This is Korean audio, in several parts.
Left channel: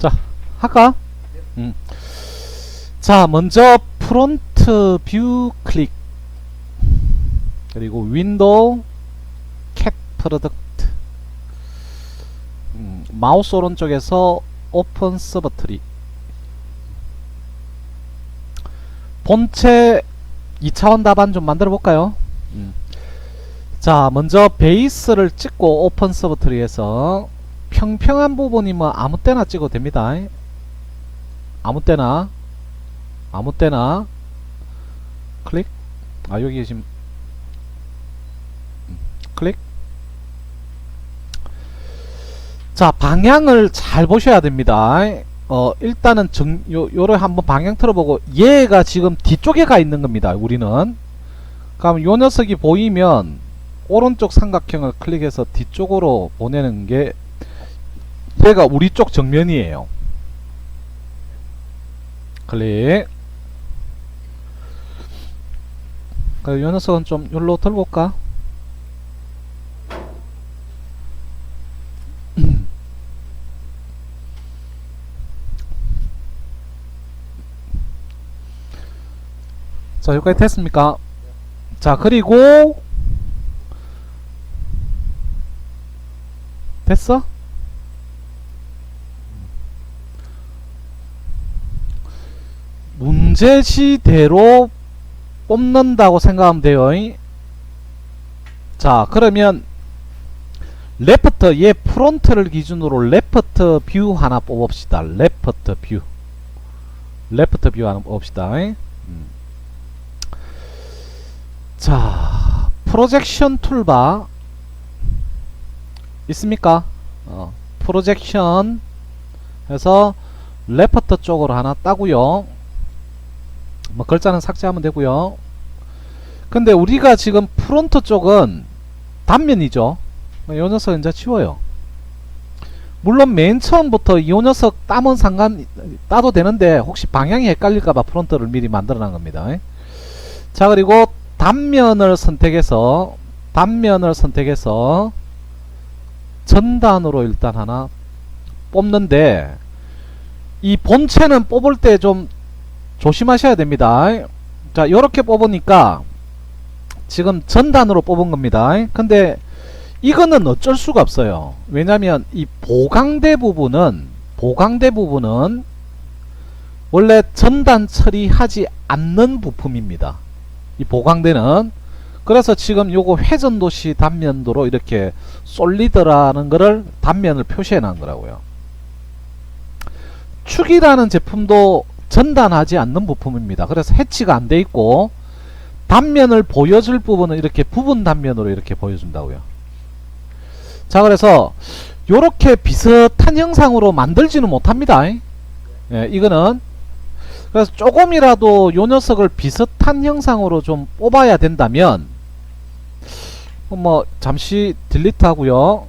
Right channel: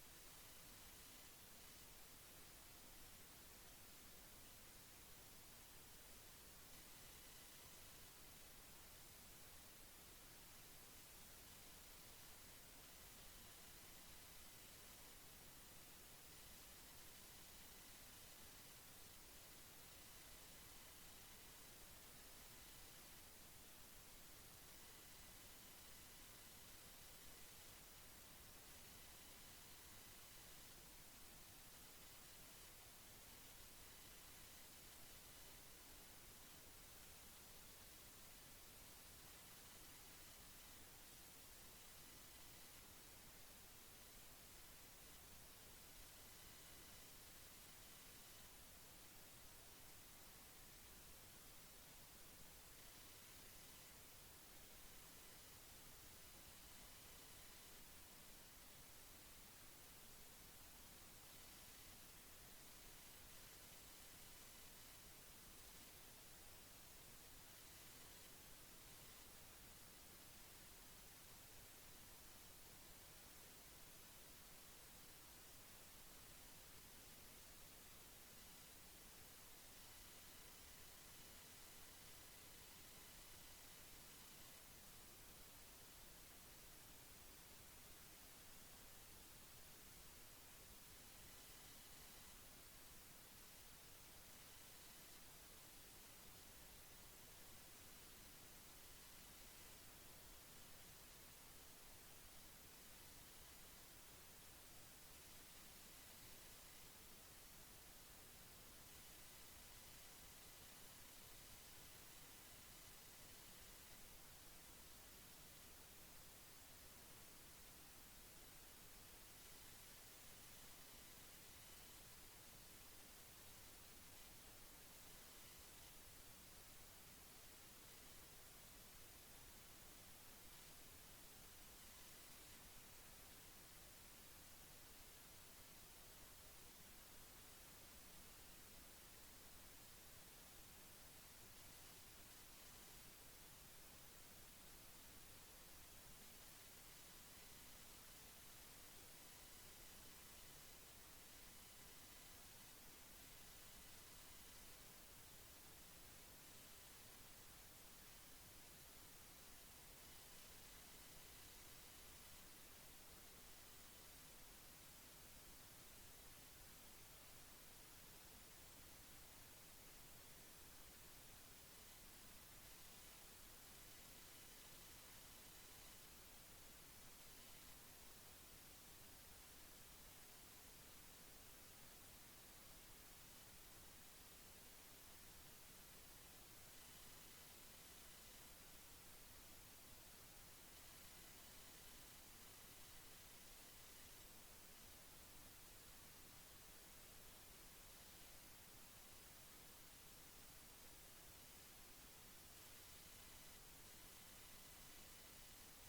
자, 할까? 음. 자, 먼저 프론트 뷰 클릭, 그리고 윈도우 캣 프로덕트, 마우스 오른쪽에서 오픈 서버 트리. 본체 2차원 답안 좀 만들어 볼까요? 자, 먼저 베이스를 찍고 오픈 서버 트리에서 평평한 부분이 뭐 아무 때나 찍어도 됩니다. 아무 때나 클릭. 아, 여기 지금 클릭. 자, 방향을 잘 보셔야 됩니다. 일단은 요를 한번 방향 틀어보고, 얘가 지금 뒤쪽에 가 있는 겁니다. 우리는. 그럼 요 녀석이 보이면 오른쪽 삼각형을 클릭해서 뒤쪽으로 보내는 게, 얘가 우리 쪽 정면이에요. 클릭. 요 녀석은 좀 여기로 들어볼까? 자, 여기까지 됐습니까? 자, 그리고 됐어? 문제지대로 뽑는다고 생각하면 돼요. 자, 그러면 레프트, 얘 프론트를 기준으로 레프트 뷰 하나 뽑읍시다. 레프트 뷰 하나 뽑읍시다. 자, 프로젝션 툴바 있습니까? 프로젝션 해서 레프트 쪽으로 하나 따고요. 뭐 글자는 삭제하면 되고요. 근데 우리가 지금 프론트 쪽은 단면이죠. 이 녀석 이제 치워요. 물론 맨 처음부터 이 녀석 따도 되는데 혹시 방향이 헷갈릴까봐 프론트를 미리 만들어 놓은 겁니다. 자, 그리고 단면을 선택해서 전단으로 일단 하나 뽑는데, 이 본체는 뽑을 때 좀 조심하셔야 됩니다. 자, 요렇게 뽑으니까 지금 전단으로 뽑은 겁니다. 근데 이거는 어쩔 수가 없어요. 왜냐면 이 보강대 부분은 원래 전단 처리하지 않는 부품입니다. 이 보강대는. 그래서 지금 요거 회전도시 단면도로 이렇게 솔리드라는 거를 단면을 표시해 놓은 거라고요. 축이라는 제품도 전단하지 않는 부품입니다. 그래서 해치가 안 돼 있고, 단면을 보여줄 부분은 이렇게 부분 단면으로 이렇게 보여준다고요. 자, 그래서 요렇게 비슷한 형상으로 만들지는 못합니다. 예, 이거는. 그래서 조금이라도 요 녀석을 비슷한 형상으로 좀 뽑아야 된다면, 뭐 잠시 딜리트 하고요.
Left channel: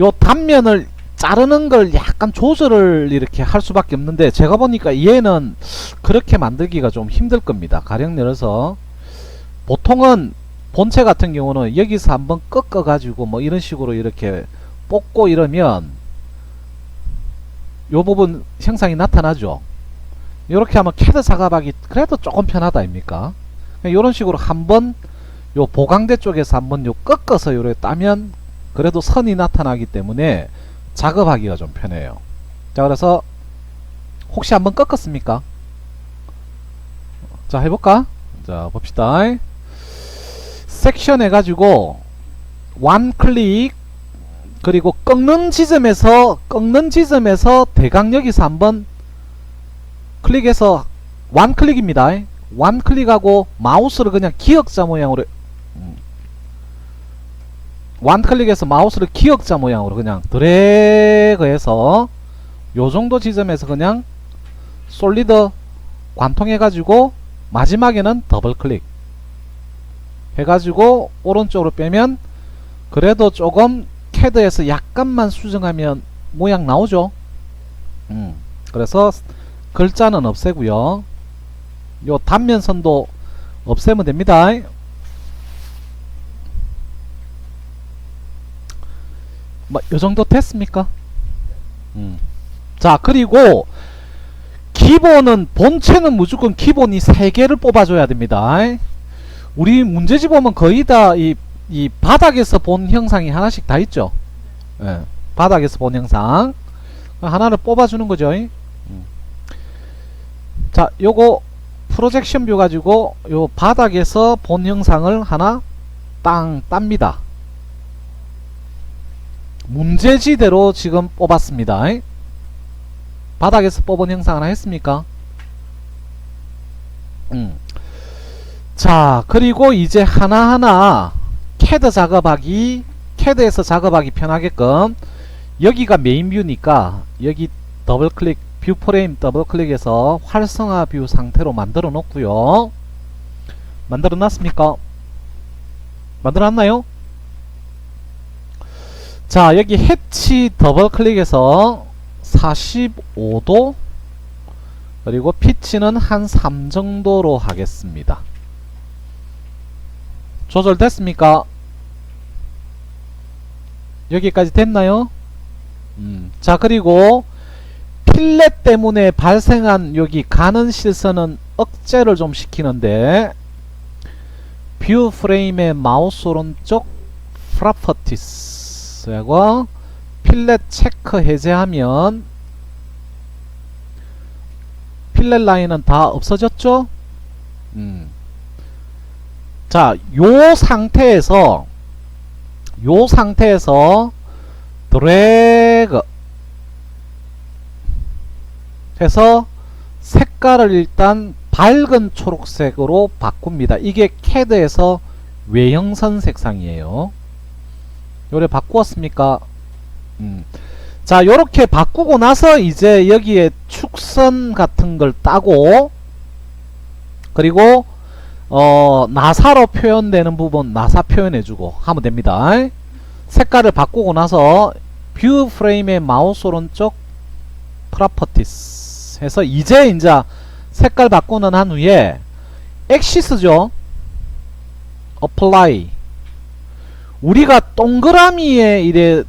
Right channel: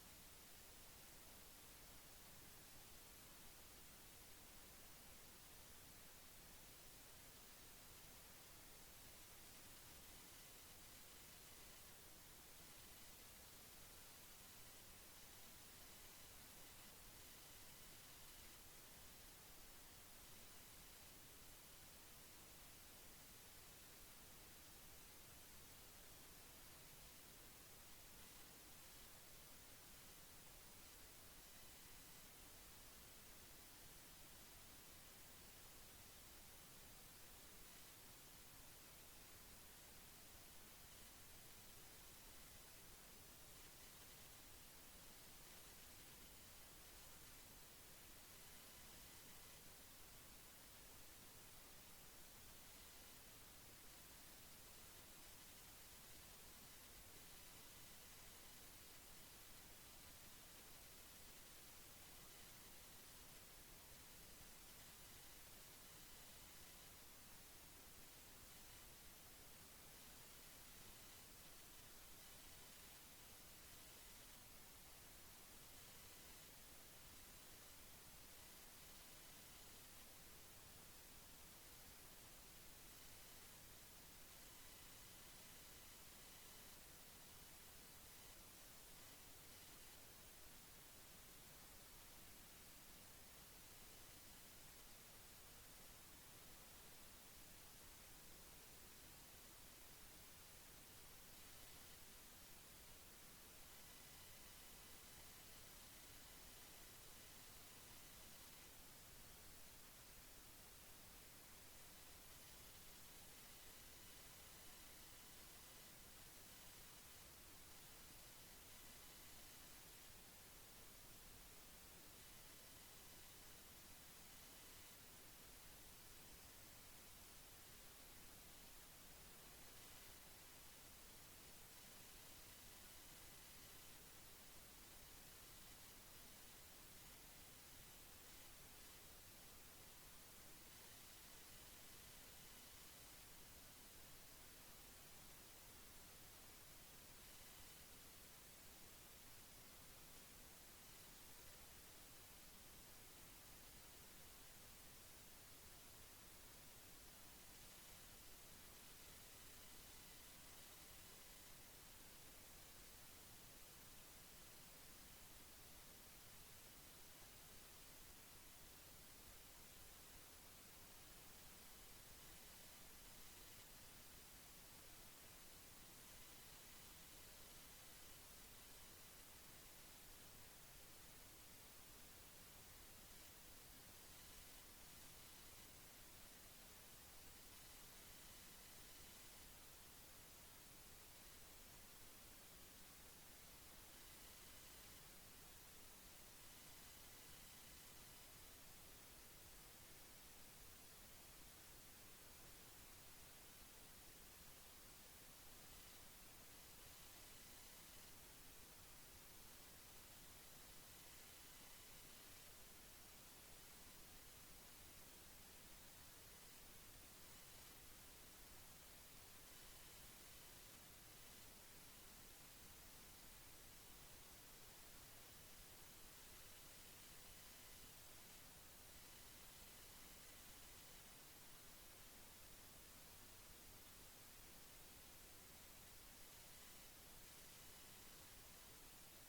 요 단면을 자르는 걸 약간 조절을 이렇게 할 수밖에 없는데, 제가 보니까 얘는 그렇게 만들기가 좀 힘들 겁니다. 가령 내려서 보통은 본체 같은 경우는 여기서 한번 꺾어 가지고 뭐 이런 식으로 이렇게 뽑고 이러면 요 부분 형상이 나타나죠. 이렇게 하면 캐드 작업하기 그래도 조금 편하다 아닙니까? 이런 식으로 한번 요 보강대 쪽에서 한번 요 꺾어서 요래 따면 그래도 선이 나타나기 때문에 작업하기가 좀 편해요. 자, 그래서 혹시 한번 꺾었습니까? 자, 해볼까? 자, 봅시다. 섹션 해가지고 원 클릭, 그리고 꺾는 지점에서 대강 여기서 한번 클릭해서 원 클릭입니다. 원 클릭하고 마우스를 그냥 기역자 모양으로, 원 클릭해서 마우스를 기역자 모양으로 그냥 드래그해서 요정도 지점에서 그냥 솔리드 관통해 가지고 마지막에는 더블 클릭 해가지고 오른쪽으로 빼면 그래도 조금 캐드에서 약간만 수정하면 모양 나오죠. 그래서 글자는 없애고요. 요 단면선도 없애면 됩니다. 뭐 요정도 됐습니까? 자, 그리고 기본은 본체는 무조건 기본이 3개를 뽑아줘야 됩니다. 우리 문제집 보면 거의 다 이 바닥에서 본 형상이 하나씩 다 있죠. 예, 바닥에서 본 형상 하나를 뽑아주는 거죠. 자, 요거 프로젝션 뷰 가지고 요 바닥에서 본 형상을 하나 땅 땁니다. 문제지대로 지금 뽑았습니다. 바닥에서 뽑은 형상 하나 했습니까? 자, 그리고 이제 하나하나 캐드에서 작업하기 편하게끔 여기가 메인 뷰니까 여기 더블 클릭, 뷰 프레임 더블 클릭해서 활성화 뷰 상태로 만들어 놓고요. 만들어 놨습니까? 만들어 놨나요? 자, 여기 해치 더블 클릭해서 45도 그리고 피치는 한 3 정도로 하겠습니다. 조절됐습니까? 여기까지 됐나요? 자, 그리고 필렛 때문에 발생한 여기 가는 실선은 억제를 좀 시키는데 뷰 프레임의 마우스 오른쪽 프로퍼티스하고 필렛 체크 해제하면 필렛 라인은 다 없어졌죠? 자, 요 상태에서 드래그 해서 색깔을 일단 밝은 초록색으로 바꿉니다. 이게 캐드에서 외형선 색상이에요. 요래 바꾸었습니까? 자, 요렇게 바꾸고 나서 이제 여기에 축선 같은 걸 따고 그리고 나사로 표현되는 부분 나사 표현해주고 하면 됩니다. 색깔을 바꾸고 나서 뷰 프레임의 마우스 오른쪽 프로퍼티스 해서 이제 색깔 바꾸는 한 후에 엑시스죠. 어플라이. 우리가 동그라미의 이래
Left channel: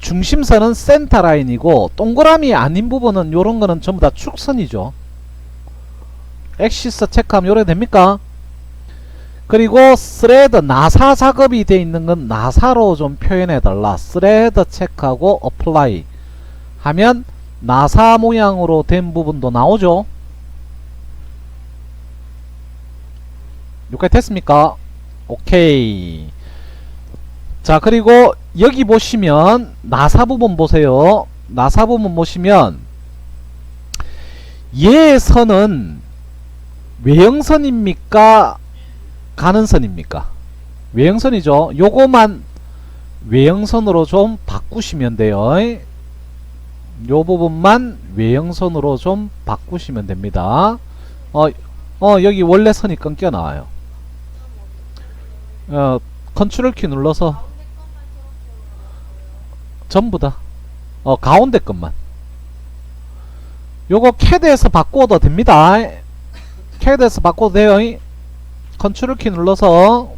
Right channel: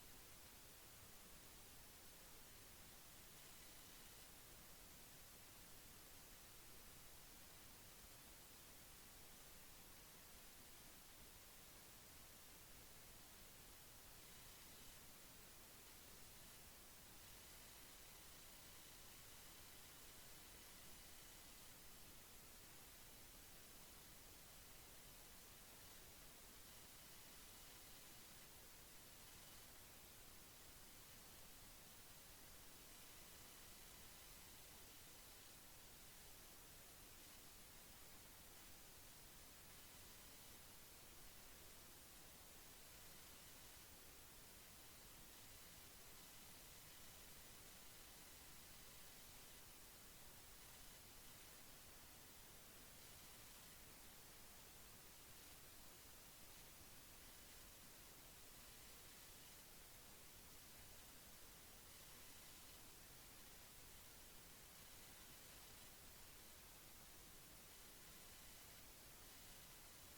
중심선은 센터 라인이고 동그라미 아닌 부분은 요런 거는 전부 다 축선이죠. 엑시스 체크하면 요래 됩니까? 그리고 스레드 나사 작업이 되어 있는 건 나사로 좀 표현해 달라. 스레드 체크하고 어플라이 하면 나사 모양으로 된 부분도 나오죠. 여기까지 됐습니까? 오케이. 자, 그리고 여기 보시면 나사 부분 보세요. 나사 부분 보시면 얘 선은 외형선입니까? 가는 선입니까? 외형선이죠. 요거만 외형선으로 좀 바꾸시면 돼요. 요 부분만 외형선으로 좀 바꾸시면 됩니다. 여기 원래 선이 끊겨 나와요. 컨트롤 키 눌러서 전부 다 가운데 것만 요거 캐드에서 바꿔도 됩니다. 캐드에서 바꿔도 돼요. 컨트롤 키 눌러서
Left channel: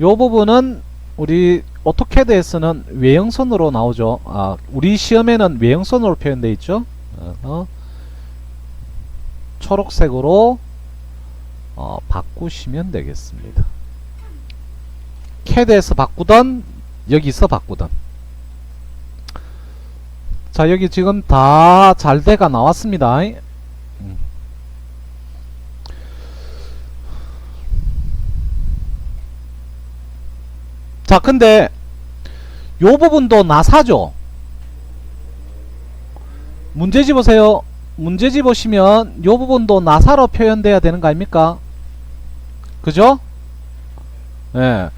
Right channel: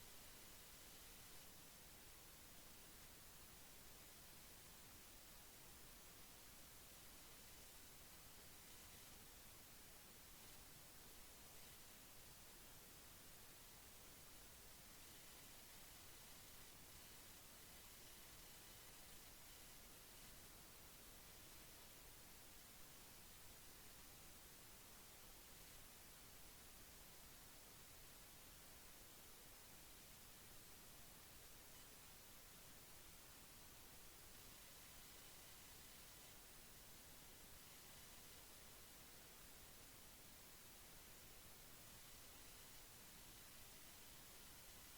요 부분은 우리 오토캐드에서는 외형선으로 나오죠. 우리 시험에는 외형선으로 표현되어 있죠. 초록색으로 바꾸시면 되겠습니다. 캐드에서 바꾸던 여기서 바꾸던. 자, 여기 지금 다 잘 돼가 나왔습니다. 자, 근데 요 부분도 나사죠. 문제지 보세요. 문제지 보시면 요 부분도 나사로 표현돼야 되는 거 아닙니까? 그죠? 예.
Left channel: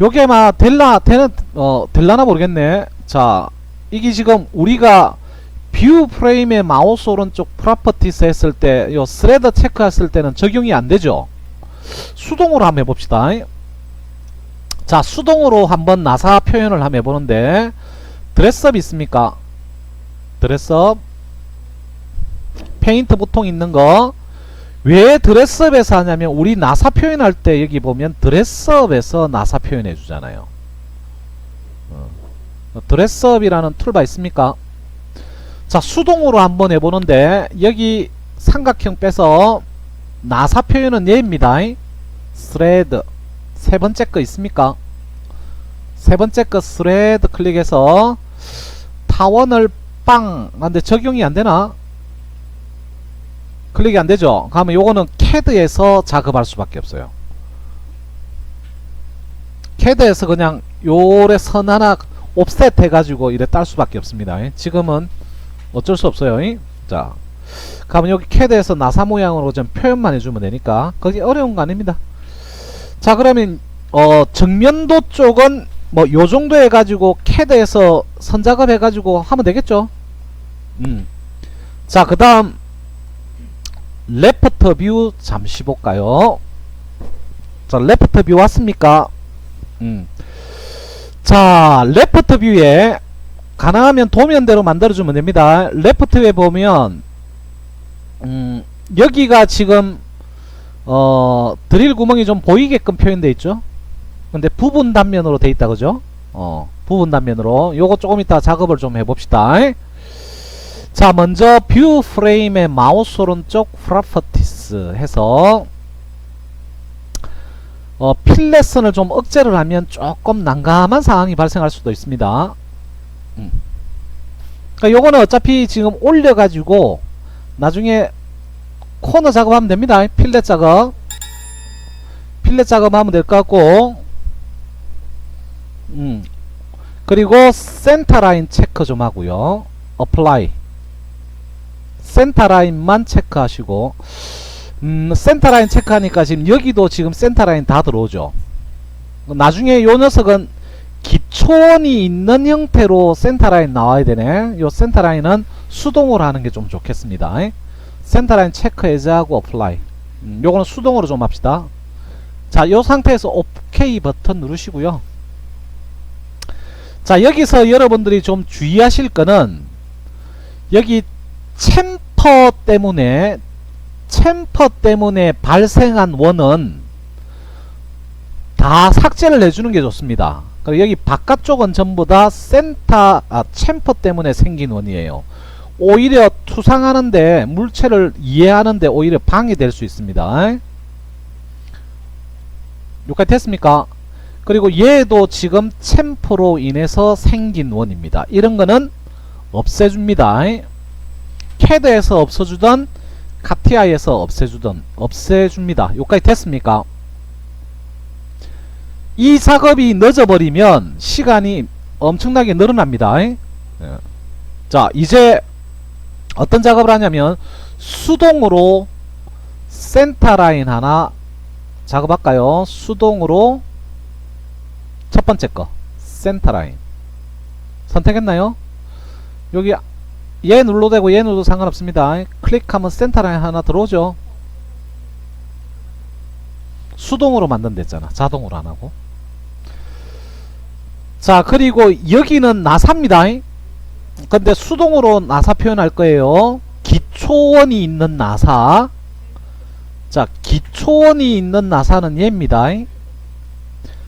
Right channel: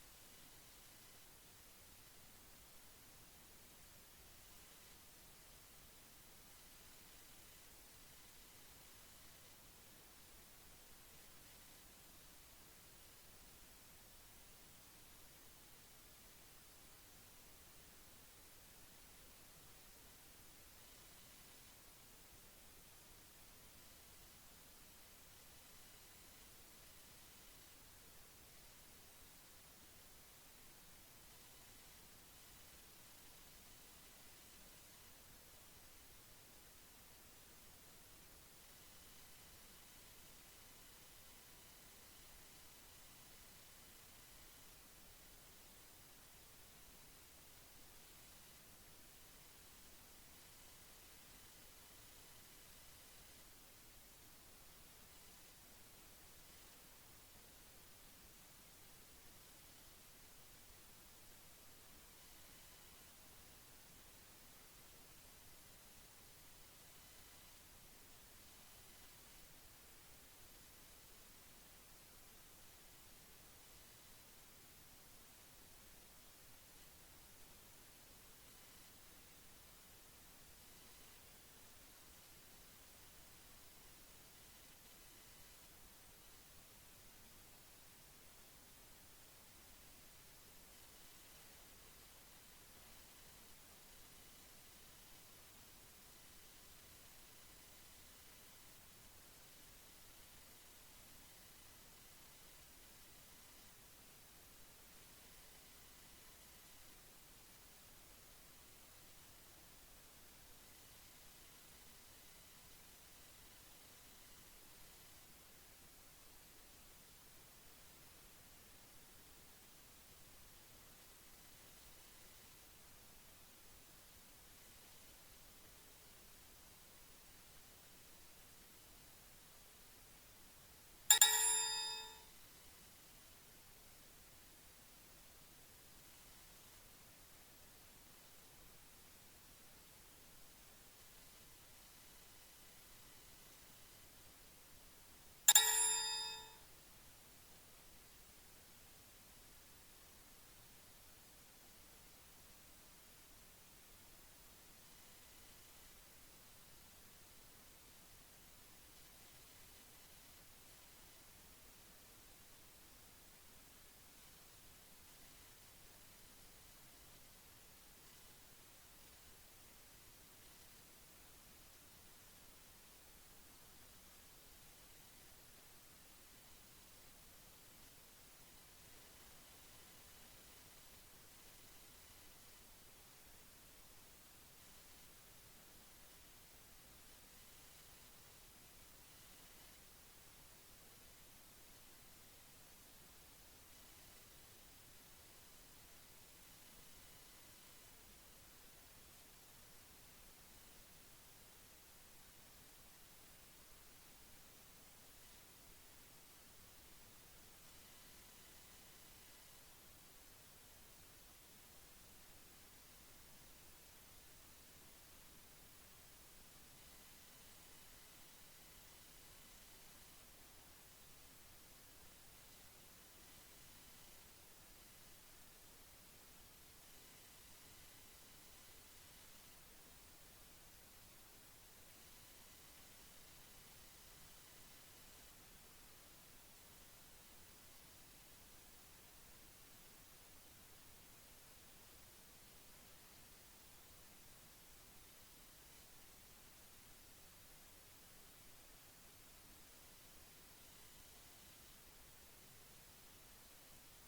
요게 막 될라나 모르겠네. 자, 이게 지금 우리가 뷰 프레임의 마우스 오른쪽 프로퍼티스 했을 때 요 스레드 체크 했을 때는 적용이 안 되죠. 수동으로 한번 해봅시다. 자, 수동으로 한번 나사 표현을 한번 해보는데 드레스업 있습니까? 드레스업 페인트 보통 있는 거. 왜 드레스업에서 하냐면 우리 나사 표현할 때 여기 보면 드레스업에서 나사 표현해 주잖아요. 드레스업이라는 툴바 있습니까? 자, 수동으로 한번 해보는데 여기 삼각형 빼서 나사 표현은 얘입니다. 스레드 세 번째 거 있습니까? 세 번째 거 스레드 클릭해서 타원을 빵! 근데 적용이 안되나? 클릭이 안되죠? 그러면 요거는 CAD에서 작업할 수밖에 없어요. CAD에서 그냥 요래 선 하나 옵셋 해가지고 이래 딸 수밖에 없습니다. 지금은 어쩔 수 없어요. 자, 그러면 여기 CAD에서 나사 모양으로 좀 표현만 해주면 되니까 그게 어려운 거 아닙니다. 자, 그러면 정면도 쪽은 뭐 요정도 해가지고 CAD에서 선작업 해가지고 하면 되겠죠. 자, 그 다음 레프트 뷰 잠시 볼까요? 자, 레프트 뷰 왔습니까? 자, 레프트 뷰에 가능하면 도면대로 만들어주면 됩니다. 레프트에 보면 여기가 지금 드릴 구멍이 좀 보이게끔 표현되어 있죠. 근데 부분 단면으로 돼 있다 그죠? 부분 단면으로 요거 조금 이따 작업을 좀 해봅시다. 자, 먼저 뷰 프레임의 마우스 오른쪽 프로퍼티스 해서 필렛선을 좀 억제를 하면 조금 난감한 상황이 발생할 수도 있습니다. 그러니까 요거는 어차피 지금 올려가지고 나중에 코너 작업하면 됩니다. 필렛 작업하면 될 것 같고, 그리고 센터 라인 체크 좀 하고요. 어플라이 센터 라인만 체크하시고, 센터 라인 체크하니까 지금 여기도 지금 센터 라인 다 들어오죠. 나중에 요 녀석은 기초원이 있는 형태로 센터 라인 나와야 되네. 요 센터 라인은 수동으로 하는 게 좀 좋겠습니다. 센터 라인 체크 해제하고 어플라이. 요거는 수동으로 좀 합시다. 자, 요 상태에서 OK 버튼 누르시고요. 자, 여기서 여러분들이 좀 주의하실 거는 여기 챔퍼 때문에 발생한 원은 다 삭제를 해주는 게 좋습니다. 여기 바깥쪽은 전부 다 챔퍼 때문에 생긴 원이에요. 오히려 투상하는데, 물체를 이해하는데 오히려 방해될 수 있습니다. 여기까지 됐습니까? 그리고 얘도 지금 챔퍼로 인해서 생긴 원입니다. 이런 거는 없애줍니다. CAD에서 없어주던 카티아에서 없애줍니다. 여기까지 됐습니까? 이 작업이 늦어버리면 시간이 엄청나게 늘어납니다. 자, 이제 어떤 작업을 하냐면 수동으로 센터 라인 하나 작업할까요? 수동으로 첫 번째 거 센터 라인 선택했나요? 여기 얘 눌러도 되고 얘 눌러도 상관없습니다. 클릭하면 센터 라인 하나 들어오죠. 수동으로 만든댔잖아. 자동으로 안 하고. 자, 그리고 여기는 나사입니다. 근데 수동으로 나사 표현할 거예요. 기초원이 있는 나사. 자, 기초원이 있는 나사는 얘입니다.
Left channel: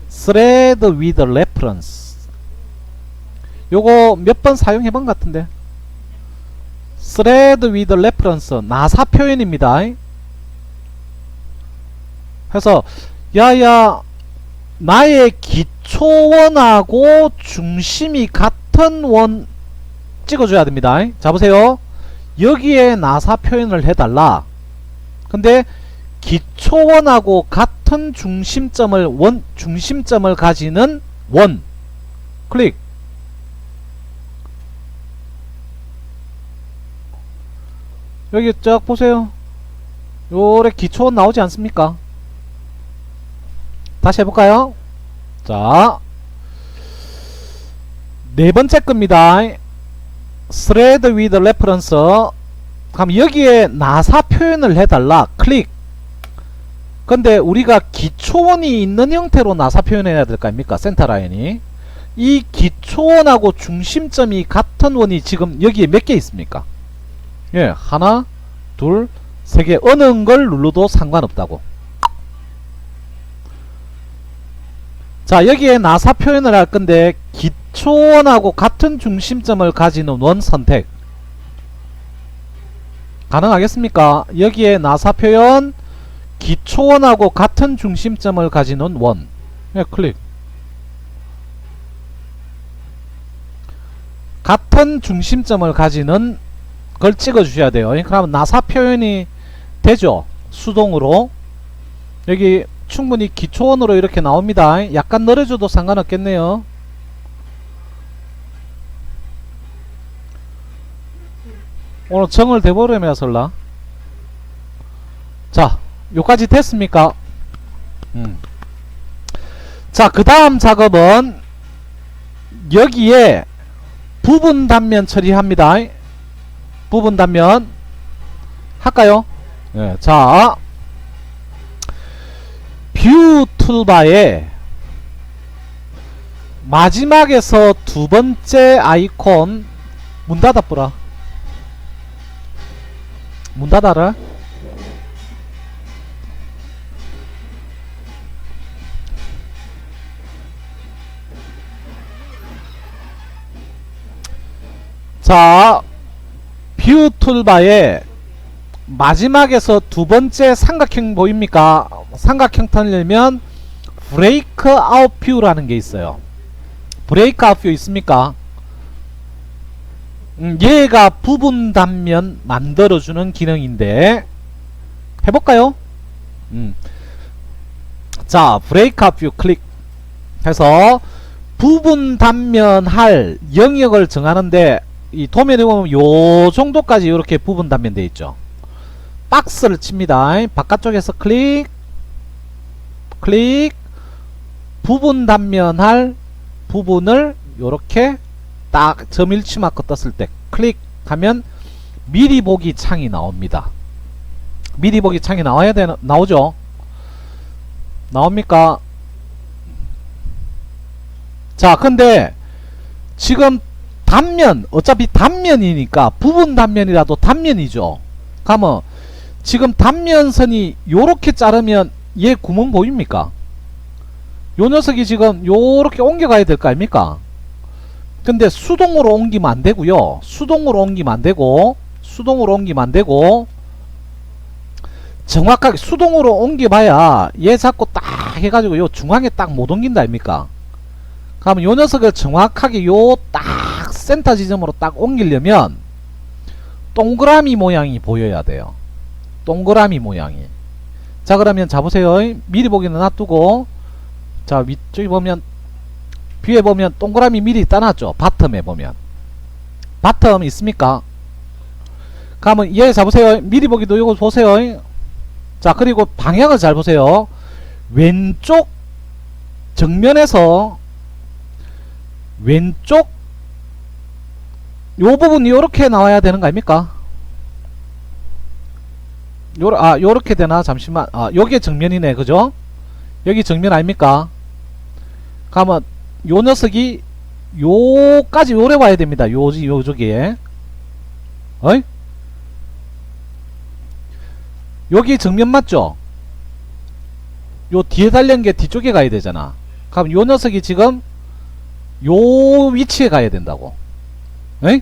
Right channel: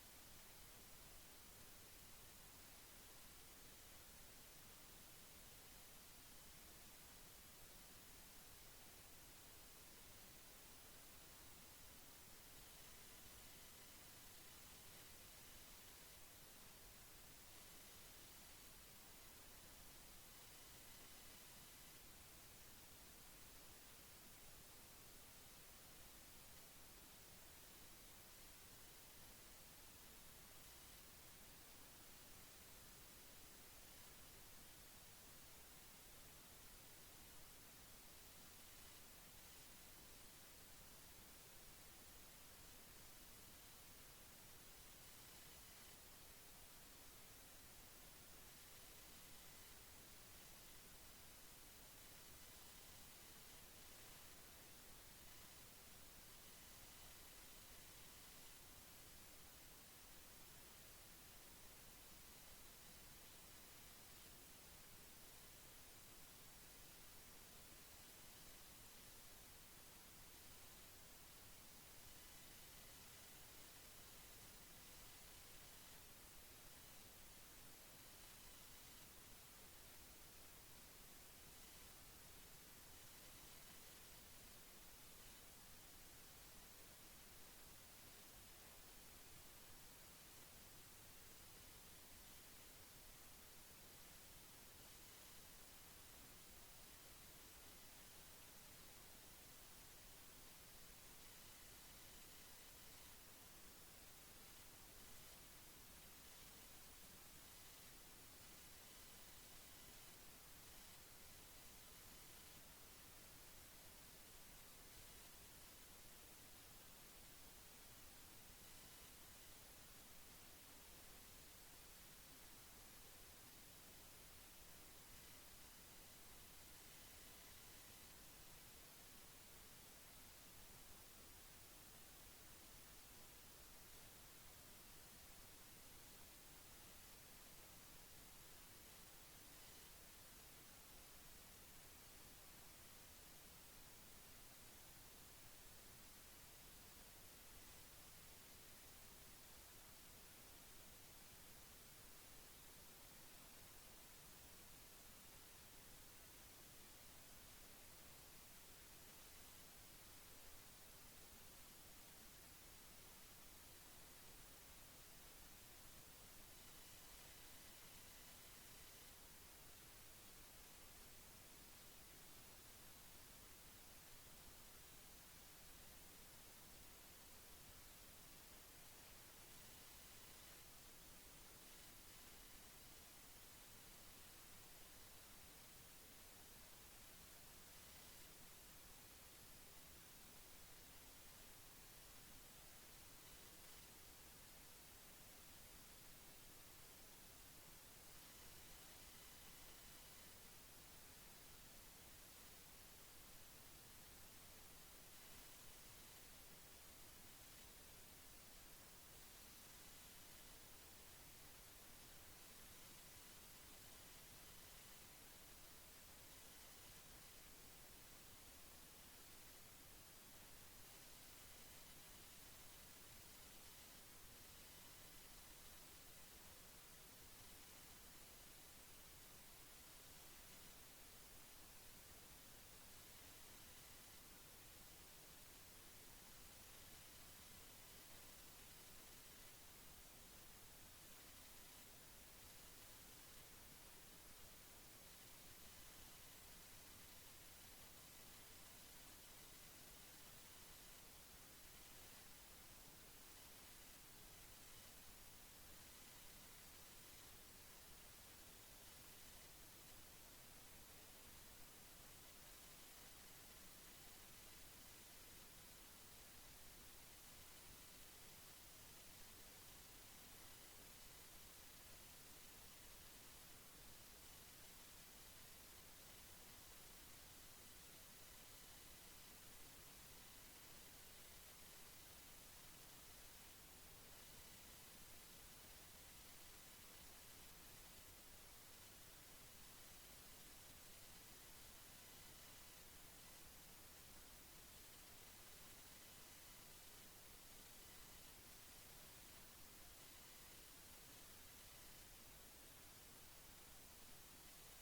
Thread with reference. 요거 몇 번 사용해본 것 같은데. Thread with reference. 나사 표현입니다. 그래서 야야 나의 기초원하고 중심이 같은 원 찍어줘야 됩니다. 자, 보세요. 여기에 나사 표현을 해달라. 근데 기초원하고 같은 중심점을 가지는 원 클릭. 여기 쫙 보세요. 요래 기초원 나오지 않습니까? 다시 해볼까요? 자, 네 번째 겁니다. Thread with reference. 그럼 여기에 나사 표현을 해달라. 클릭. 근데 우리가 기초원이 있는 형태로 나사 표현해야 될 거 아닙니까? 센터 라인이. 이 기초원하고 중심점이 같은 원이 지금 여기에 몇 개 있습니까? 예, 하나, 둘, 세 개. 어느 걸 눌러도 상관없다고. 자, 여기에 나사 표현을 할 건데 기초원하고 같은 중심점을 가지는 원 선택 가능하겠습니까? 여기에 나사 표현 기초원하고 같은 중심점을 가지는 원. 네, 클릭. 같은 중심점을 가지는 걸 찍어 주셔야 돼요. 그러면 나사 표현이 되죠. 수동으로. 여기 충분히 기초원으로 이렇게 나옵니다. 약간 늘어줘도 상관없겠네요. 오늘 정을 대보려면 설라. 자, 요까지 됐습니까? 자, 그 다음 작업은 여기에 부분 단면 처리합니다. 부분 단면 할까요? 네, 자, 뷰 툴바에 마지막에서 두 번째 아이콘 문 닫아보라. 문 닫아라. 자, 뷰 툴바에 마지막에서 두 번째 삼각형 보입니까? 삼각형 턴이면 브레이크 아웃 뷰라는 게 있어요. 브레이크 아웃 뷰 있습니까? 얘가 부분 단면 만들어주는 기능인데 해볼까요? 자, 브레이크 아웃 뷰 클릭 해서 부분 단면 할 영역을 정하는데 이 도면에 보면 요 정도까지 이렇게 부분 단면 되어 있죠. 박스를 칩니다. 바깥쪽에서 클릭 부분 단면 할 부분을 요렇게 딱 점일치 마크 떴을 때 클릭하면 미리 보기 창이 나옵니다. 미리 보기 창이 나와야 되나? 나오죠? 나옵니까? 자, 근데 지금 단면, 어차피 단면이니까 부분 단면이라도 단면이죠. 그러면 지금 단면선이 요렇게 자르면 얘 구멍 보입니까? 요 녀석이 지금 요렇게 옮겨가야 될 거 아닙니까? 근데 수동으로 옮기면 안 되고요. 수동으로 옮기면 안 되고 정확하게 수동으로 옮겨봐야 얘 잡고 딱 해가지고 요 중앙에 딱 못 옮긴다 아닙니까? 그러면 요 녀석을 정확하게 요 딱 센터 지점으로 딱 옮기려면 동그라미 모양이 보여야 돼요. 동그라미 모양이. 자, 그러면 잡으세요. 미리 보기는 놔두고, 자, 위쪽에 보면 뒤에 보면 동그라미 미리 따놨죠. 바텀에 보면 바텀 있습니까? 그러면 얘 잡으세요. 미리 보기도 이거 보세요. 자, 그리고 방향을 잘 보세요. 왼쪽 정면에서 왼쪽 요 부분이 요렇게 나와야 되는 거 아닙니까? 요렇게 되나? 잠시만. 요게 정면이네. 그죠? 여기 정면 아닙니까? 그러면 요 녀석이 요까지 요래 와야 됩니다. 요쪽에. 어이? 여기 정면 맞죠? 요 뒤에 달린 게 뒤쪽에 가야 되잖아. 그럼 요 녀석이 지금 요 위치에 가야 된다고. 에이?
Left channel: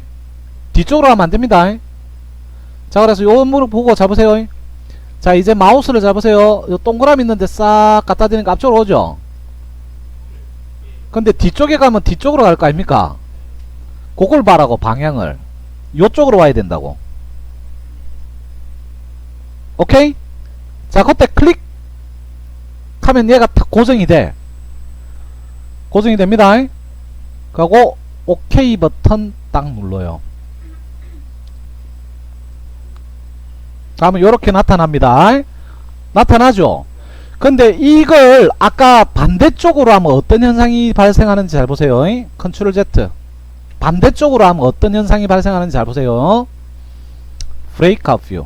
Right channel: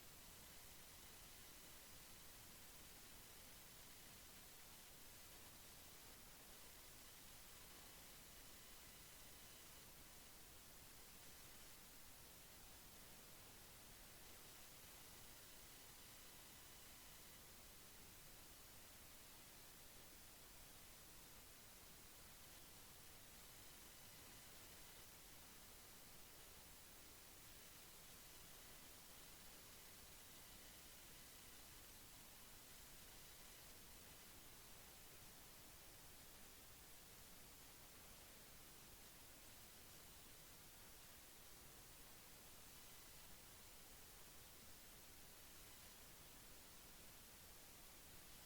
뒤쪽으로 가면 안 됩니다. 자, 그래서 요 물을 보고 잡으세요. 자, 이제 마우스를 잡으세요. 요 동그라미 있는데 싹 갖다 대니까 앞쪽으로 오죠? 근데 뒤쪽에 가면 뒤쪽으로 갈 거 아닙니까? 그걸 봐라고, 방향을. 요쪽으로 와야 된다고. 오케이? 자, 그때 클릭 하면 얘가 다 고정이 돼. 고정이 됩니다. 그리고 오케이 버튼 딱 눌러요. 그러면 요렇게 나타납니다. 나타나죠? 근데 이걸 아까 반대쪽으로 하면 어떤 현상이 발생하는지 잘 보세요. 컨트롤 Z. 반대쪽으로 하면 어떤 현상이 발생하는지 잘 보세요. 브레이크 아웃 뷰.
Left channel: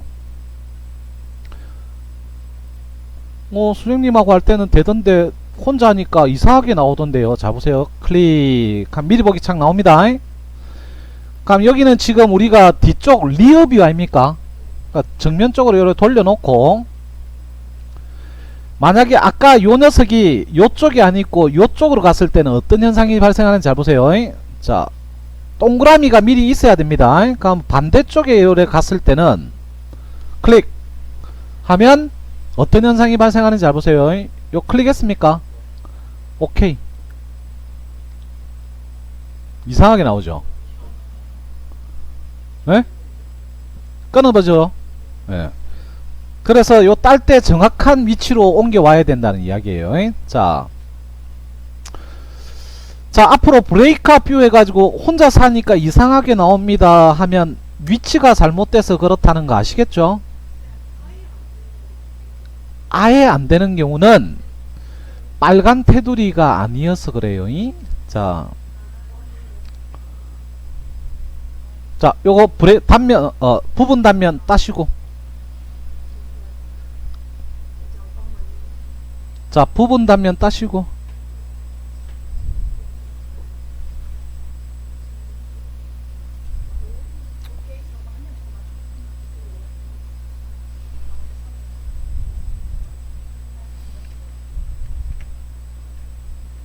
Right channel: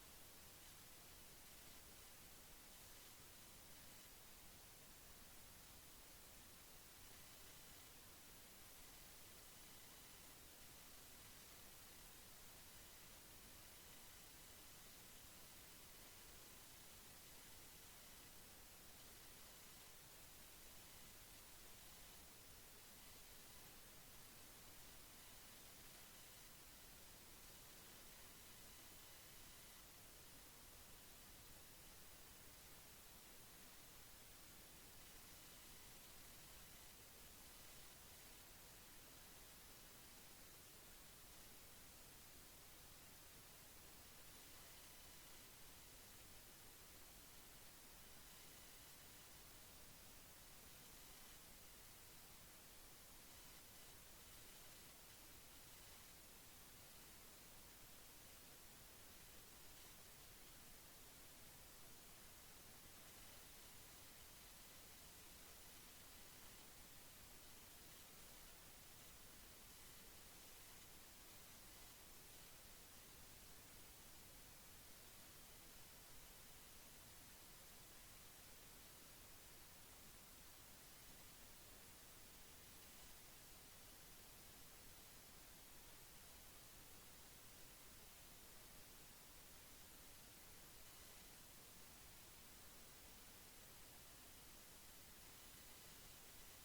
수령님하고 할 때는 되던데 혼자 하니까 이상하게 나오던데요. 자, 보세요. 클릭. 미리 보기 창 나옵니다. 그럼 여기는 지금 우리가 뒤쪽 리어 뷰 아닙니까? 그러니까 정면 쪽으로 이렇게 돌려놓고, 만약에 아까 요 녀석이 요쪽이 아니고 요쪽으로 갔을 때는 어떤 현상이 발생하는지 잘 보세요. 자, 동그라미가 미리 있어야 됩니다. 그럼 반대쪽에 요래 갔을 때는 클릭 하면 어떤 현상이 발생하는지 잘 보세요. 요 클릭했습니까? 오케이. 이상하게 나오죠. 네? 끊어보죠. 네. 그래서 요 딸 때 정확한 위치로 옮겨 와야 된다는 이야기예요. 자, 앞으로 브레이크업 뷰 해가지고 혼자 사니까 이상하게 나옵니다 하면 위치가 잘못돼서 그렇다는 거 아시겠죠? 아예 안 되는 경우는 빨간 테두리가 아니어서 그래요. 자, 요거 단면, 부분 단면 따시고. 자, 부분 단면 따시고.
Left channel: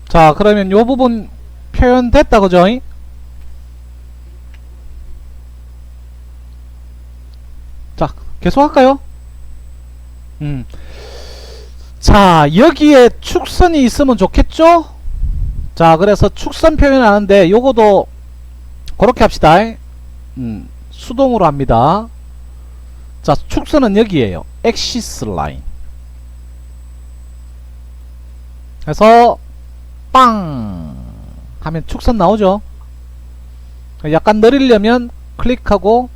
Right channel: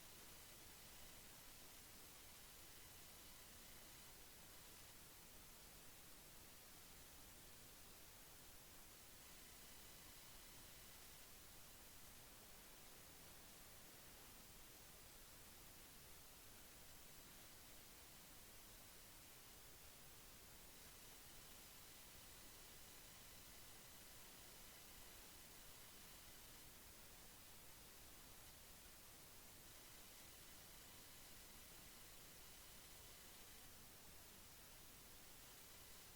자, 그러면 요 부분 표현됐다, 그죠? 자, 계속 할까요? 자, 여기에 축선이 있으면 좋겠죠? 자, 그래서 축선 표현하는데 요거도 그렇게 합시다. 수동으로 합니다. 자, 축선은 여기에요. 엑시스 라인. 그래서 빵 하면 축선 나오죠. 약간 느리려면 클릭하고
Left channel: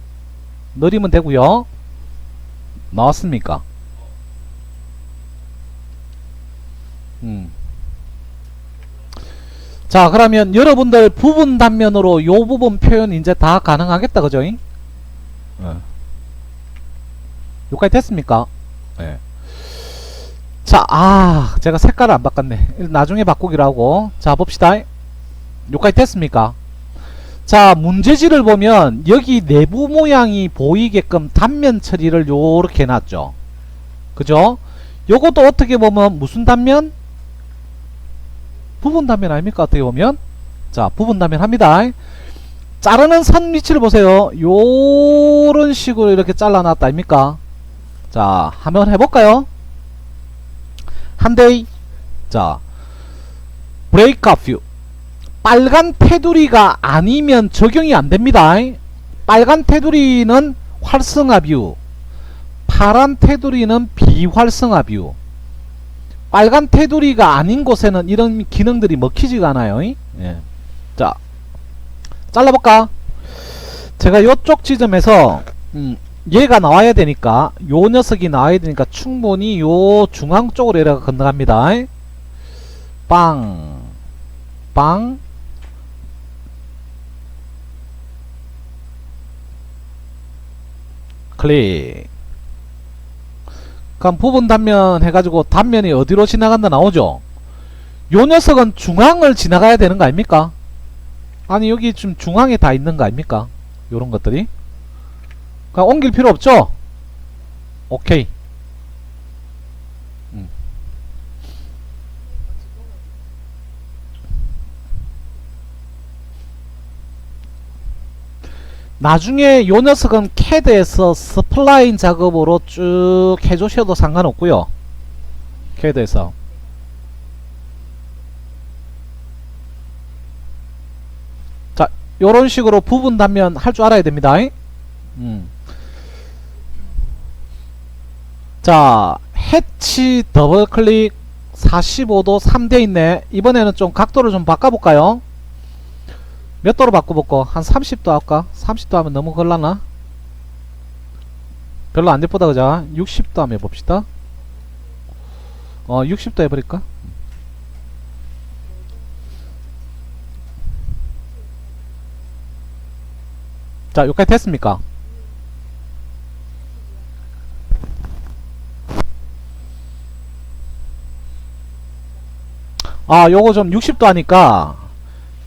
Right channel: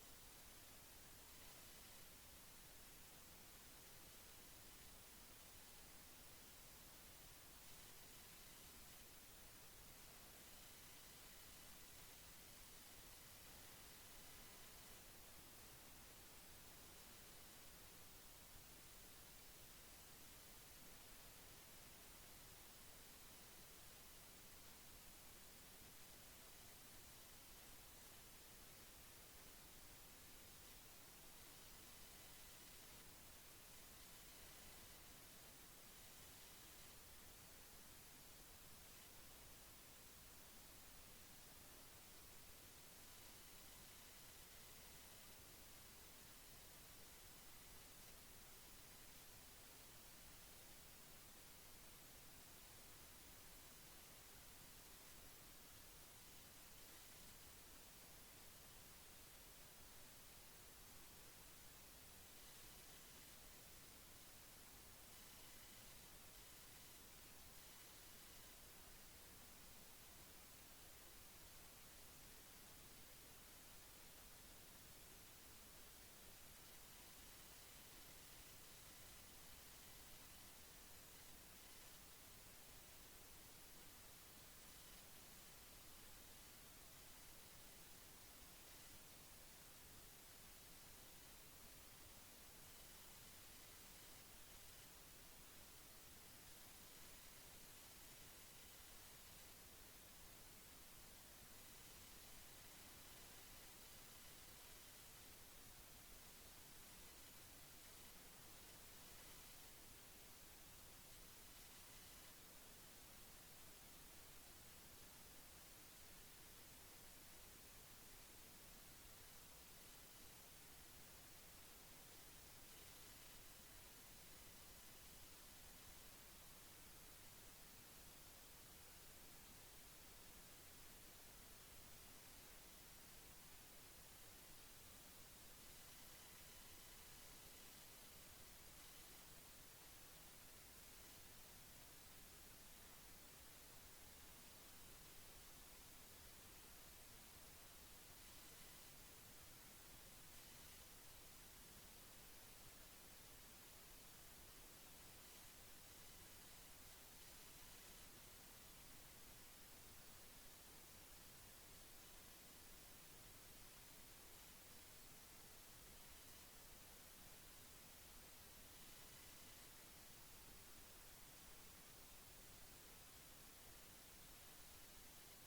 느리면 되고요. 나왔습니까? 자, 그러면 여러분들 부분 단면으로 요 부분 표현 이제 다 가능하겠다, 그죠? 여기까지 됐습니까? 네. 자, 제가 색깔을 안 바꿨네. 나중에 바꾸기로 하고. 자, 봅시다. 여기까지 됐습니까? 자, 문제지를 보면 여기 내부 모양이 보이게끔 단면 처리를 요렇게 해놨죠. 그죠? 요것도 어떻게 보면 무슨 단면? 부분 단면 아닙니까? 어떻게 보면? 자, 부분 단면 합니다. 자르는 선 위치를 보세요. 요런 식으로 이렇게 잘라놨다 아닙니까? 자, 한번 해볼까요? 한데이. 자, 브레이크업 뷰. 빨간 테두리가 아니면 적용이 안됩니다. 빨간 테두리는 활성화 뷰, 파란 테두리는 비활성화 뷰. 빨간 테두리가 아닌 곳에는 이런 기능들이 먹히지가 않아요. 예. 자, 잘라볼까? 제가 요쪽 지점에서 얘가 나와야 되니까, 요 녀석이 나와야 되니까 충분히 요 중앙 쪽으로 이렇게 건너갑니다. 빵, 빵, 클릭. 그럼 부분 단면 해가지고 단면이 어디로 지나간다 나오죠? 요 녀석은 중앙을 지나가야 되는 거 아닙니까? 아니, 여기 지금 중앙에 다 있는 거 아닙니까? 요런 것들이. 그냥 옮길 필요 없죠? 오케이. 나중에 요 녀석은 캐드에서 스플라인 작업으로 쭉 해주셔도 상관없고요. 캐드에서. 자, 요런 식으로 부분 단면 할 줄 알아야 됩니다. 자, 해치 더블 클릭 45도 3대 있네. 이번에는 좀 각도를 좀 바꿔볼까요? 몇 도로 바꿔볼까? 한 30도 할까? 30도 하면 너무 걸라나? 별로 안 예쁘다, 그자? 60도 한번 해봅시다. 60도 해버릴까? 자, 여기까지 됐습니까? 요거 좀 60도 하니까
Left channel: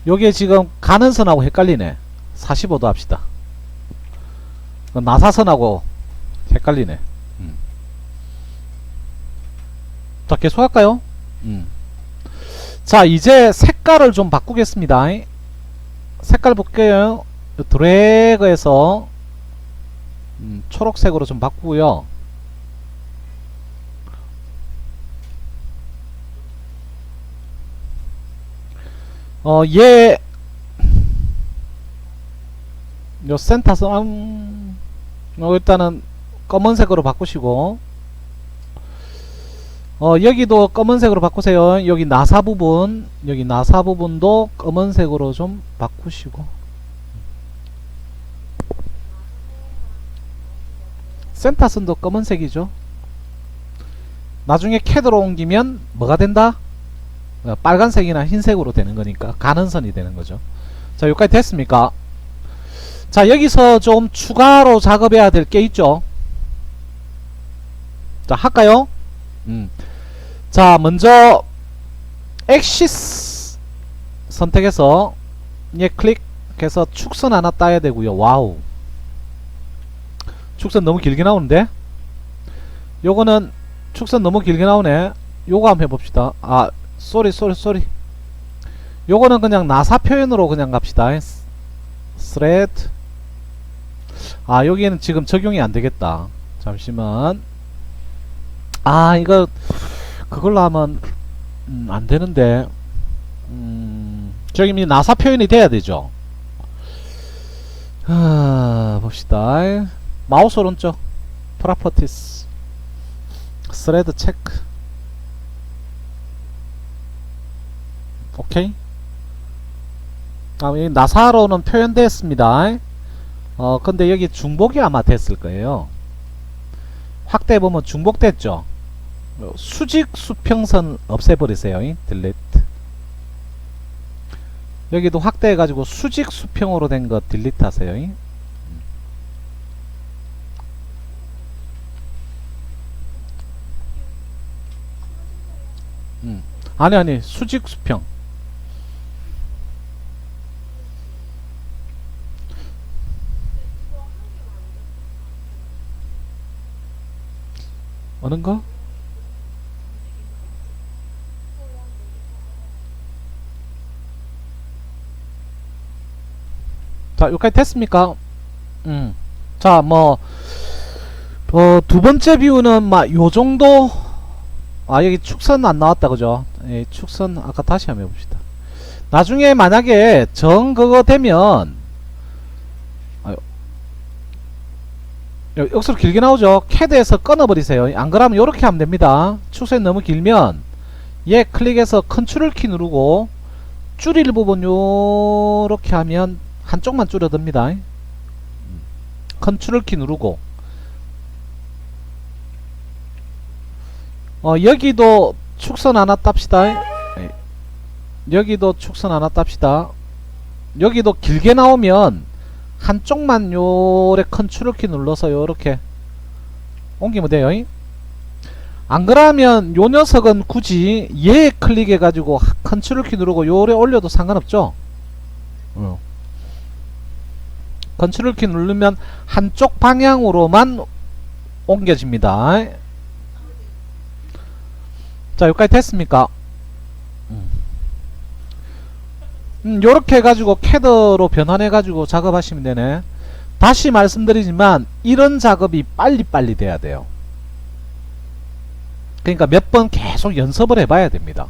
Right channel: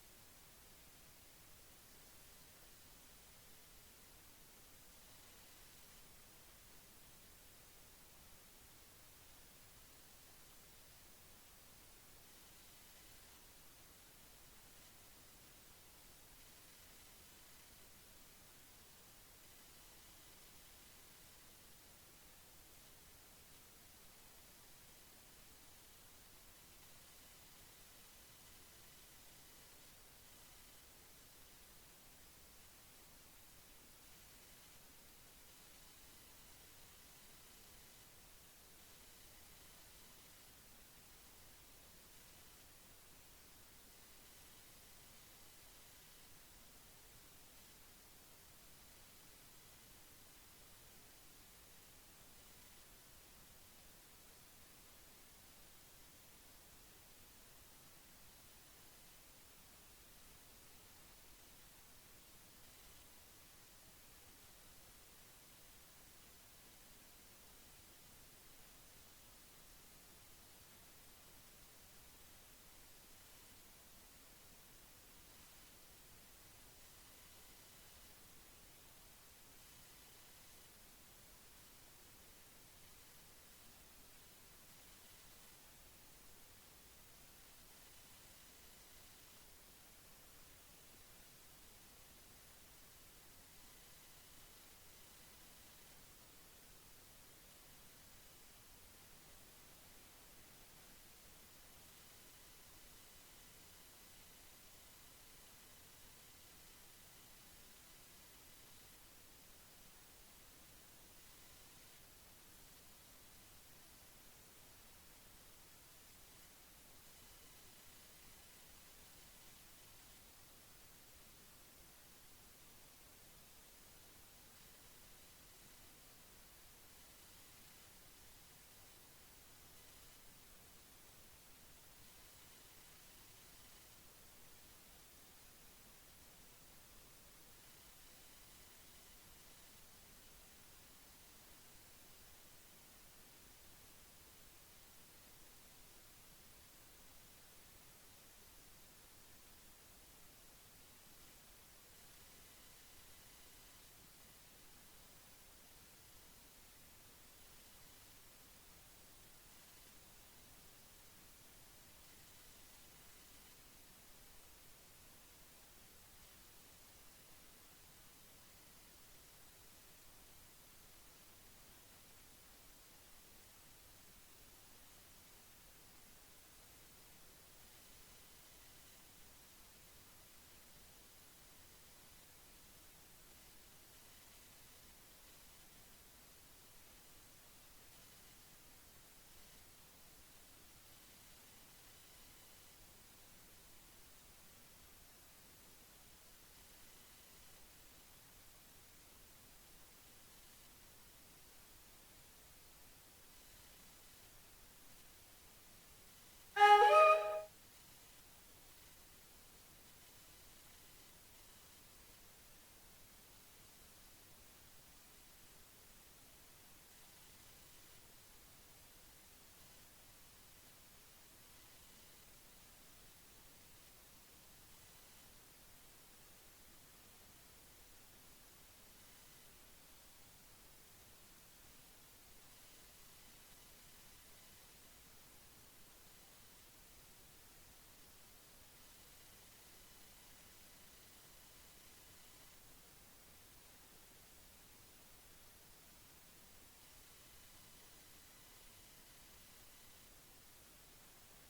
요게 지금 가는 선하고 헷갈리네. 45도 합시다. 나사선하고 헷갈리네. 자, 계속 할까요? 자, 이제 색깔을 좀 바꾸겠습니다. 색깔 볼게요. 드래그해서 초록색으로 좀 바꾸고요. 얘 요 센터선 일단은 검은색으로 바꾸시고, 여기도 검은색으로 바꾸세요. 여기 나사 부분도 검은색으로 좀 바꾸시고. 센터선도 검은색이죠. 나중에 캐드로 옮기면 뭐가 된다? 빨간색이나 흰색으로 되는 거니까 가는선이 되는 거죠. 자, 여기까지 됐습니까? 자, 여기서 좀 추가로 작업해야 될 게 있죠. 자, 할까요? 자, 먼저 엑시스 선택해서 얘 클릭해서 축선 하나 따야 되고요. 와우, 축선 너무 길게 나오는데? 요거는 축선 너무 길게 나오네. 요거 한번 해봅시다. 아, 쏘리. 요거는 그냥 나사 표현으로 그냥 갑시다. 스레드. 아, 여기에는 지금 적용이 안 되겠다. 잠시만. 아, 이거 그걸로 하면 안 되는데. 저기 나사 표현이 돼야 되죠. 봅시다. 마우스 오른쪽 프로퍼티스 스레드 체크. 오케이. 이 나사로는 표현됐습니다. 근데 여기 중복이 아마 됐을 거예요. 확대해 보면 중복됐죠. 수직 수평선 없애버리세요. 딜리트. 여기도 확대해 가지고 수직 수평으로 된 거 딜리트 하세요. 아니 수직 수평. 어느 거? 자, 여기까지 됐습니까? 자, 두 번째 뷰는 막 요정도. 아, 여기 축선 안 나왔다, 그죠? 예, 축선 아까 다시 한번 해봅시다. 나중에 만약에 그거 되면, 역수로 길게 나오죠? 캐드에서 끊어버리세요. 안 그러면 요렇게 하면 됩니다. 축선이 너무 길면 얘 클릭해서 컨트롤 키 누르고 줄일 부분 요렇게 하면 한쪽만 줄어듭니다. 컨트롤 키 누르고 여기도 축선 하나 땁시다. 여기도 축선 하나 땁시다. 여기도 길게 나오면 한쪽만 요래 컨트롤 키 눌러서 요렇게 옮기면 돼요. 안 그러면 요 녀석은 굳이 얘 클릭해 가지고 컨트롤 키 누르고 요래 올려도 상관없죠. 컨트롤 키 누르면 한쪽 방향으로만 옮겨집니다. 자, 여기까지 됐습니까? 요렇게 해가지고 캐드로 변환해 가지고 작업하시면 되네. 다시 말씀드리지만 이런 작업이 빨리빨리 돼야 돼요. 그러니까 몇 번 계속 연습을 해봐야 됩니다.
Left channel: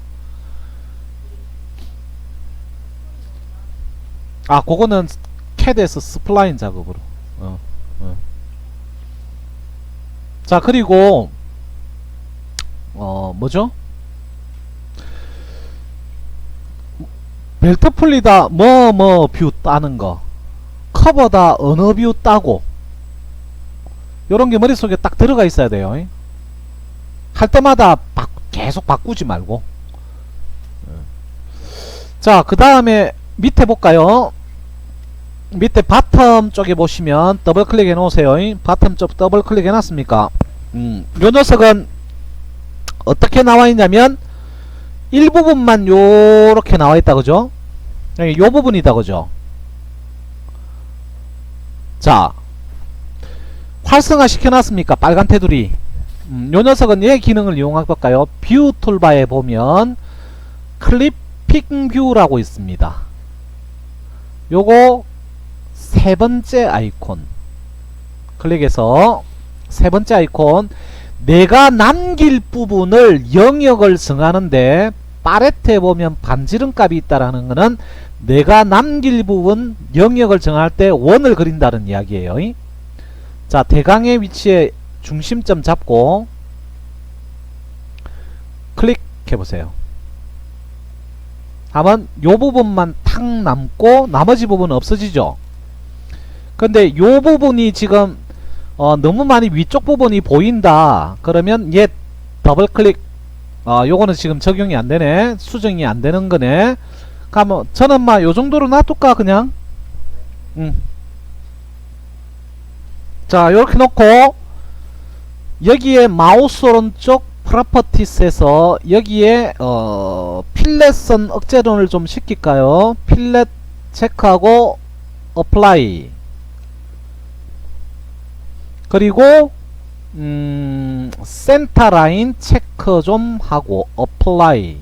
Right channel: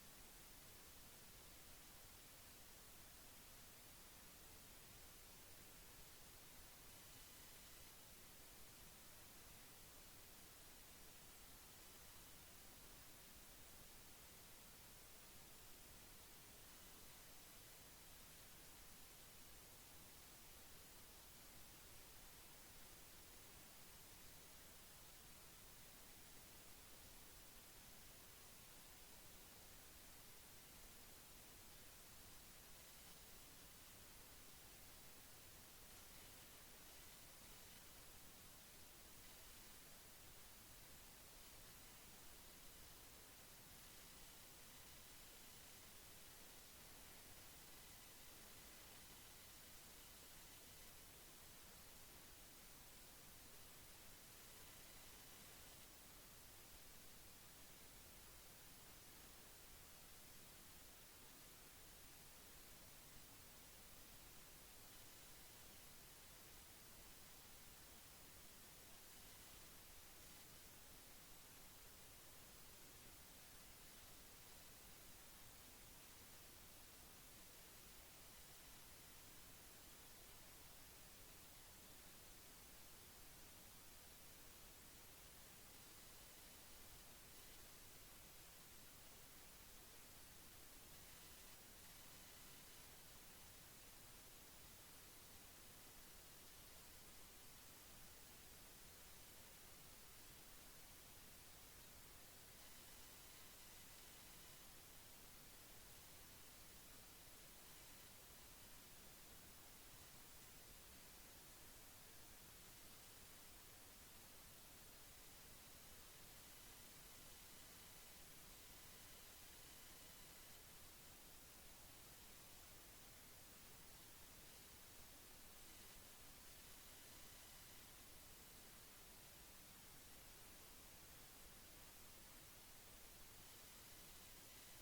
아, 그거는 캐드에서 스플라인 작업으로. 자, 그리고 뭐죠? 벨트 풀리다 뷰 따는 거, 커버다 어느 뷰 따고, 요런 게 머릿속에 딱 들어가 있어야 돼요. 할 때마다 계속 바꾸지 말고. 자, 그 다음에 밑에 볼까요? 밑에 바텀 쪽에 보시면 더블 클릭 해 놓으세요. 바텀 쪽 더블 클릭 해 놨습니까? 요 녀석은 어떻게 나와 있냐면 일부분만 요렇게 나와 있다, 그죠? 요 부분이다, 그죠? 자, 활성화 시켜놨습니까? 빨간 테두리. 요 녀석은 얘 기능을 이용해 볼까요? 뷰 툴바에 보면 클리핑 뷰라고 있습니다. 요거 세 번째 아이콘 클릭해서 세 번째 아이콘 내가 남길 부분을 영역을 정하는데 파레트에 보면 반지름 값이 있다라는 거는 내가 남길 부분 영역을 정할 때 원을 그린다는 이야기예요. 자, 대강의 위치에 중심점 잡고 클릭해 보세요. 하면 요 부분만 탁 남고 나머지 부분은 없어지죠. 근데 요 부분이 지금 너무 많이 위쪽 부분이 보인다 그러면 얘 더블 클릭. 요거는 지금 적용이 안 되네. 수정이 안 되는 거네. 그러면 저는 막 요 정도로 놔둘까 그냥. 자, 요렇게 놓고 여기에 마우스 오른쪽 프로퍼티스에서 여기에 필렛선 억제론을 좀 시킬까요? 필렛 체크하고 어플라이. 그리고 센터 라인 체크 좀 하고 어플라이.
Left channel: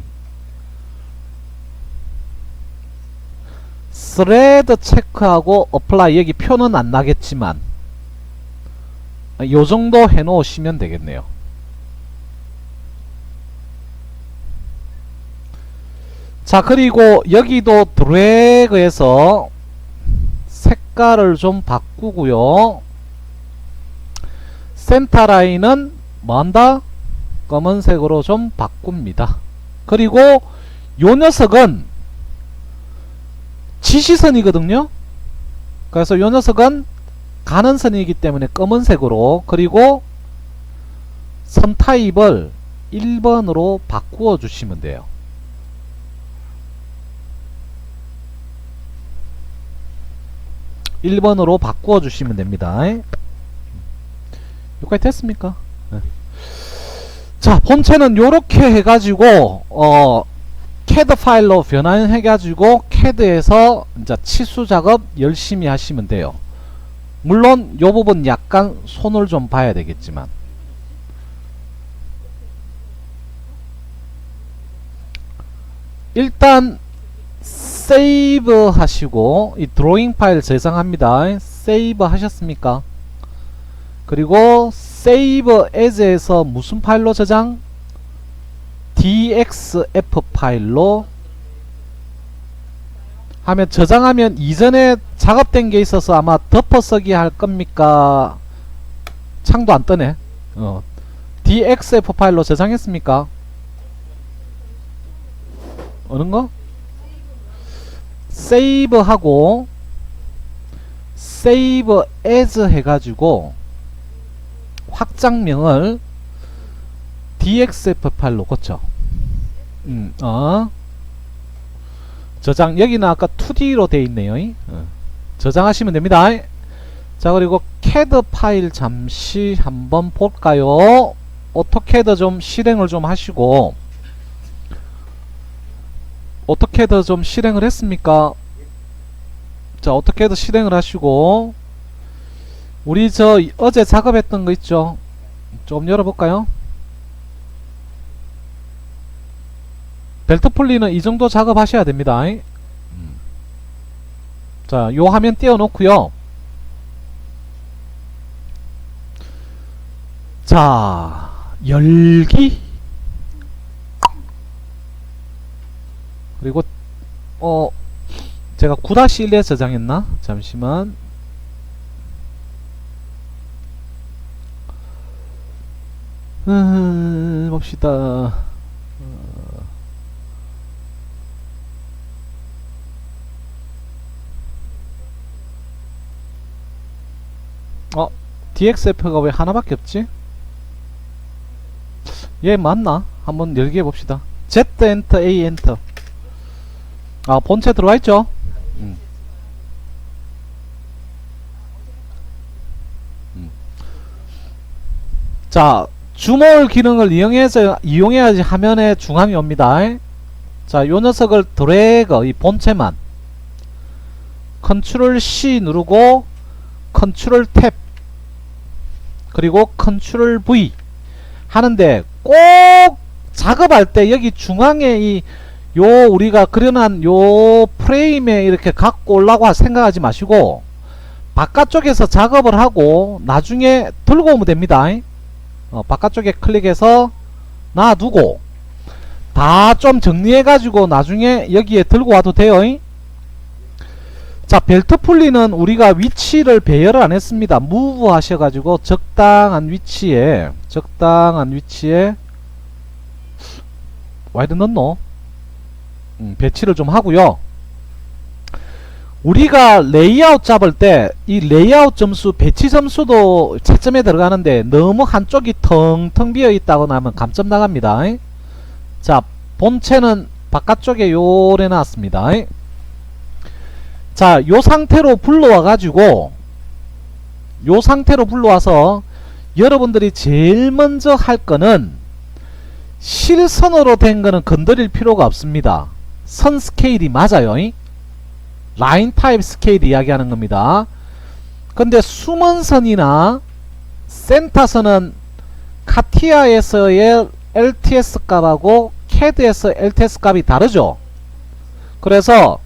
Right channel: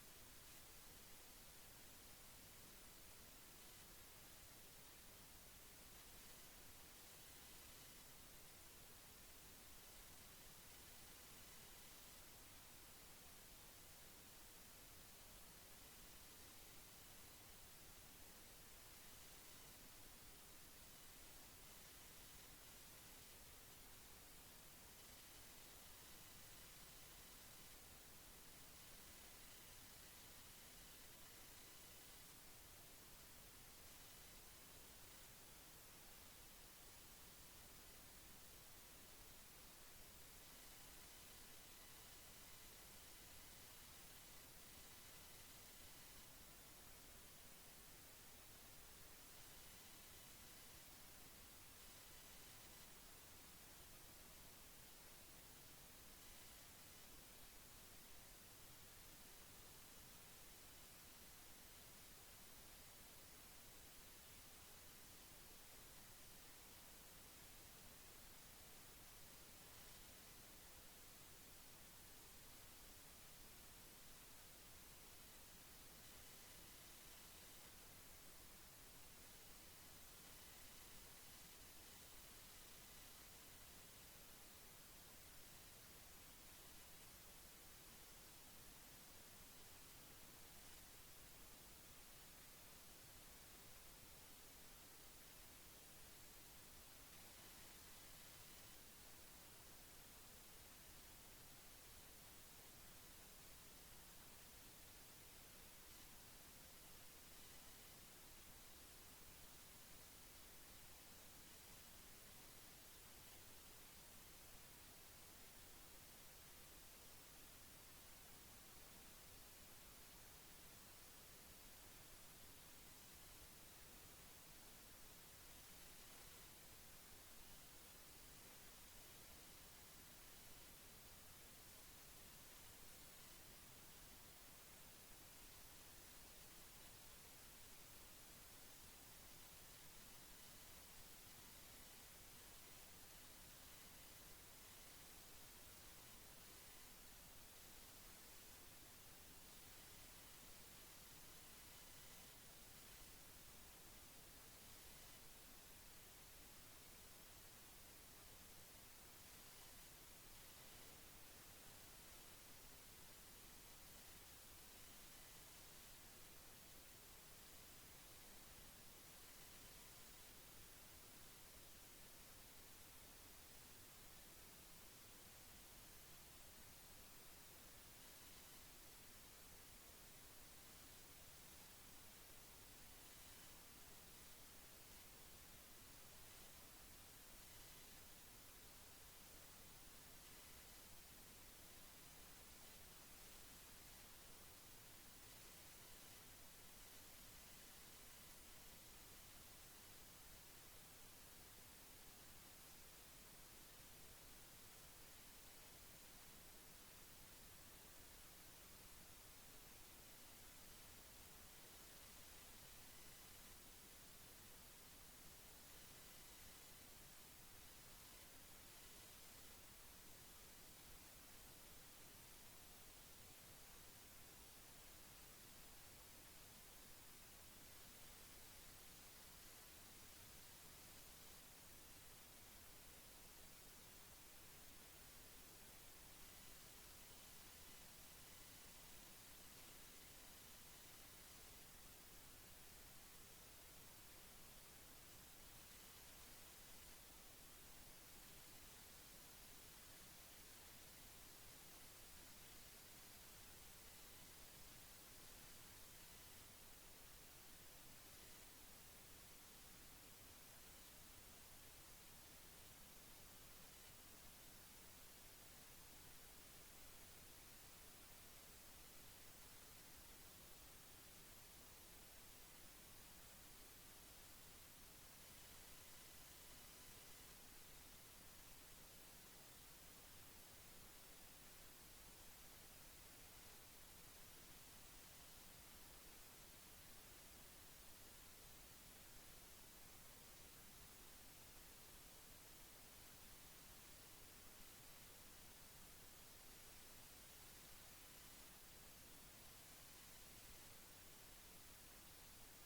스레드 체크하고 어플라이. 여기 표는 안 나겠지만 요 정도 해 놓으시면 되겠네요. 자, 그리고 여기도 드래그해서 색깔을 좀 바꾸고요. 센터 라인은 뭐한다? 검은색으로 좀 바꿉니다. 그리고 요 녀석은 지시선이거든요. 그래서 요 녀석은 가는 선이기 때문에 검은색으로. 그리고 선 타입을 1번으로 바꾸어 주시면 돼요. (1번으로) 바꾸어 주시면 됩니다. 여기까지 됐습니까? 네. 자, 본체는 요렇게 해가지고 CAD 파일로 변환해가지고 CAD에서 이제 치수 작업 열심히 하시면 돼요. 물론 요 부분 약간 손을 좀 봐야 되겠지만 일단 세이브 하시고 이 드로잉 파일 저장합니다. 세이브 하셨습니까? 그리고 세이브 as에서 무슨 파일로 저장? dxf 파일로 하면 저장하면 이전에 작업된 게 있어서 아마 덮어쓰기 할 겁니까? 창도 안 뜨네. dxf 파일로 저장했습니까? 어느 거? 세이브 하고 세이브 as 해가지고 확장명을 dxf 파일로 고쳐. 저장. 여기는 아까 2D로 돼 있네요. 저장하시면 됩니다. 자, 그리고 CAD 파일 잠시 한번 볼까요? 오토캐드 좀 실행을 좀 하시고. 오토캐드 좀 실행을 했습니까? 자, 오토캐드 실행을 하시고 우리 저 어제 작업했던 거 있죠? 좀 열어볼까요? 벨트 풀리는 이 정도 작업하셔야 됩니다. 자, 요 화면 띄워놓고요. 자, 열기. 그리고 제가 9-1에 저장했나? 잠시만. 봅시다. DXF가 왜 하나밖에 없지? 얘 맞나? 한번 열기 해봅시다. Z 엔터 A 엔터. 본체 들어와 있죠? 자, 줌올 기능을 이용해야지 화면에 중앙이 옵니다. 자, 요 녀석을 드래그, 이 본체만 컨트롤 C 누르고 컨트롤 탭 그리고 컨트롤 V 하는데 꼭 작업할 때 여기 중앙에 요 우리가 그려놓은 요 프레임에 이렇게 갖고 오려고 생각하지 마시고 바깥쪽에서 작업을 하고 나중에 들고 오면 됩니다. 바깥쪽에 클릭해서 놔두고 다 좀 정리해 가지고 나중에 여기에 들고 와도 돼요. 자, 벨트 풀리는 우리가 위치를 배열을 안 했습니다. 무브 하셔가지고 적당한 위치에 와이드 넣노? 배치를 좀 하고요. 우리가 레이아웃 잡을 때 이 레이아웃 점수, 배치 점수도 채점에 들어가는데 너무 한쪽이 텅텅 비어 있다거나 하면 감점 나갑니다. 자, 본체는 바깥쪽에 요래 놨습니다. 자, 요 상태로 불러와 가지고 요 상태로 불러와서 여러분들이 제일 먼저 할 거는 실선으로 된 거는 건드릴 필요가 없습니다. 선 스케일이 맞아요. 라인 타입 스케일 이야기하는 겁니다. 근데 숨은 선이나 센터선은 카티아에서의 LTS 값하고 CAD에서 LTS 값이 다르죠. 그래서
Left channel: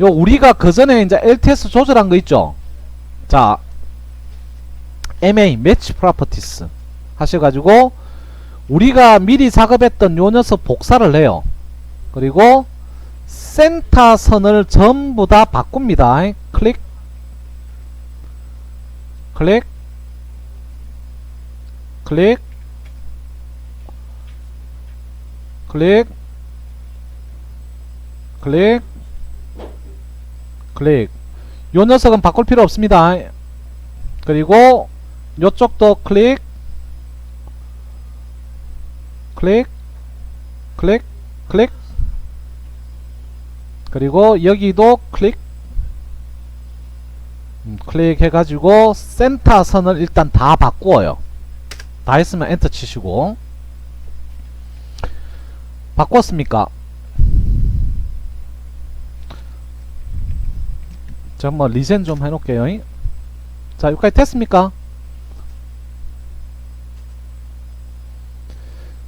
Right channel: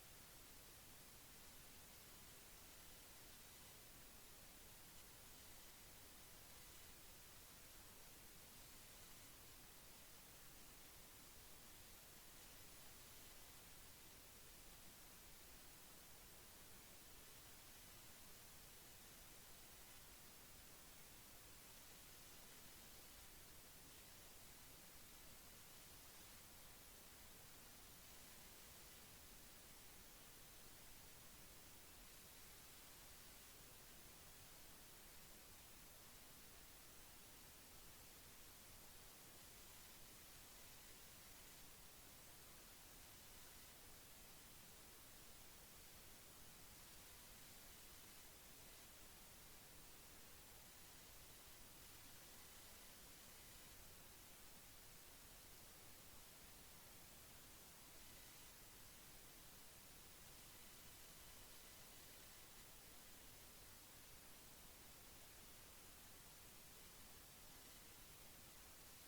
요 우리가 그 전에 이제 LTS 조절한 거 있죠. 자, MA Match Properties 하셔가지고 우리가 미리 작업했던 요 녀석 복사를 해요. 그리고 센터 선을 전부 다 바꿉니다. 클릭, 클릭, 클릭, 클릭, 클릭, 클릭. 요 녀석은 바꿀 필요 없습니다. 그리고 요쪽도 클릭, 클릭, 클릭, 클릭. 그리고 여기도 클릭, 클릭 해가지고 센터 선을 일단 다 바꾸어요. 다 했으면 엔터 치시고. 바꿨습니까? 자, 한번 리젠 좀 해놓을게요. 자, 여기까지 됐습니까?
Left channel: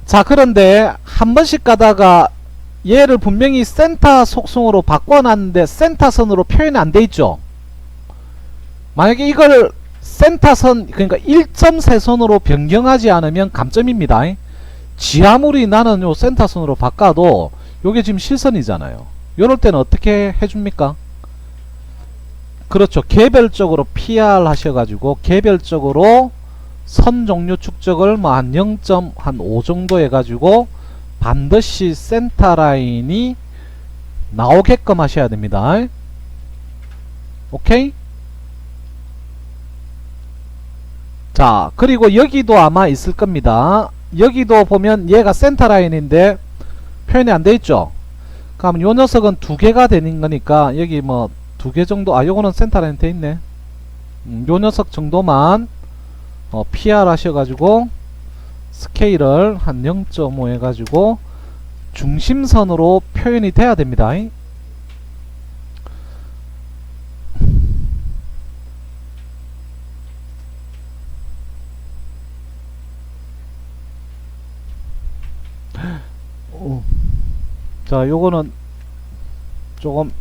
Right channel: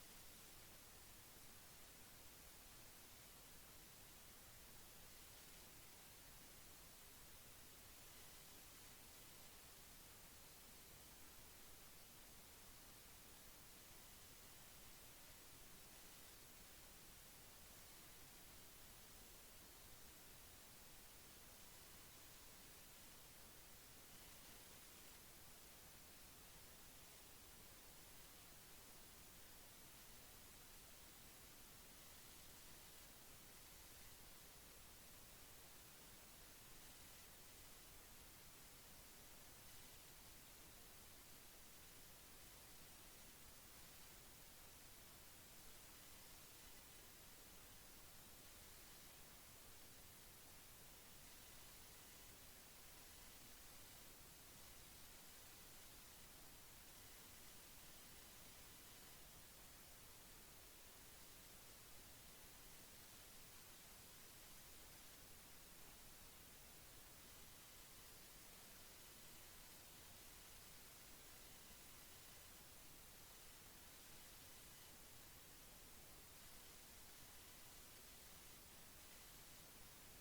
자, 그런데 한 번씩 가다가 얘를 분명히 센터 속성으로 바꿔놨는데 센터선으로 표현이 안 돼 있죠. 만약에 이걸 센터선, 그러니까 1.3선으로 변경하지 않으면 감점입니다. 지아무리 나는 요 센터선으로 바꿔도 요게 지금 실선이잖아요. 요럴 때는 어떻게 해줍니까? 그렇죠. 개별적으로 PR 하셔가지고 개별적으로 선 종류 축적을 뭐 한 0.5 정도 해가지고 반드시 센터 라인이 나오게끔 하셔야 됩니다. 오케이? 자, 그리고 여기도 아마 있을 겁니다. 여기도 보면 얘가 센터 라인인데 표현이 안 돼 있죠. 그럼 요 녀석은 두 개가 되는 거니까 여기 뭐 두 개 정도, 아 요거는 센터 라인 돼 있네. 요 녀석 정도만 PR 하셔가지고 스케일을 한 0.5 해가지고 중심선으로 표현이 돼야 됩니다. 자, 요거는 조금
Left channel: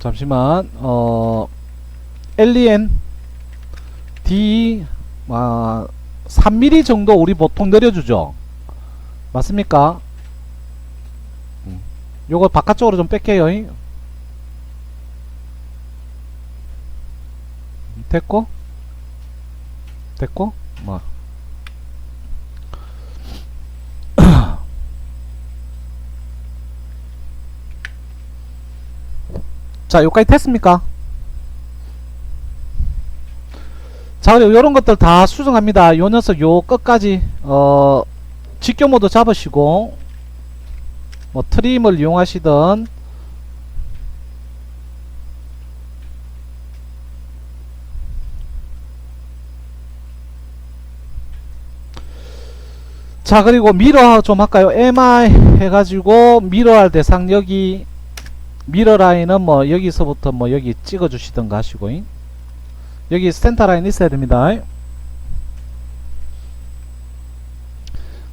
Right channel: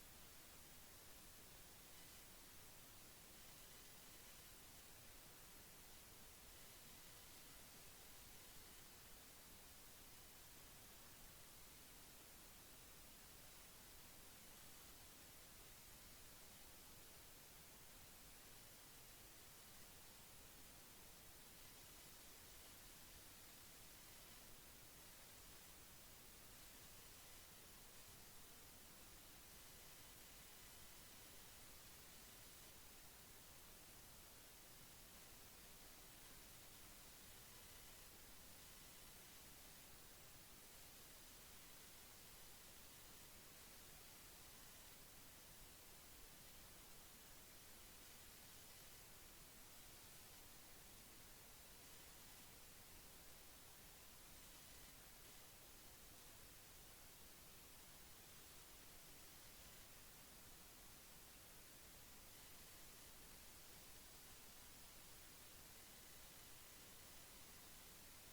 잠시만 LEN D 3mm 정도 우리 보통 내려주죠. 맞습니까? 요거 바깥쪽으로 좀 뺄게요. 됐고 됐고 뭐 자, 여기까지 됐습니까? 자, 그리고 요런 것들 다 수정합니다. 요 녀석 요 끝까지 직교 모드 잡으시고 뭐 트림을 이용하시던 자, 그리고 미러 좀 할까요? MI 해가지고 미러할 대상 여기 미러 라인은 뭐 여기서부터 뭐 여기 찍어 주시던가 하시고 여기 센터 라인 있어야 됩니다.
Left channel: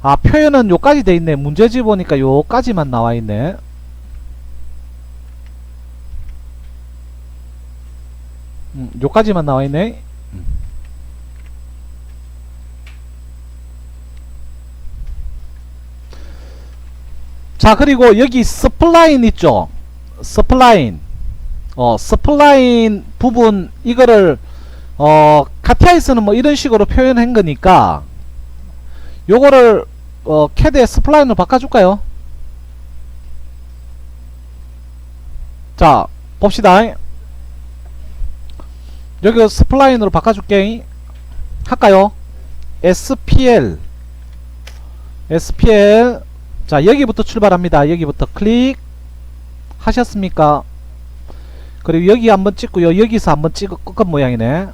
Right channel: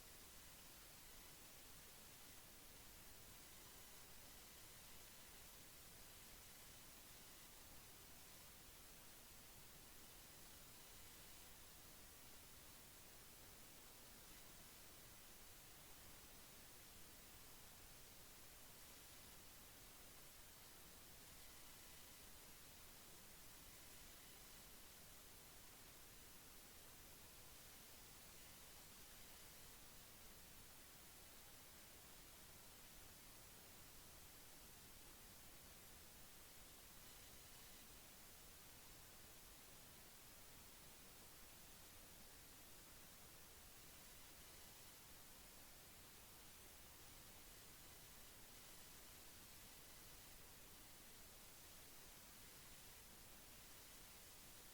아, 표현은 요까지 돼 있네. 문제지 보니까 요까지만 나와 있네. 요까지만 나와 있네. 자, 그리고 여기 스플라인 있죠. 스플라인. 스플라인 부분 이거를 카티아에서는 뭐 이런 식으로 표현한 거니까 요거를 캐드에 스플라인으로 바꿔줄까요? 자, 봅시다. 여기 스플라인으로 바꿔줄게. 할까요? SPL 자, 여기부터 출발합니다. 여기부터 클릭 하셨습니까? 그리고 여기 한번 찍고요. 여기서 한번 꺾은 모양이네.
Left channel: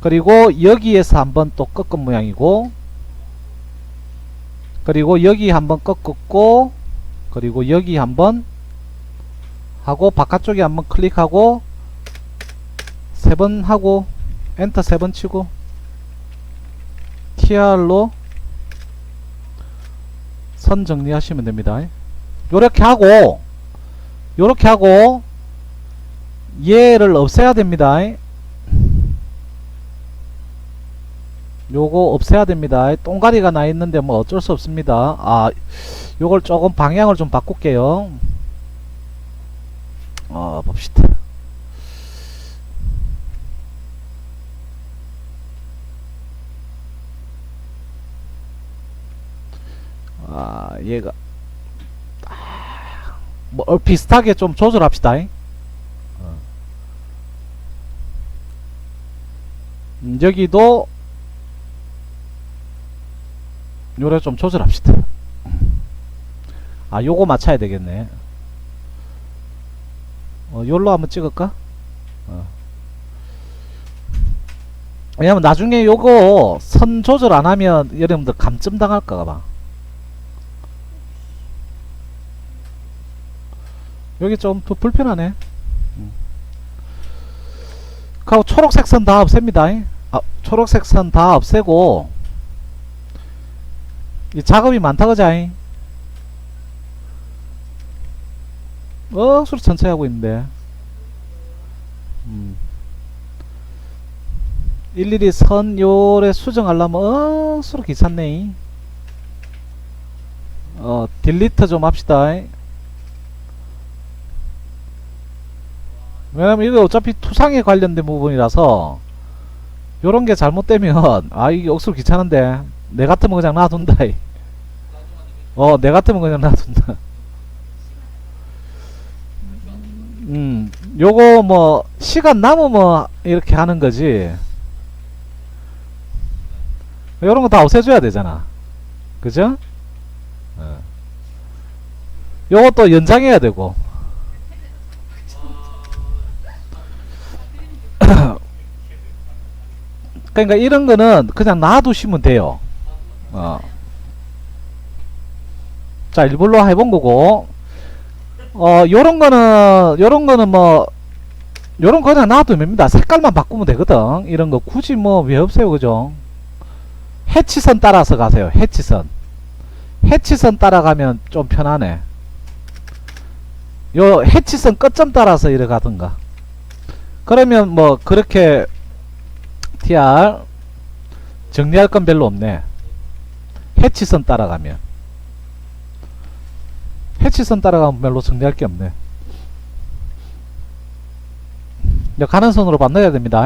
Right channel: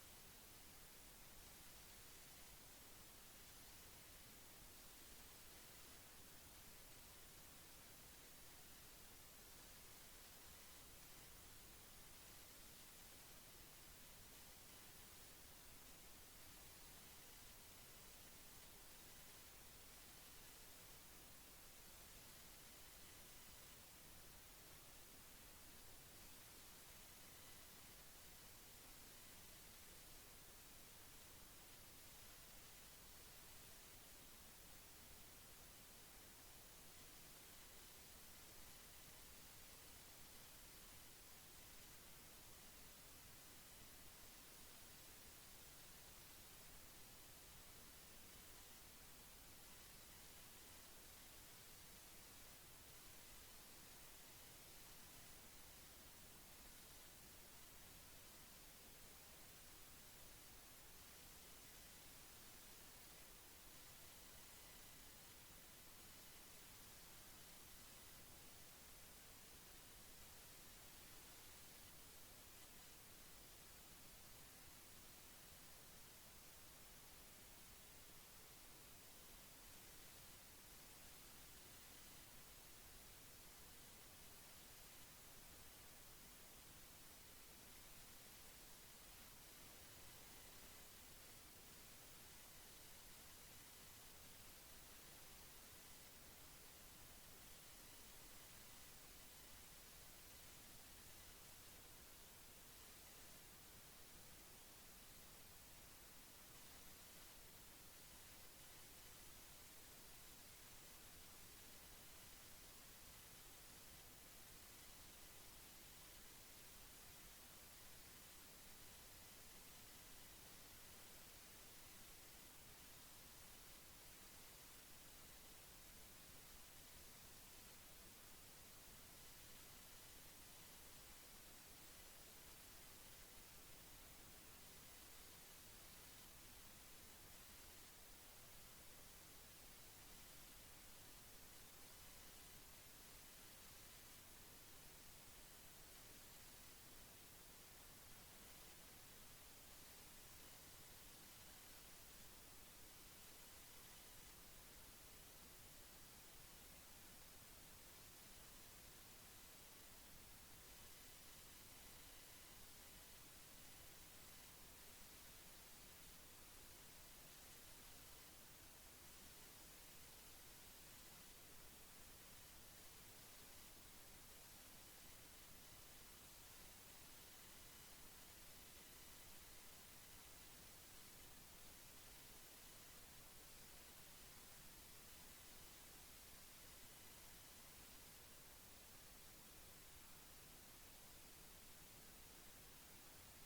그리고 여기에서 한번 또 꺾은 모양이고, 그리고 여기 한번 꺾었고, 그리고 여기 한번 하고, 바깥쪽에 한번 클릭하고 3번 하고 엔터 3번 치고 TR로 선 정리하시면 됩니다. 요렇게 하고 얘를 없애야 됩니다. 요거 없애야 됩니다. 똥가리가 나 있는데 뭐 어쩔 수 없습니다. 아, 요걸 조금 방향을 좀 바꿀게요. 봅시다. 얘가 뭐 비슷하게 좀 조절합시다. 여기도 요래 좀 조절합시다. 요거 맞춰야 되겠네. 요로 한번 찍을까? 왜냐면 나중에 요거 선 조절 안하면 여러분들 감점 당할까봐. 여기 좀 더 불편하네. 하고 초록색 선 다 없앱니다. 초록색 선 다 없애고 이 작업이 많다 그자잉. 수로 천천히 하고 있는데 일일이 선 요래 수정하려면 수로 귀찮네. 딜리트 좀 합시다. 왜냐면 이거 어차피 투상에 관련된 부분이라서 요런게 잘못되면 이게 억수로 귀찮은데 내 같으면 그냥 놔둔다. 내 같으면 그냥 놔둔다. 요거 뭐 시간 남으면 이렇게 하는 거지. 요런 거 다 없애줘야 되잖아. 그죠? 요것도 연장해야 되고. 그러니까 이런 거는 그냥 놔두시면 돼요. 자, 일부러 해본 거고, 요런 거는 뭐, 요런 거 그냥 놔두면 됩니다. 색깔만 바꾸면 되거든. 이런 거 굳이 뭐 왜 없어요, 그죠? 해치선 따라서 가세요. 해치선 따라가면 좀 편하네. 요 해치선 끝점 따라서 이래 가든가. 그러면 뭐 그렇게 TR 정리할 건 별로 없네. 해치선 따라가면 별로 정리할 게 없네. 가는 선으로 만나야 됩니다.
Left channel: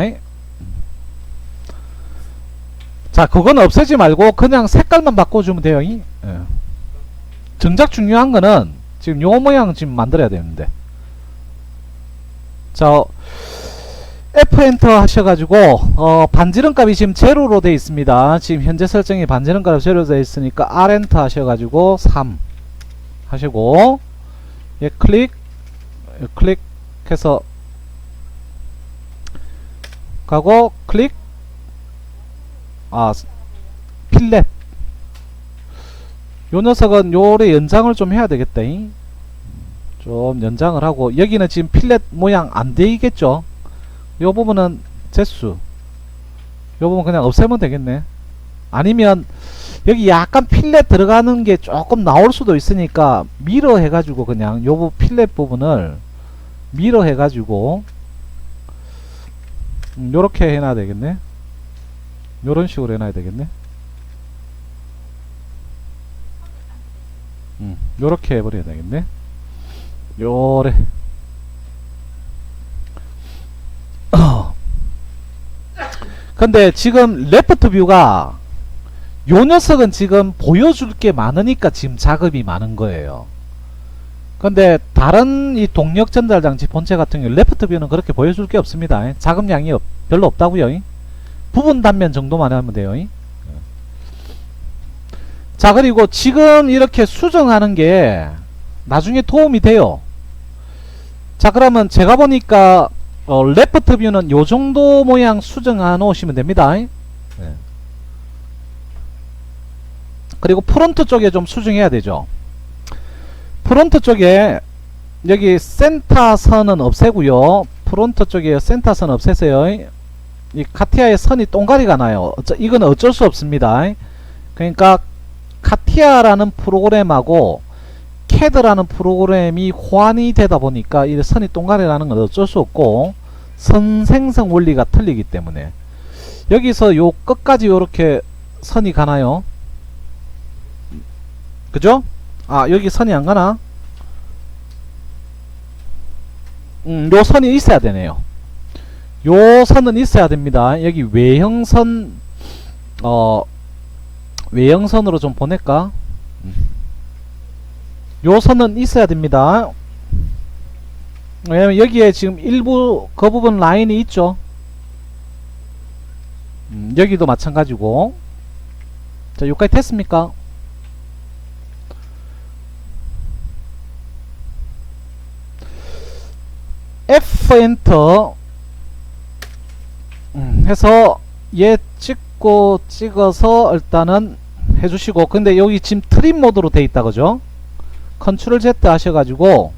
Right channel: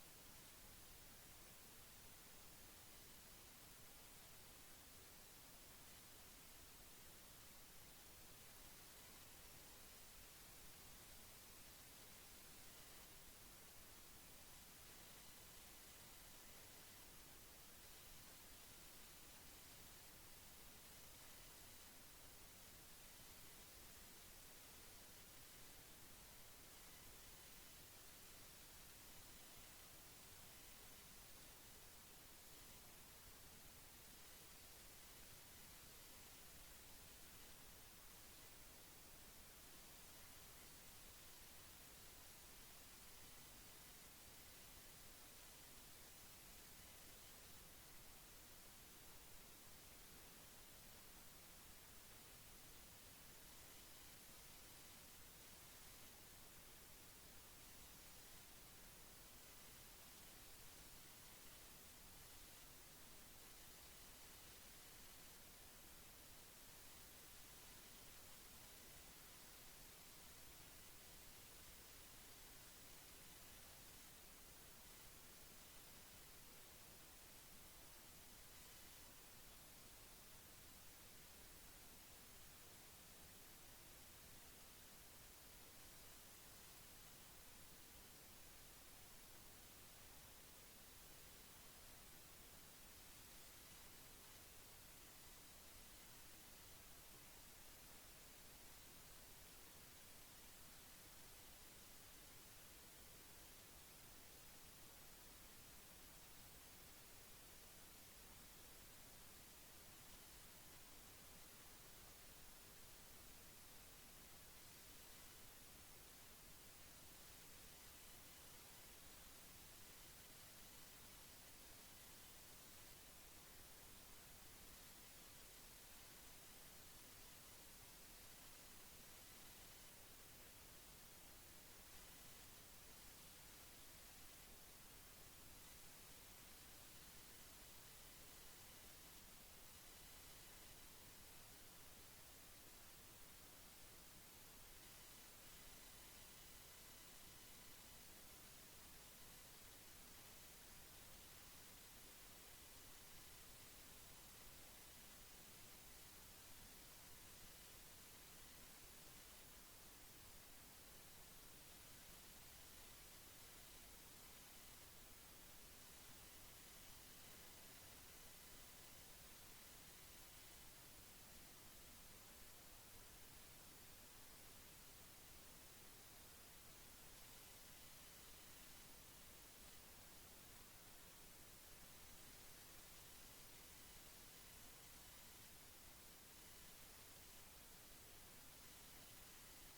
자, 그건 없애지 말고 그냥 색깔만 바꿔주면 돼요. 정작 중요한 거는 지금 요 모양 지금 만들어야 되는데. 자, F 엔터 하셔가지고 반지름 값이 지금 제로로 되어 있습니다. 지금 현재 설정이 반지름 값이 제로로 되어 있으니까 R 엔터 하셔가지고 3 하시고 클릭해서 가고 클릭. 필렛 요 녀석은 요래 연장을 좀 해야 되겠다. 좀 연장을 하고 여기는 지금 필렛 모양 안 되겠죠. 요 부분은 제수 요 부분 그냥 없애면 되겠네. 아니면 여기 약간 필렛 들어가는 게 조금 나올 수도 있으니까 미러 해가지고 그냥 요 필렛 부분을 미러 해가지고 요렇게 해놔야 되겠네. 요런 식으로 해놔야 되겠네. 요렇게 해버려야 되겠네. 요래. 근데 지금 레프트 뷰가 요 녀석은 지금 보여줄 게 많으니까 지금 작업이 많은 거예요. 근데 다른 이 동력 전달 장치 본체 같은 경우 레프트 뷰는 그렇게 보여줄 게 없습니다. 작업량이 별로 없다고요. 부분 단면 정도만 하면 돼요. 자, 그리고 지금 이렇게 수정하는 게 나중에 도움이 돼요. 자, 그러면 제가 보니까 레프트 뷰는 요 정도 모양 수정해 놓으시면 됩니다. 그리고 프론트 쪽에 좀 수정해야 되죠. 프론트 쪽에 여기 센터 선은 없애고요. 프론트 쪽에 센터 선 없애세요. 이 카티아의 선이 동가리가 나요. 이건 어쩔 수 없습니다. 그러니까 카티아라는 프로그램하고 캐드라는 프로그램이 호환이 되다 보니까 이 선이 동가리 나는 건 어쩔 수 없고 선 생성 원리가 틀리기 때문에 여기서 요 끝까지 요렇게 선이 가나요? 그죠? 아, 여기 선이 안 가나? 요 선이 있어야 되네요. 요 선은 있어야 됩니다. 여기 외형선, 외형선으로 좀 보낼까? 요 선은 있어야 됩니다. 왜냐면 여기에 지금 일부 그 부분 라인이 있죠. 여기도 마찬가지고. 자, 여기까지 됐습니까? F 엔터 해서 얘 찍고 찍어서 일단은 해주시고, 근데 여기 지금 트림 모드로 돼 있다 그죠? 컨트롤 Z 하셔가지고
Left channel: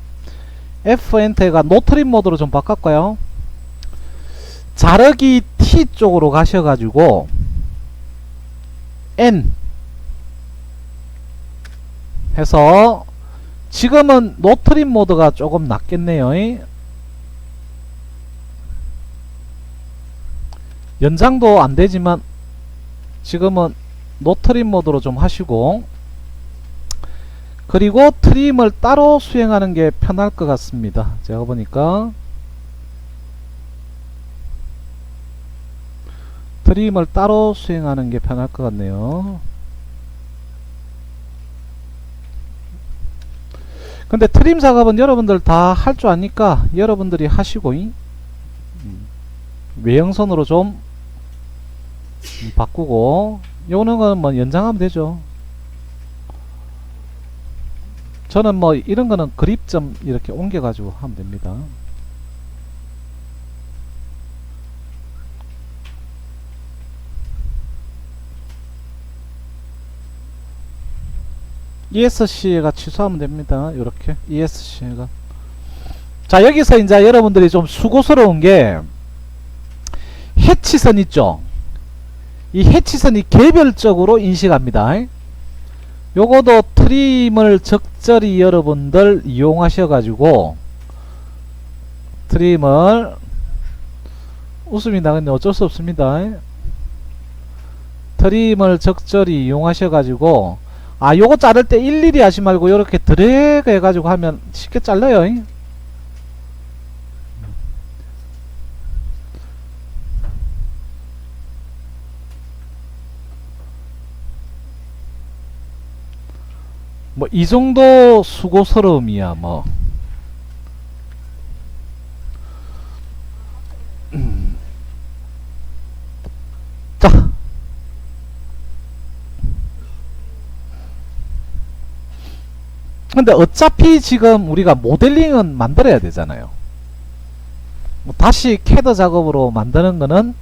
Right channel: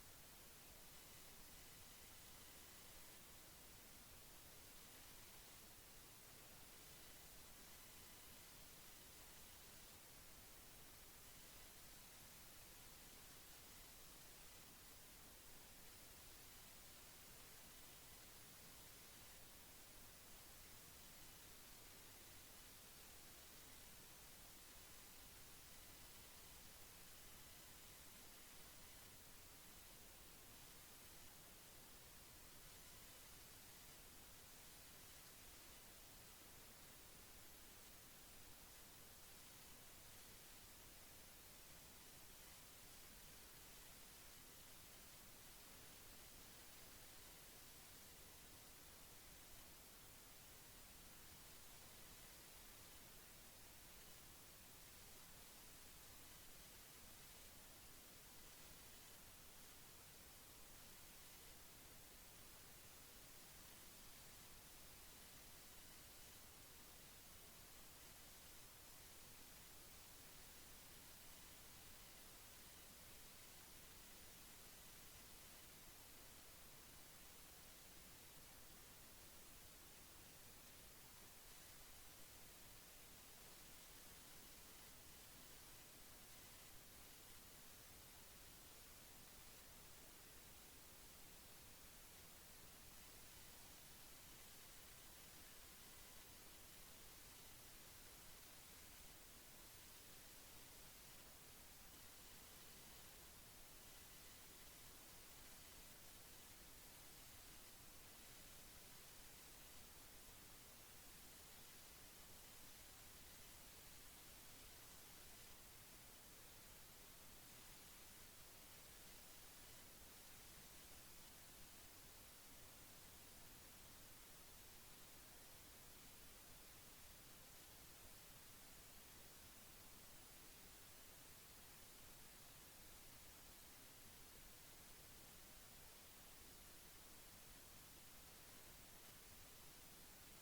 F 엔터가 노 트림 모드로 좀 바꿀까요? 자르기 T 쪽으로 가셔가지고 N 해서 지금은 노 트림 모드가 조금 낫겠네요. 연장도 안되지만 지금은 노 트림 모드로 좀 하시고, 그리고 트림을 따로 수행하는 게 편할 것 같습니다. 제가 보니까 트림을 따로 수행하는 게 편할 것 같네요. 근데 트림 작업은 여러분들 다 할 줄 아니까 여러분들이 하시고 외형선으로 좀 바꾸고, 요는 건 뭐 연장하면 되죠. 저는 뭐 이런 거는 그립점 이렇게 옮겨 가지고 하면 됩니다. ESC가 취소하면 됩니다. 이렇게 ESC가. 자, 여기서 이제 여러분들이 좀 수고스러운 게 해치선 있죠. 이 해치선이 개별적으로 인식합니다. 요거도 트림을 적절히 여러분들 이용하셔 가지고 트림을, 웃음이 나겠네. 어쩔 수 없습니다. 트림을 적절히 이용하셔 가지고, 아, 요거 자를 때 일일이 하지 말고 요렇게 드래그 해 가지고 하면 쉽게 잘라요. 뭐 이 정도 수고스러움이야 뭐. 자, 근데 어차피 지금 우리가 모델링은 만들어야 되잖아요. 뭐 다시 캐드 작업으로 만드는 거는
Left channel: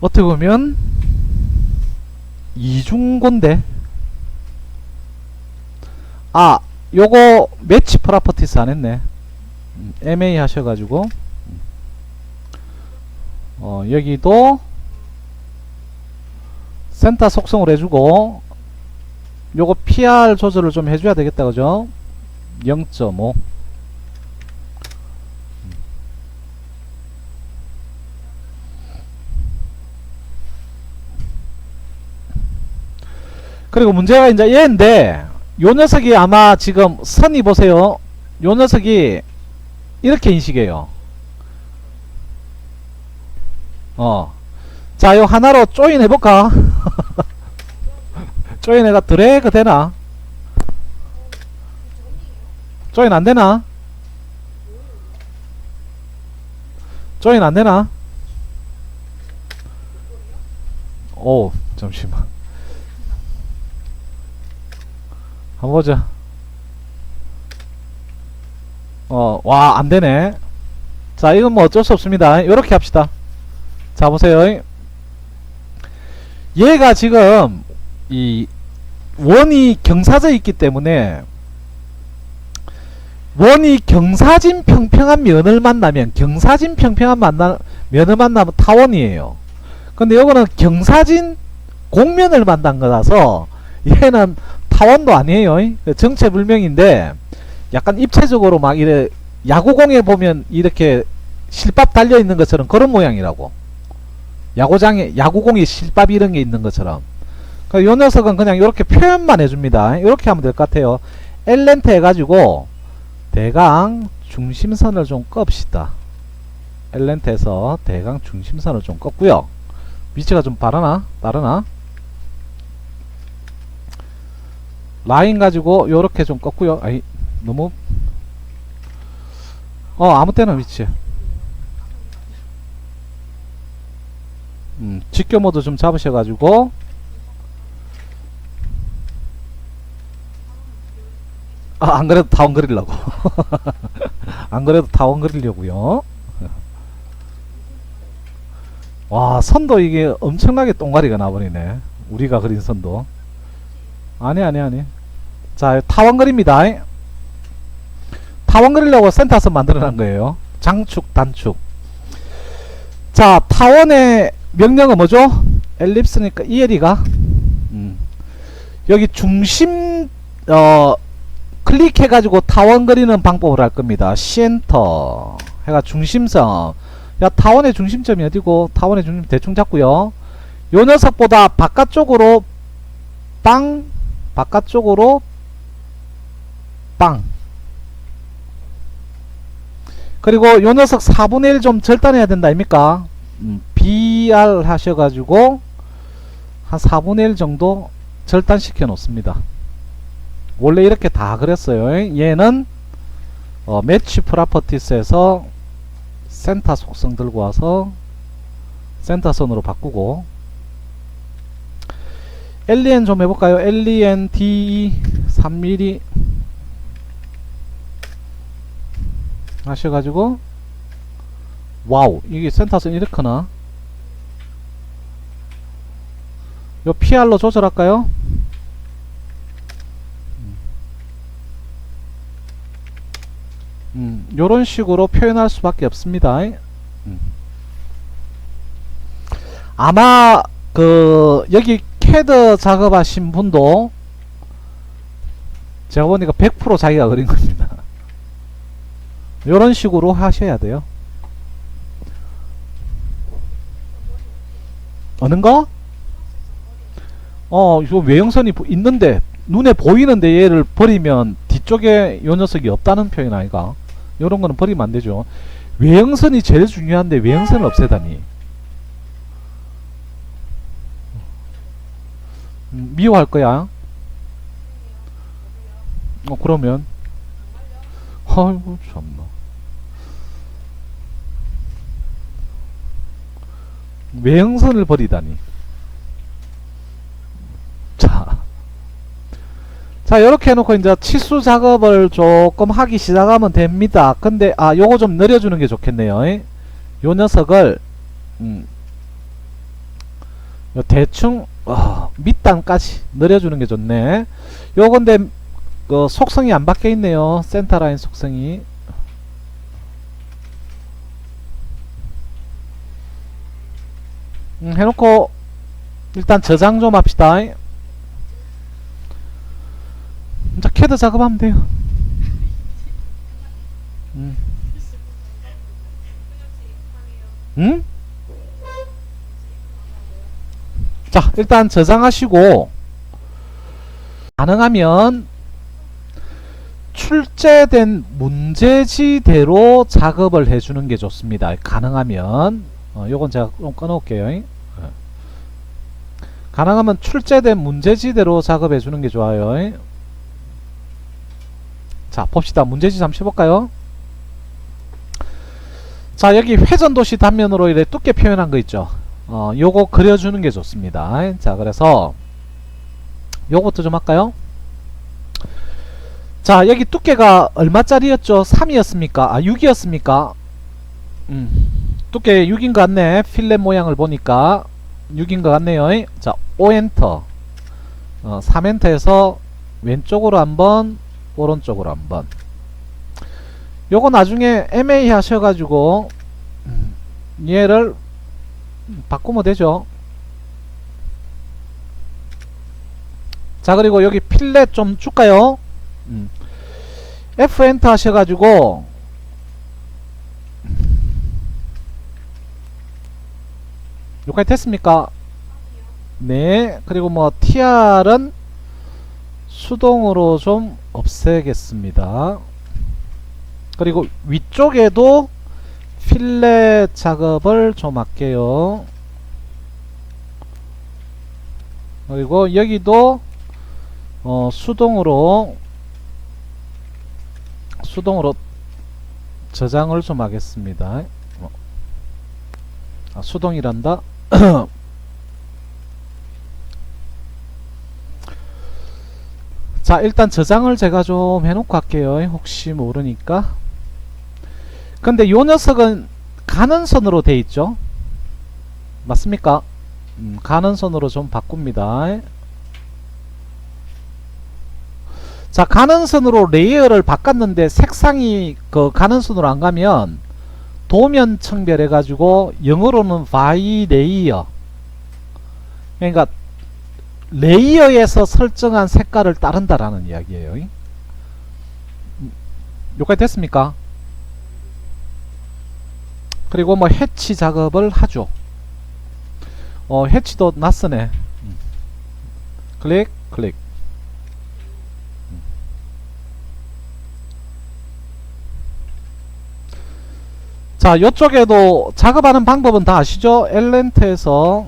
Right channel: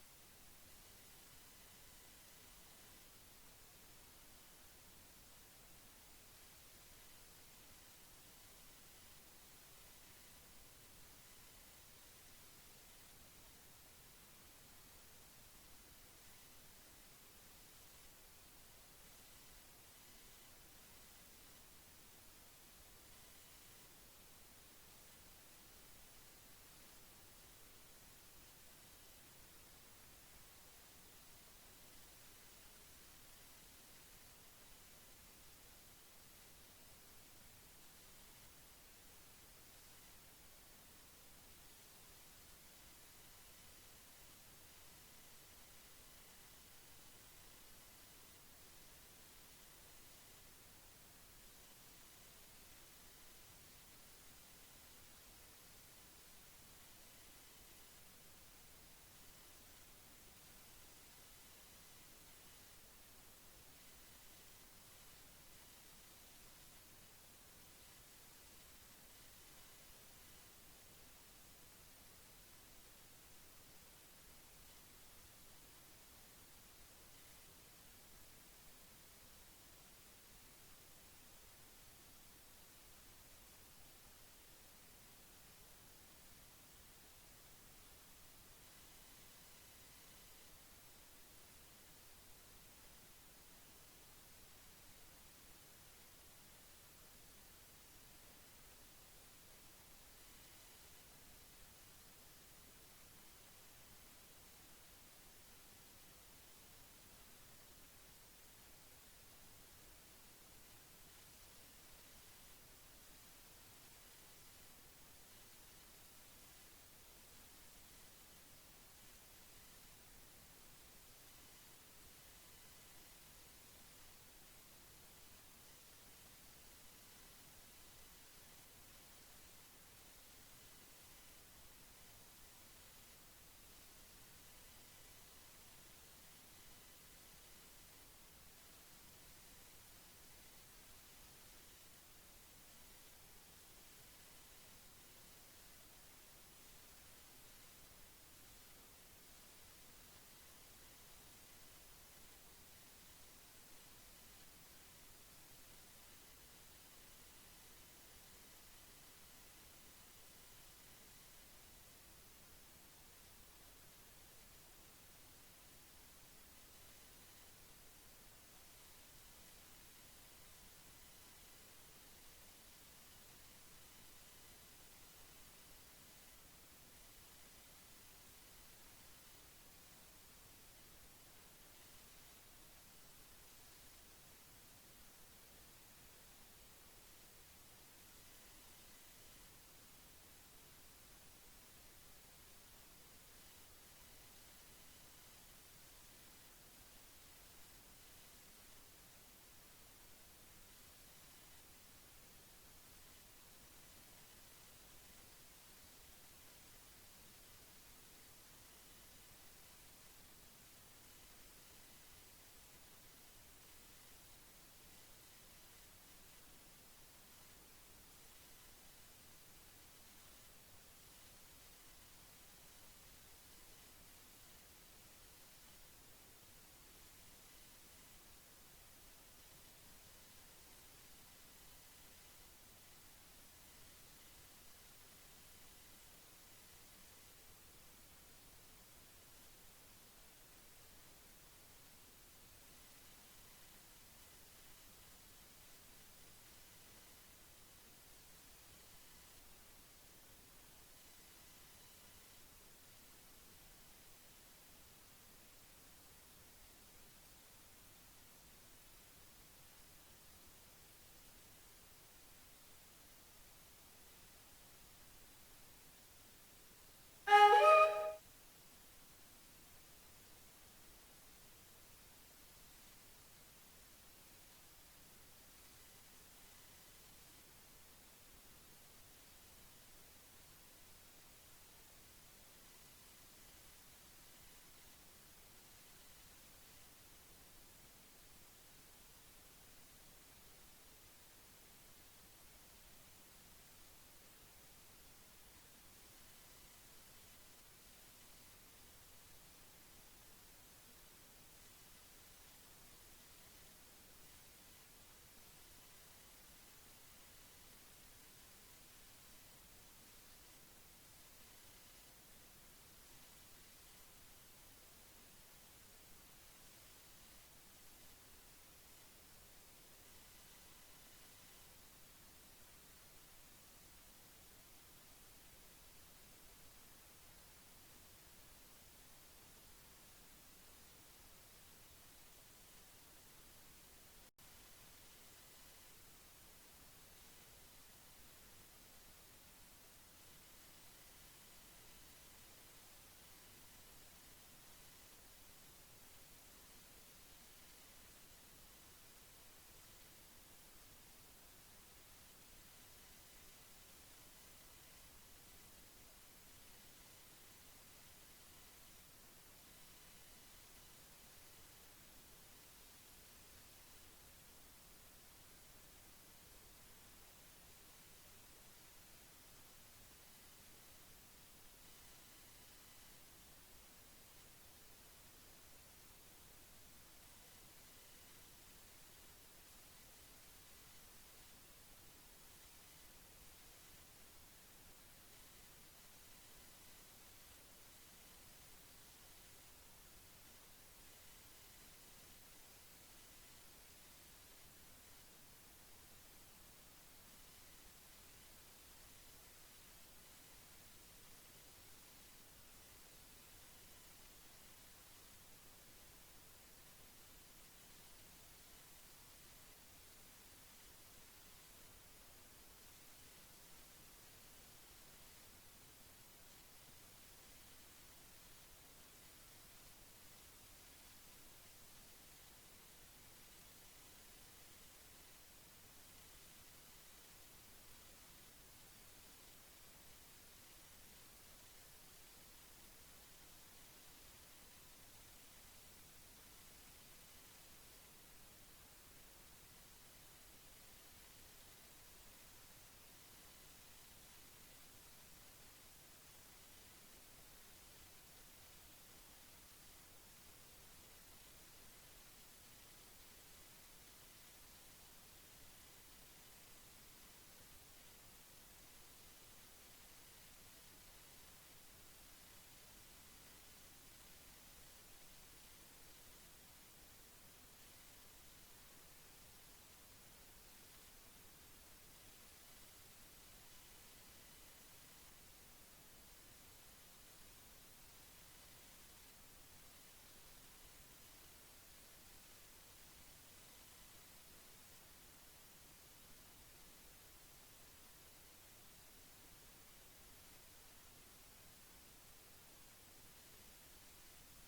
어떻게 보면 이중고인데, 아, 요거 매치 프로퍼티스 안 했네. MA 하셔가지고 여기도 센터 속성으로 해주고, 요거 PR 조절을 좀 해줘야 되겠다, 그죠? 0.5. 그리고 문제가 이제 얘인데, 요 녀석이 아마 지금 선이 보세요. 요 녀석이 이렇게 인식해요. 자, 요 하나로 조인 해볼까? 조인 해가 드래그 되나? 조인 안 되나? 조인 안 되나? 오, 잠시만. 한번 보자. 와, 안 되네. 자, 이건 뭐 어쩔 수 없습니다. 요렇게 합시다. 자, 보세요. 얘가 지금 이 원이 경사져 있기 때문에 원이 경사진 평평한 면을 만나면 면을 만나면 타원이에요. 근데 요거는 경사진 곡면을 만난 거라서 얘는 타원도 아니에요. 정체불명인데 약간 입체적으로 막 이래 야구공에 보면 이렇게 실밥 달려 있는 것처럼 그런 모양이라고. 야구장에 야구공에 실밥 이런 게 있는 것처럼. 요 녀석은 그냥 이렇게 표현만 해줍니다. 이렇게 하면 될 것 같아요. 엘렌트 해가지고 대강 중심선을 좀 껍시다. 엘렌트에서 대강 중심선을 좀 껐고요. 위치가 좀 다르나? 라인 가지고 요렇게 좀 껐고요. 아이 너무 아무 때나 위치. 직교 모드 좀 잡으셔가지고 안 그래도 타원 그리려고. 안 그래도 타원 그리려고요. 와, 선도 이게 엄청나게 똥가리가 나버리네. 우리가 그린 선도. 아니. 자, 타원 그립니다. 타원 그리려고 센터선 만들어놓은 거예요. 장축, 단축. 자, 타원의 명령은 뭐죠? 엘립스니까 EL이가 여기 중심 클릭해가지고 타원 그리는 방법을 할 겁니다. 시엔터 해가 중심선. 야, 타원의 중심점이 어디고? 타원의 중심 대충 잡고요. 요 녀석보다 바깥쪽으로 바깥쪽으로 그리고 요 녀석 4분의 1 좀 절단해야 된다 아닙니까? BR 하셔가지고 한 4분의 1 정도 절단시켜 놓습니다. 원래 이렇게 다 그랬어요. 얘는 매치 프로퍼티스에서 센터 속성 들고 와서 센터선으로 바꾸고 LEN 좀 해볼까요? LEN DE 3mm 하셔가지고 와우, 이게 센터선 이렇구나. 요 PR로 조절할까요? 요런 식으로 표현할 수밖에 없습니다. 아마 여기 캐드 작업하신 분도 제가 보니까 100% 자기가 그린 겁니다. 요런 식으로 하셔야 돼요. 어느 거? 요 외형선이 있는데 눈에 보이는데 얘를 버리면 뒤쪽에 요 녀석이 없다는 표현 아이가? 요런 거는 버리면 안 되죠. 외형선이 제일 중요한데 외형선을 없애다니. 미워할 거야. 그러면 아이고 참나. 외형선을 버리다니. 자, 이렇게 해놓고 이제 치수 작업을 조금 하기 시작하면 됩니다. 근데 요거 좀 늘려주는 게 좋겠네요. 요 녀석을 요 대충 밑단까지 늘려주는 게 좋네. 요 근데 속성이 안 바뀌어 있네요. 센터라인 속성이. 해놓고 일단 저장 좀 합시다. 자, 캐드 작업하면 돼요. 응? 자, 일단 저장하시고 가능하면 출제된 문제지대로 작업을 해주는 게 좋습니다. 가능하면 요건 제가 좀 꺼놓을게요. 가능하면 출제된 문제지대로 작업해 주는 게 좋아요. 자, 봅시다. 문제지 잠시 볼까요? 자, 여기 회전도시 단면으로 이렇게 두께 표현한 거 있죠. 요거 그려주는 게 좋습니다. 자, 그래서 요것도 좀 할까요? 자, 여기 두께가 얼마짜리였죠? 3이었습니까? 아, 6이었습니까? 두께 6인 것 같네. 필렛 모양을 보니까 6인 것 같네요. 자, 5엔터 3엔터에서 왼쪽으로 한번, 오른쪽으로 한번. 요거 나중에 MA 하셔가지고 얘를 바꾸면 되죠. 자, 그리고 여기 필렛 좀 줄까요? F 엔터 하셔가지고 여기까지 됐습니까? 네. 그리고 뭐 TR은 수동으로 좀 없애겠습니다. 그리고 위쪽에도 필렛 작업을 좀 할게요. 그리고 여기도 수동으로 저장을 좀 하겠습니다. 수동이란다. 자, 일단 저장을 제가 좀 해놓고 할게요. 혹시 모르니까. 근데 요 녀석은 가는 선으로 돼 있죠. 맞습니까? 가는 선으로 좀 바꿉니다. 자, 가는 선으로 레이어를 바꿨는데 색상이 그 가는 선으로 안 가면 도면 청별해 가지고 영어로는 by 레이어, 그러니까 레이어에서 설정한 색깔을 따른다라는 이야기예요. 여기까지 됐습니까? 그리고 뭐 해치 작업을 하죠. 해치도 낯서네. 클릭 클릭. 자, 요쪽에도 작업하는 방법은 다 아시죠? 엘렌트에서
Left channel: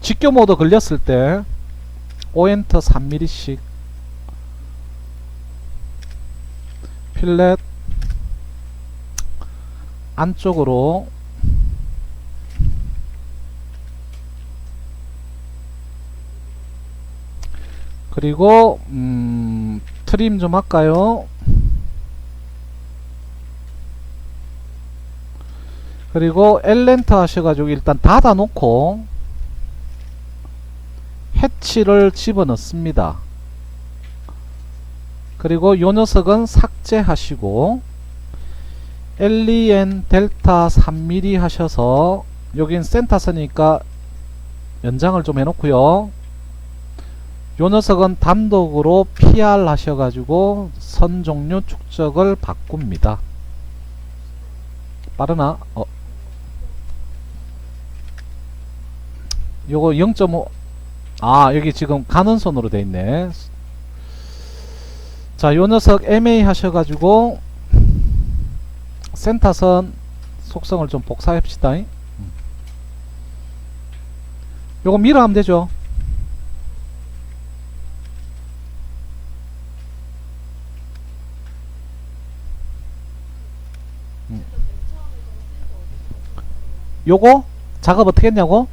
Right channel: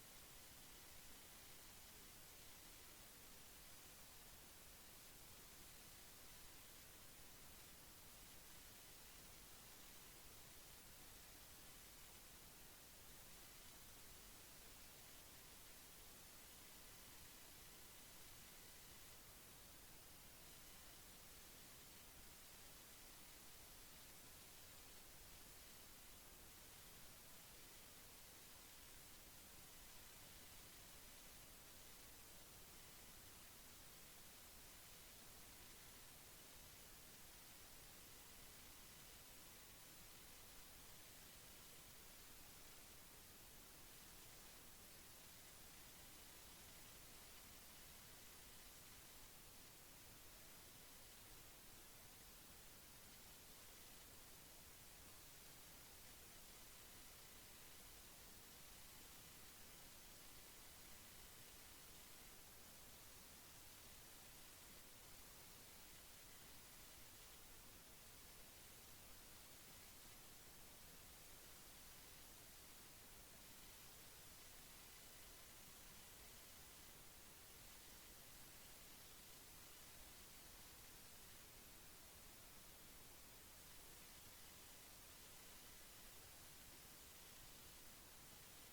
직교 모드 걸렸을 때 오엔터 3mm씩 필렛 안쪽으로 그리고 트림 좀 할까요? 그리고 엘렌터 하셔가지고 일단 닫아 놓고 해치를 집어넣습니다. 그리고 요 녀석은 삭제하시고 LEN 델타 3mm 하셔서 여긴 센터선이니까 연장을 좀 해놓고요. 요 녀석은 단독으로 PR 하셔가지고 선 종류 축적을 바꿉니다. 빠르나? 요거 0.5 여기 지금 가는 선으로 돼 있네. 자, 요 녀석 MA 하셔가지고 센터선 속성을 좀 복사합시다. 요거 밀어 하면 되죠. 요거 작업 어떻게 했냐고?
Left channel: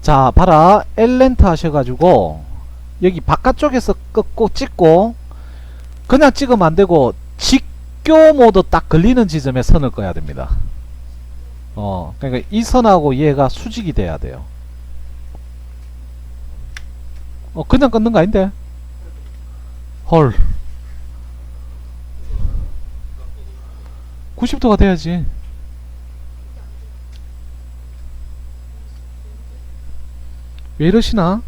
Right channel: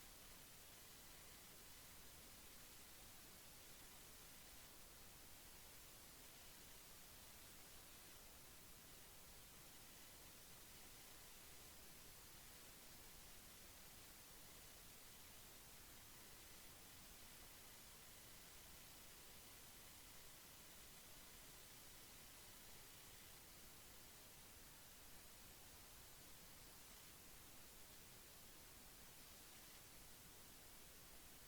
자, 봐라. 엘렌트 하셔가지고 여기 바깥쪽에서 끄고 찍고 그냥 찍으면 안되고 직교 모드 딱 걸리는 지점에 선을 꺼야 됩니다. 그러니까 이 선하고 얘가 수직이 돼야 돼요. 그냥 끊는 거 아닌데? 헐. 90도가 돼야지. 왜 이러시나?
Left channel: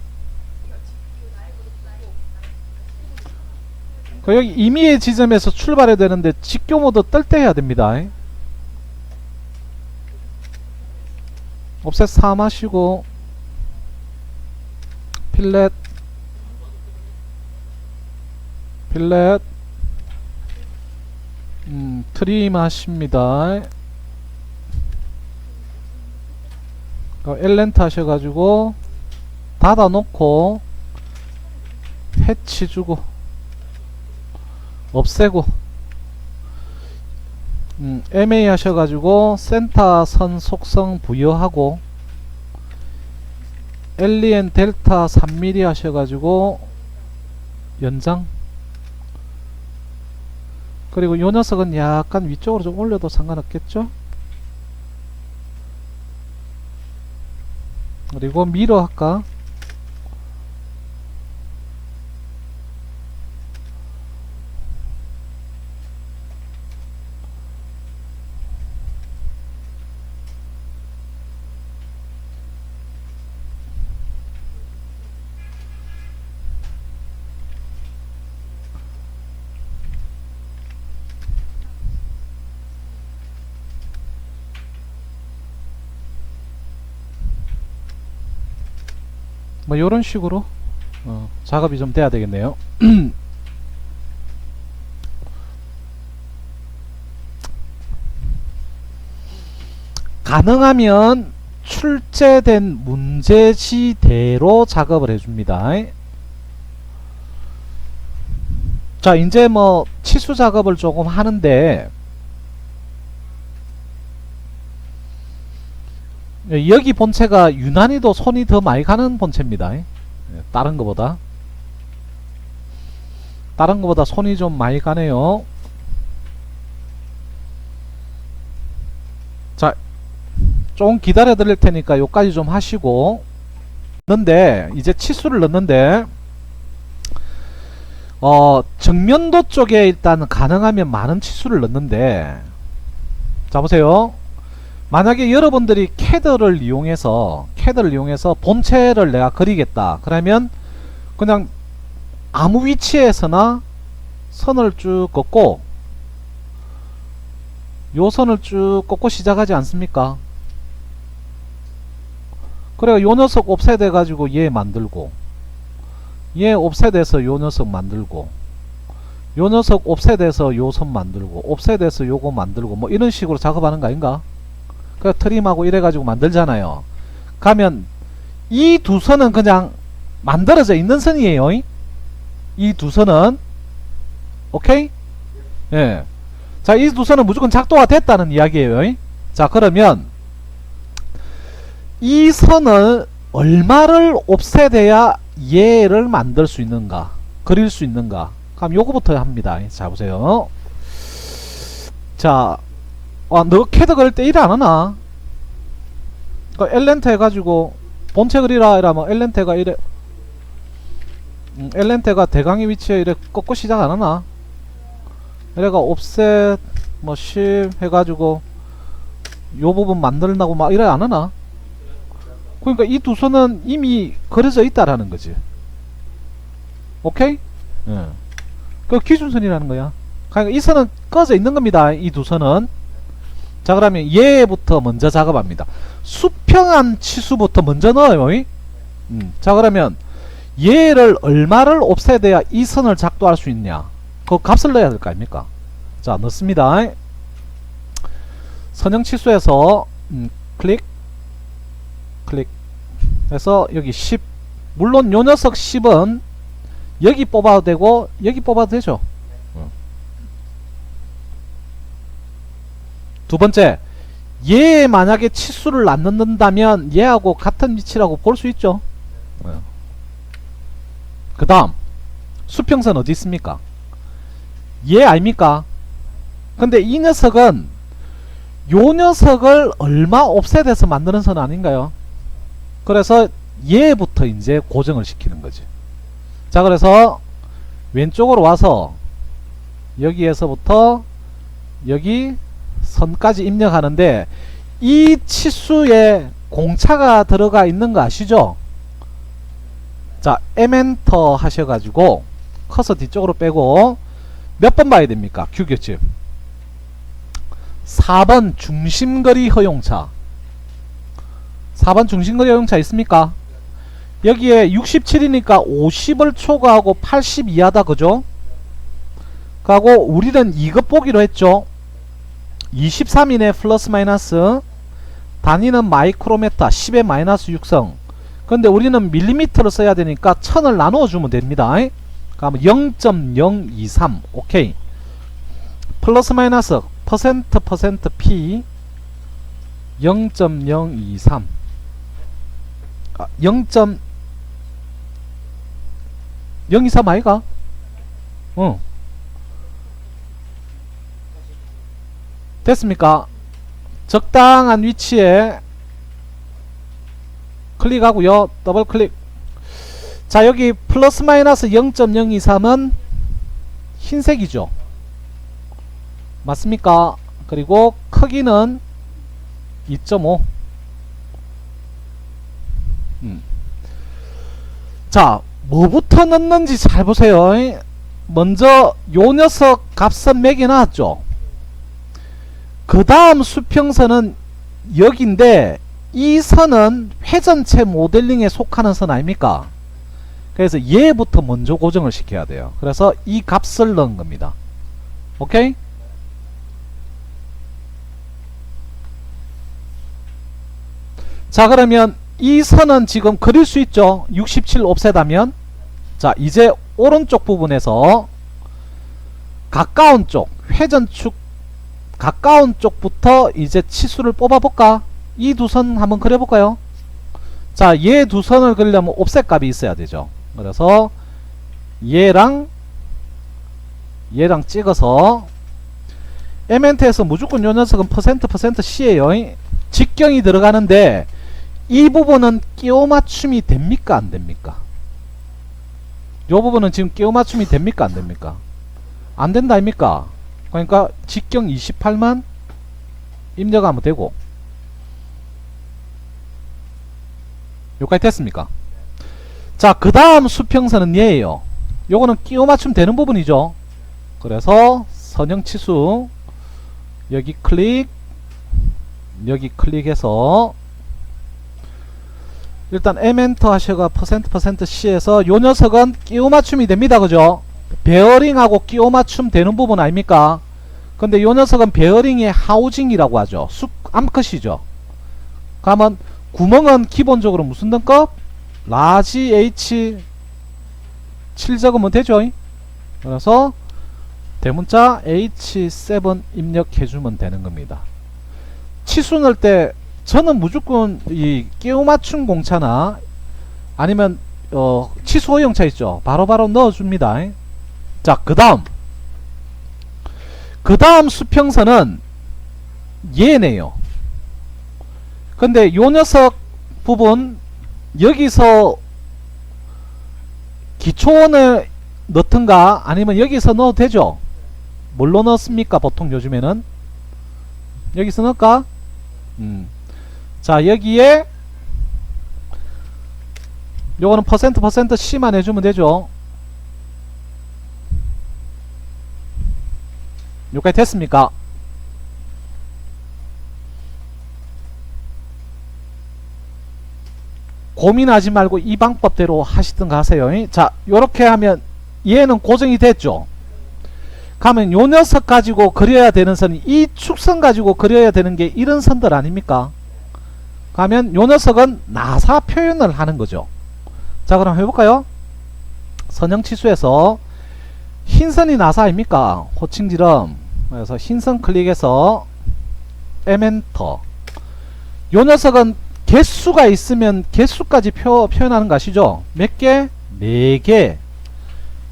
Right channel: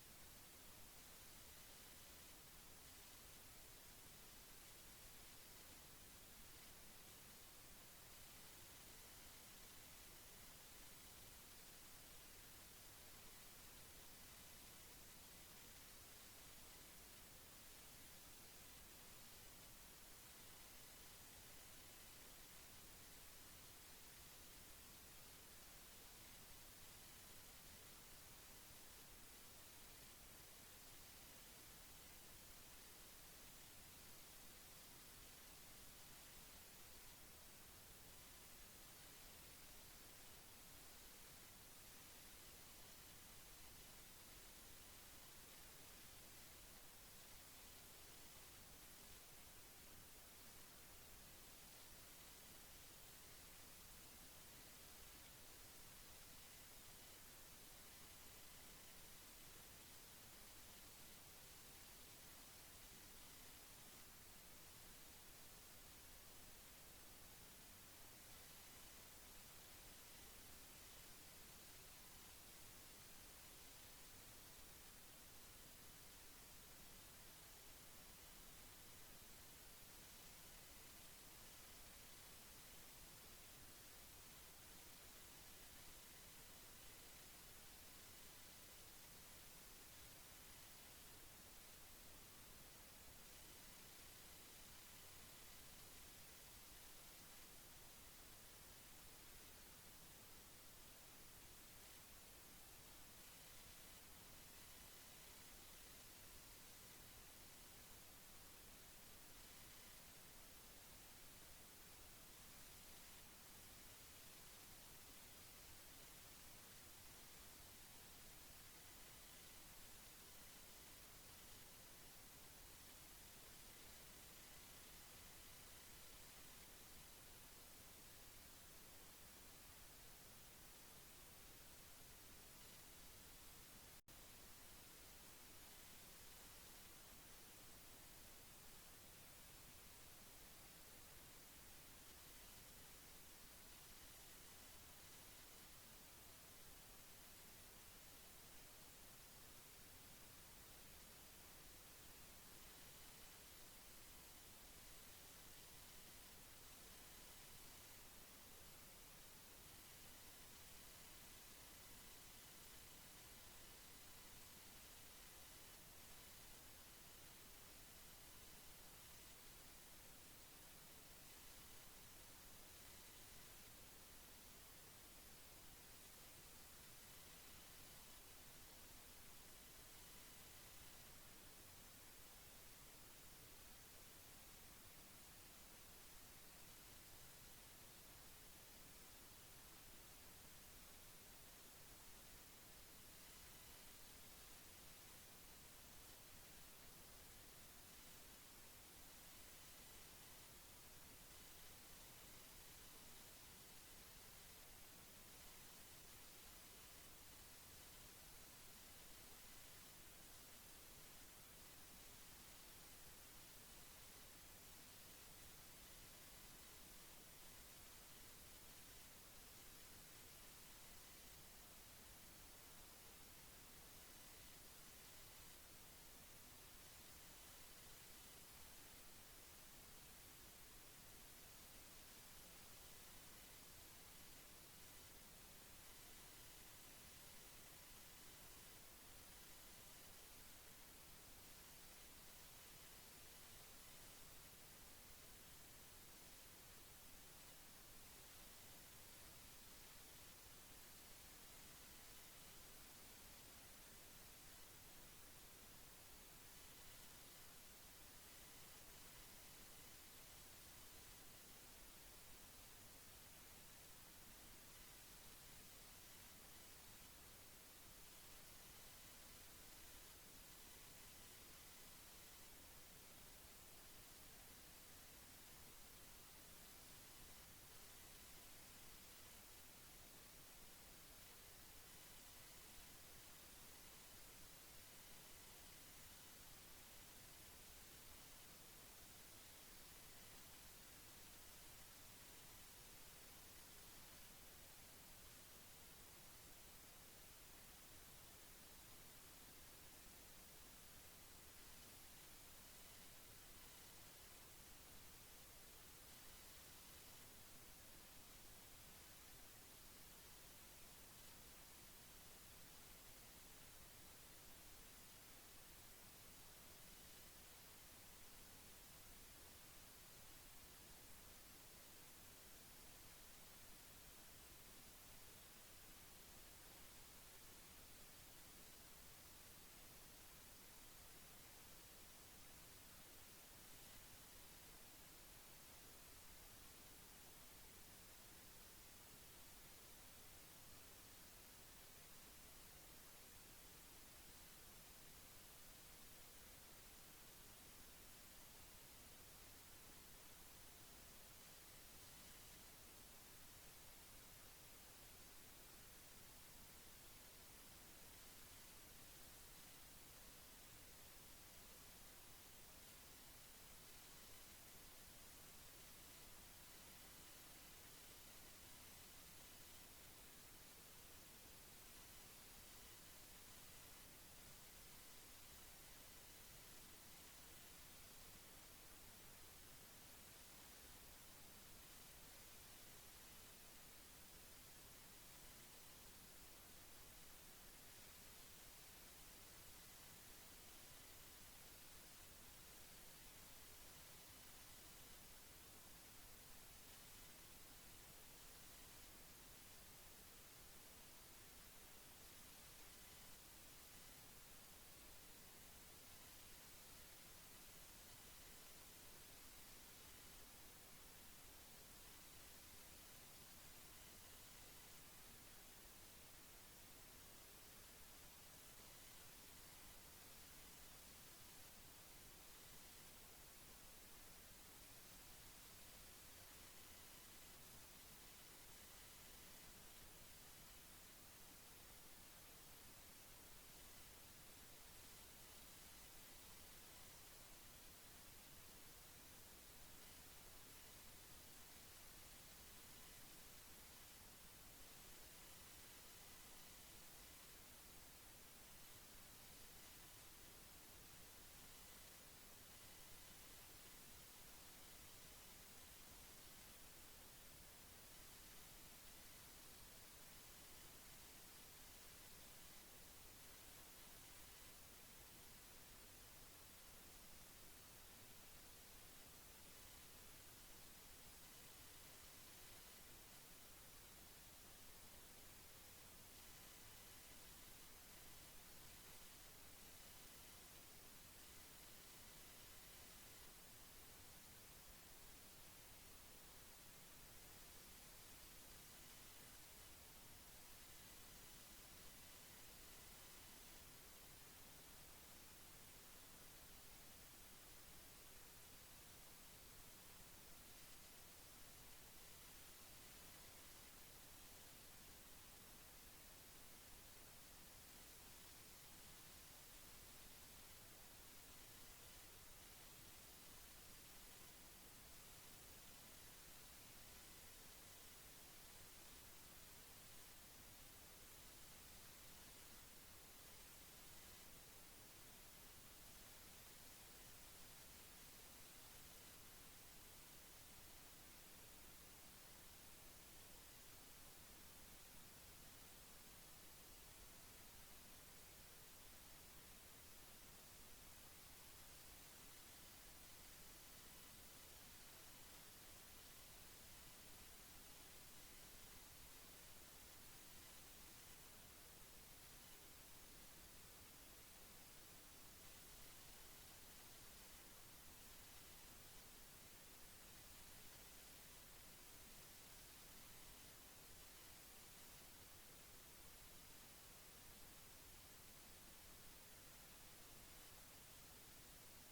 여기 임의의 지점에서 출발해야 되는데 직교 모드 뜰 때 해야 됩니다. 옵셋 3 하시고 필렛 트림 하십니다. 엘렌트 하셔가지고 닫아 놓고 해치 주고 없애고 MA 하셔가지고 센터 선 속성 부여하고 LEN 델타 3mm 하셔가지고 연장. 그리고 요 녀석은 약간 위쪽으로 좀 올려도 상관없겠죠. 그리고 미러 할까. 뭐 요런 식으로 작업이 좀 돼야 되겠네요. 가능하면 출제된 문제지대로 작업을 해줍니다. 자, 이제 뭐 치수 작업을 조금 하는데 여기 본체가 유난히도 손이 더 많이 가는 본체입니다. 다른 거보다 손이 좀 많이 가네요. 자, 좀 기다려 드릴 테니까 요까지 좀 하시고 넣는데 이제 치수를 넣는데 정면도 쪽에 일단 가능하면 많은 치수를 넣는데, 자 보세요. 만약에 여러분들이 캐드를 이용해서 본체를 내가 그리겠다 그러면 그냥 아무 위치에서나 선을 쭉 긋고 요 선을 쭉 긋고 시작하지 않습니까? 그래가 요 녀석 옵셋 해가지고 얘 만들고, 얘 옵셋해서 요 녀석 만들고, 요 녀석 옵셋해서 요 선 만들고, 옵셋해서 요거 만들고, 뭐 이런 식으로 작업하는 거 아닌가? 그 트림하고 이래가지고 만들잖아요. 가면 이 두 선은 그냥 만들어져 있는 선이에요. 이 두 선은 오케이? 예. 자, 이 두 선은 무조건 작동화 됐다는 이야기예요. 자, 그러면 이 선을 얼마를 옵셋해야 얘를 만들 수 있는가, 그릴 수 있는가. 그럼 요거부터 합니다. 자, 보세요. 자, 너 캐드 그릴 때 일 안 하나? 엘렌트 해가지고 본체 그리라 이러면 엘렌트가 이래, 엘렌트가 대강의 위치에 이래 꺾고 시작 안 하나? 이래가 옵셋 뭐 10 해가지고 요 부분 만들라고 막 이래 안 하나? 그러니까 이 두 선은 이미 그려져 있다라는 거지. 오케이? 예. 그 기준선이라는 거야. 그러니까 이 선은 꺼져 있는 겁니다. 이 두 선은. 자, 그러면 얘부터 먼저 작업합니다. 수평한 치수부터 먼저 넣어요. 자, 그러면 얘를 얼마를 옵셋해야 이 선을 작동할 수 있냐, 그 값을 넣어야 될 거 아닙니까? 자, 넣습니다. 선형 치수에서 클릭 해서 여기 10, 물론 요 녀석 10은 여기 뽑아도 되고 여기 뽑아도 되죠. 두 번째, 얘 만약에 치수를 안 넣는다면 얘하고 같은 위치라고 볼 수 있죠. 그 다음 수평선 어디 있습니까? 얘 아닙니까? 근데 이 녀석은 요 녀석을 얼마 옵셋해서 만드는 선 아닌가요? 그래서 얘부터 이제 고정을 시키는 거지. 자, 그래서 왼쪽으로 와서 여기에서부터 여기 선까지 입력하는데 이 치수에 공차가 들어가 있는 거 아시죠? 자, M엔터 하셔가지고 커서 뒤쪽으로 빼고 몇 번 봐야 됩니까? 규격집 4번 중심거리 허용차. 4번 중심거리 허용차 있습니까? 여기에 67이니까 50을 초과하고 80 이하다, 그죠? 그하고 우리는 이것 보기로 했죠. 23이네 플러스 마이너스. 단위는 마이크로메타 10의 마이너스 6성. 근데 우리는 밀리미터로 써야 되니까 1000을 나누어 주면 됩니다. 그러면 0.023 오케이. 플러스 마이너스 퍼센트 P 0.023 0.023 아이가? 됐습니까? 적당한 위치에 클릭하고요. 더블 클릭. 자, 여기 플러스 마이너스 0.023은 흰색이죠. 맞습니까? 그리고 크기는 2.5. 자, 뭐부터 넣는지 잘 보세요. 먼저 요 녀석 값은 매겨놨죠. 그 다음 수평선은 여기인데 이 선은 회전체 모델링에 속하는 선 아닙니까? 그래서 얘부터 먼저 고정을 시켜야 돼요. 그래서 이 값을 넣은 겁니다. 오케이? 자, 그러면 이 선은 지금 그릴 수 있죠. 67 옵셋하면. 자, 이제 오른쪽 부분에서 가까운 쪽 회전축 가까운 쪽부터 이제 치수를 뽑아볼까? 이 두 선 한번 그려볼까요? 자, 얘 두 선을 그리려면 옵셋 값이 있어야 되죠. 그래서 얘랑 찍어서 M엔트에서 무조건 요 녀석은 퍼센트 C에요. 직경이 들어가는데 이 부분은 끼워 맞춤이 됩니까? 안 됩니까? 요 부분은 지금 끼워 맞춤이 됩니까? 안 됩니까? 안 된다 아닙니까? 그러니까 직경 28만 입력하면 되고. 여기까지 됐습니까? 자, 그 다음 수평선은 얘예요. 요거는 끼워 맞춤 되는 부분이죠. 그래서 선형 치수 여기 클릭, 여기 클릭해서 일단 M엔터 하셔가 퍼센트 C에서 요 녀석은 끼워 맞춤이 됩니다. 그죠? 베어링하고 끼워 맞춤 되는 부분 아닙니까? 근데 요 녀석은 베어링의 하우징이라고 하죠. 암컷이죠. 그러면 구멍은 기본적으로 무슨 등급? 라지 H 7 적으면 되죠. 그래서 대문자 H7 입력해주면 되는 겁니다. 치수 넣을 때 저는 무조건 이 끼워 맞춤 공차나 아니면 치수 허용차 있죠. 바로바로 넣어줍니다. 자, 그 다음 수평선은 얘네요. 근데 요 녀석 부분 여기서 기초원을 넣든가 아니면 여기서 넣어도 되죠. 뭘로 넣습니까? 보통 요즘에는 여기서 넣을까? 자, 여기에 요거는 퍼센트 C만 해주면 되죠. 여기까지 됐습니까? 고민하지 말고 이 방법대로 하시든가 하세요. 자, 요렇게 하면 얘는 고정이 됐죠. 가면 요 녀석 가지고 그려야 되는 선이 이 축선 가지고 그려야 되는 게 이런 선들 아닙니까? 가면 요 녀석은 나사 표현을 하는 거죠. 자, 그럼 해볼까요? 선형 치수에서 흰선이 나사 아닙니까? 호칭지름. 그래서 흰선 클릭해서 M엔터. 요 녀석은 개수가 있으면 개수까지 표현하는 거 아시죠? 몇 개? 4개.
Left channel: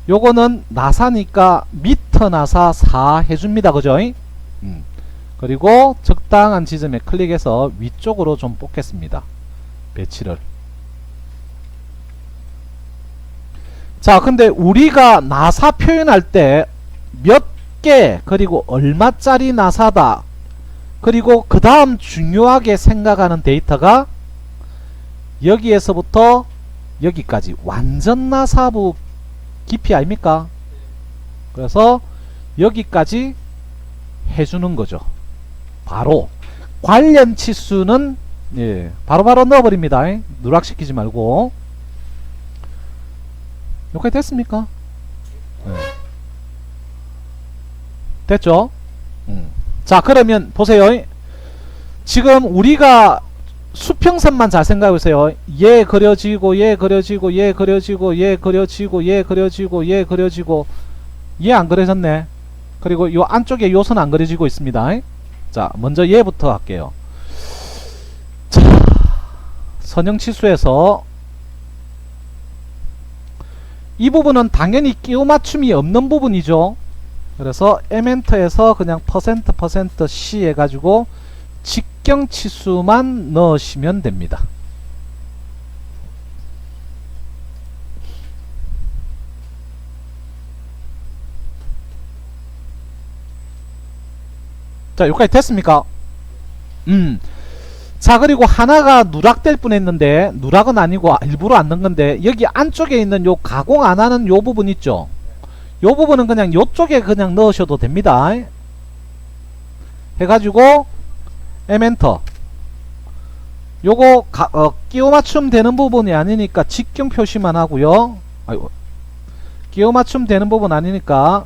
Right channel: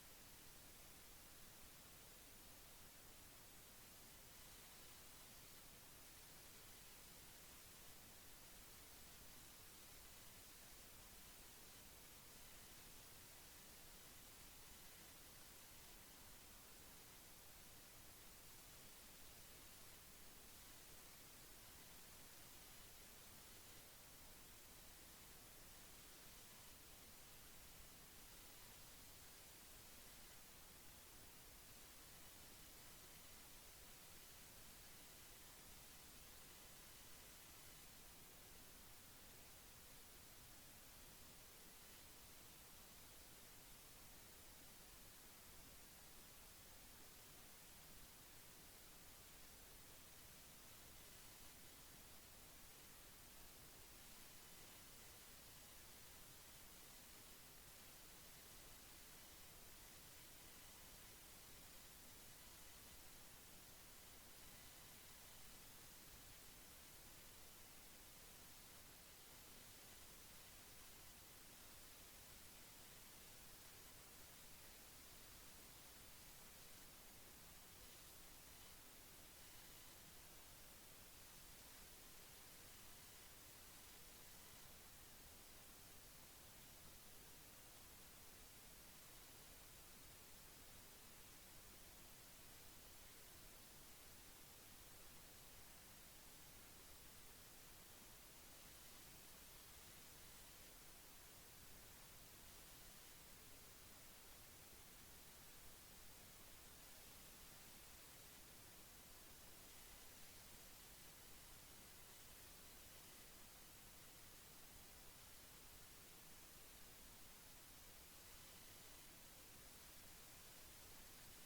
요거는 나사니까 미터 나사 4 해줍니다. 그죠? 그리고 적당한 지점에 클릭해서 위쪽으로 좀 뽑겠습니다. 배치를. 자, 근데 우리가 나사 표현할 때 몇 개 그리고 얼마짜리 나사다, 그리고 그 다음 중요하게 생각하는 데이터가 여기에서부터 여기까지 완전 나사부 깊이 아닙니까? 그래서 여기까지 해주는 거죠. 바로 관련 치수는 예, 바로바로 넣어버립니다. 누락시키지 말고. 여기까지 됐습니까? 네. 됐죠? 자, 그러면 보세요. 지금 우리가 수평선만 잘 생각해보세요. 얘 그려지고 얘 그려지고 얘 그려지고 얘 그려지고 얘 그려지고 얘 그려지고 얘 안 그려졌네. 그리고 요 안쪽에 요 선 안 그려지고 있습니다. 자, 먼저 얘부터 할게요. 자, 선형치수에서 이 부분은 당연히 끼워 맞춤이 없는 부분이죠. 그래서 에멘터에서 그냥 퍼센트 C 해가지고 직경치수만 넣으시면 됩니다. 자, 여기까지 됐습니까? 자, 그리고 하나가 누락될 뻔했는데 누락은 아니고 일부러 안 넣은 건데 여기 안쪽에 있는 요 가공 안 하는 요 부분 있죠. 요 부분은 그냥 요쪽에 그냥 넣으셔도 됩니다. 해가지고 에멘터. 요거 끼워 맞춤 되는 부분이 아니니까 직경 표시만 하고요. 아이고, 끼워 맞춤 되는 부분 아니니까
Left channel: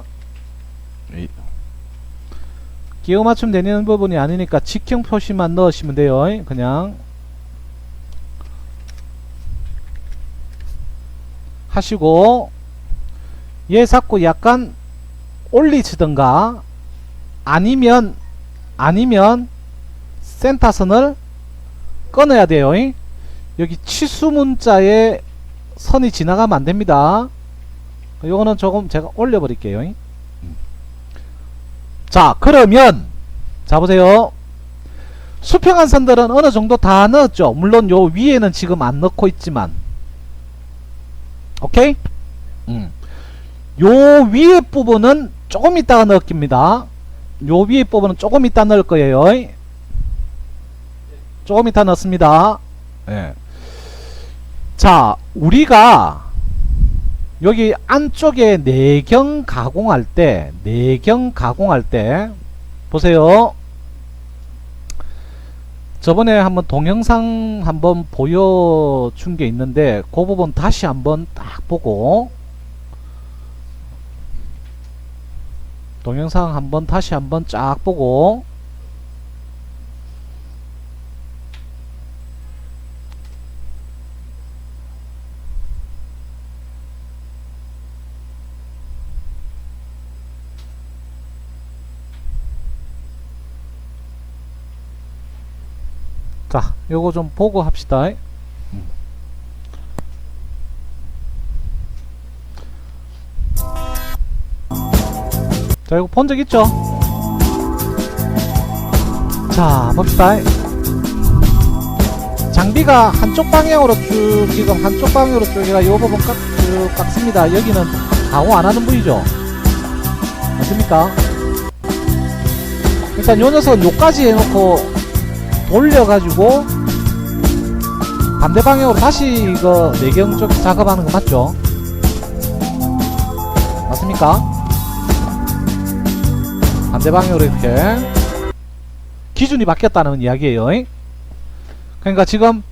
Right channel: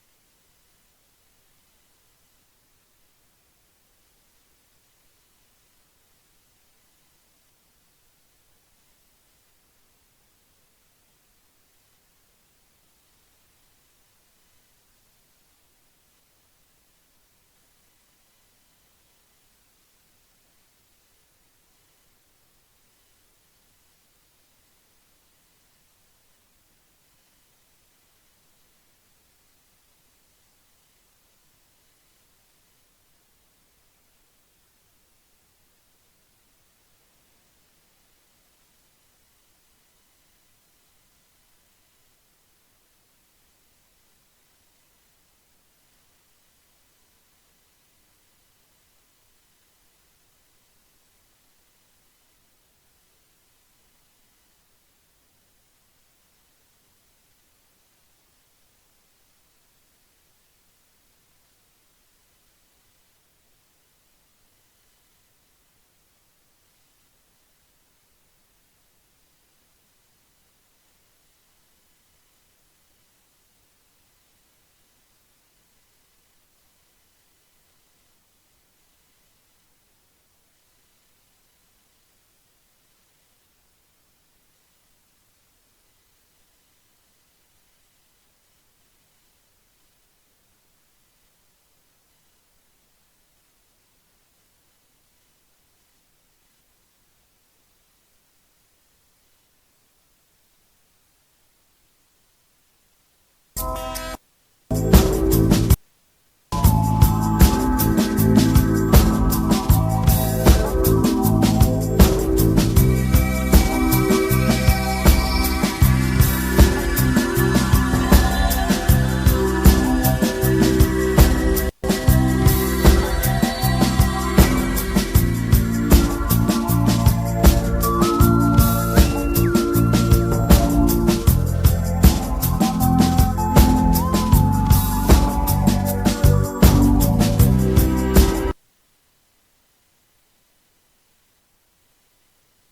끼워 맞춤 되는 부분이 아니니까 직경 표시만 넣으시면 돼요. 그냥 하시고 얘 자꾸 약간 올리치던가 아니면 센터선을 끊어야 돼요. 여기 치수 문자에 선이 지나가면 안 됩니다. 요거는 조금 제가 올려 버릴게요. 자, 그러면 자 보세요. 수평한 선들은 어느 정도 다 넣었죠. 물론 요 위에는 지금 안 넣고 있지만 오케이? 요 위에 부분은 조금 이따가 넣습니다. 요 위에 부분은 조금 이따 넣을 거예요. 조금 이따 넣습니다. 예. 자, 우리가 여기 안쪽에 내경 가공할 때 보세요. 저번에 한번 동영상 한번 보여준 게 있는데 그 부분 다시 한번 딱 보고 동영상 한번 다시 한번 쫙 보고 자, 요거 좀 보고 합시다. 자, 이거 본 적 있죠? 자, 봅시다. 장비가 한쪽 방향으로 쭉 지금 한쪽 방향으로 쭉 제가 요 부분 쭉 깎습니다. 여기는 가공 안 하는 부위죠? 아닙니까? 일단 요 녀석은 요까지 해놓고 올려가지고 반대 방향으로 다시 이거 내경 쪽 작업하는 거 맞죠? 맞습니까? 반대 방향으로 이렇게 기준이 바뀌었다는 이야기예요. 그러니까 지금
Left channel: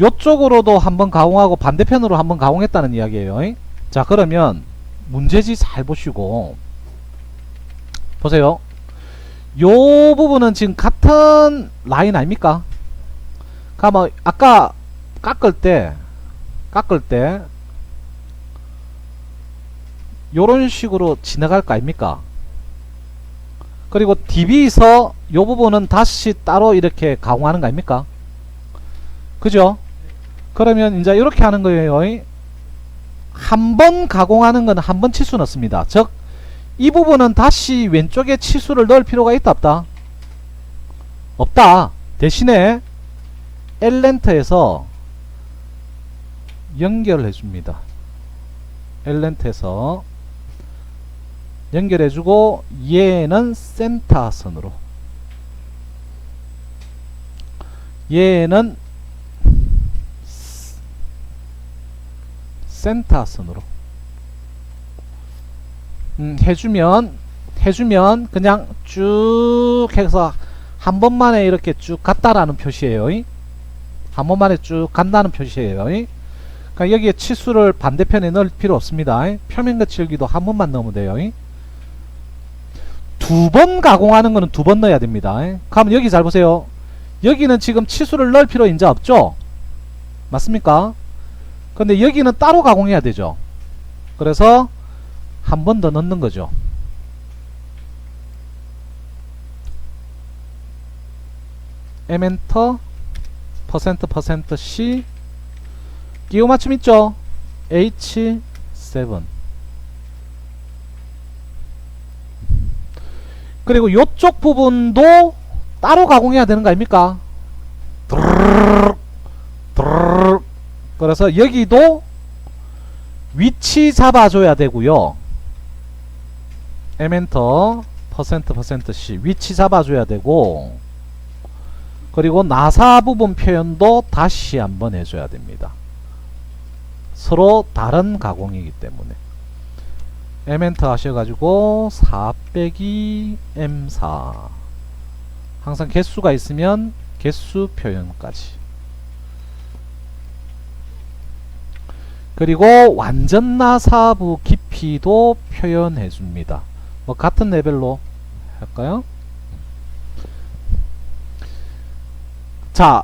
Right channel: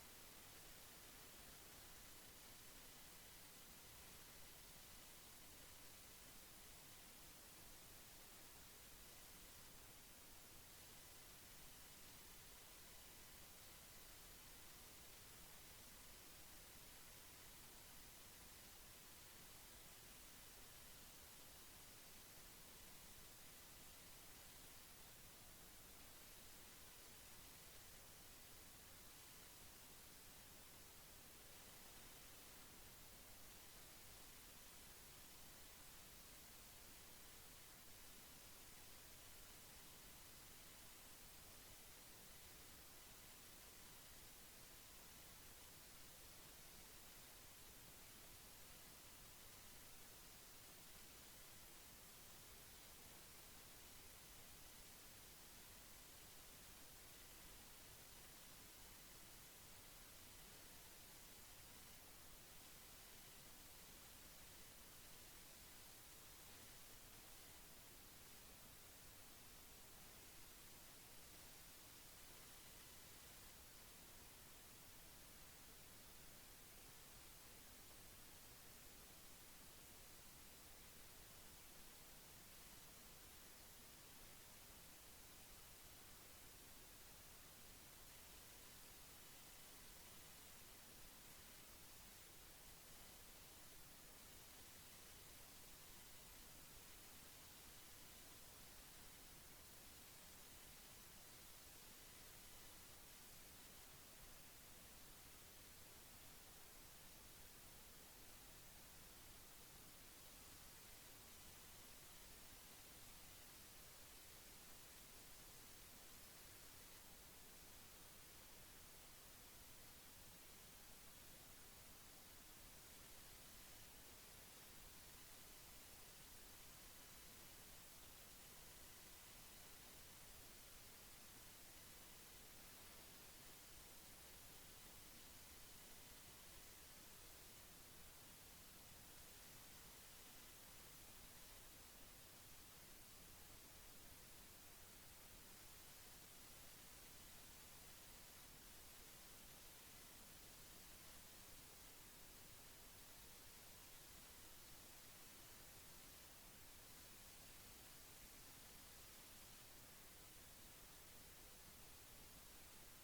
요쪽으로도 한번 가공하고 반대편으로 한번 가공했다는 이야기예요. 자, 그러면 문제지 잘 보시고 보세요. 요 부분은 지금 같은 라인 아닙니까? 그러면 아까 깎을 때 요런 식으로 지나갈 거 아닙니까? 그리고 DB에서 요 부분은 다시 따로 이렇게 가공하는 거 아닙니까? 그죠? 그러면 이제 이렇게 하는 거예요. 한 번 가공하는 건 한 번 치수 넣습니다. 즉 이 부분은 다시 왼쪽에 치수를 넣을 필요가 있다 없다? 없다. 대신에 엘렌트에서 연결을 해줍니다. 엘렌트에서 연결해주고 얘는 센터선으로 얘는 센터선으로 해주면 그냥 쭉 해서 한 번만에 이렇게 쭉 갔다라는 표시예요. 한 번만에 쭉 간다는 표시예요. 그러니까 여기에 치수를 반대편에 넣을 필요 없습니다. 표면 거칠기도 한 번만 넣으면 돼요. 두 번 가공하는 거는 두 번 넣어야 됩니다. 그러면 여기 잘 보세요. 여기는 지금 치수를 넣을 필요 이제 없죠? 맞습니까? 근데 여기는 따로 가공해야 되죠. 그래서 한 번 더 넣는 거죠. M엔터 %% 끼워 맞춤 있죠? H7 그리고 요쪽 부분도 따로 가공해야 되는 거 아닙니까? 그래서 여기도 위치 잡아줘야 되고요. M엔터 %% 위치 잡아줘야 되고, 그리고 나사 부분 표현도 다시 한번 해줘야 됩니다. 서로 다른 가공이기 때문에 M엔터 하셔가지고 4 빼기 M4 항상 개수가 있으면 개수 표현까지, 그리고 완전 나사부 깊이도 표현해 줍니다. 뭐 같은 레벨로 할까요? 자,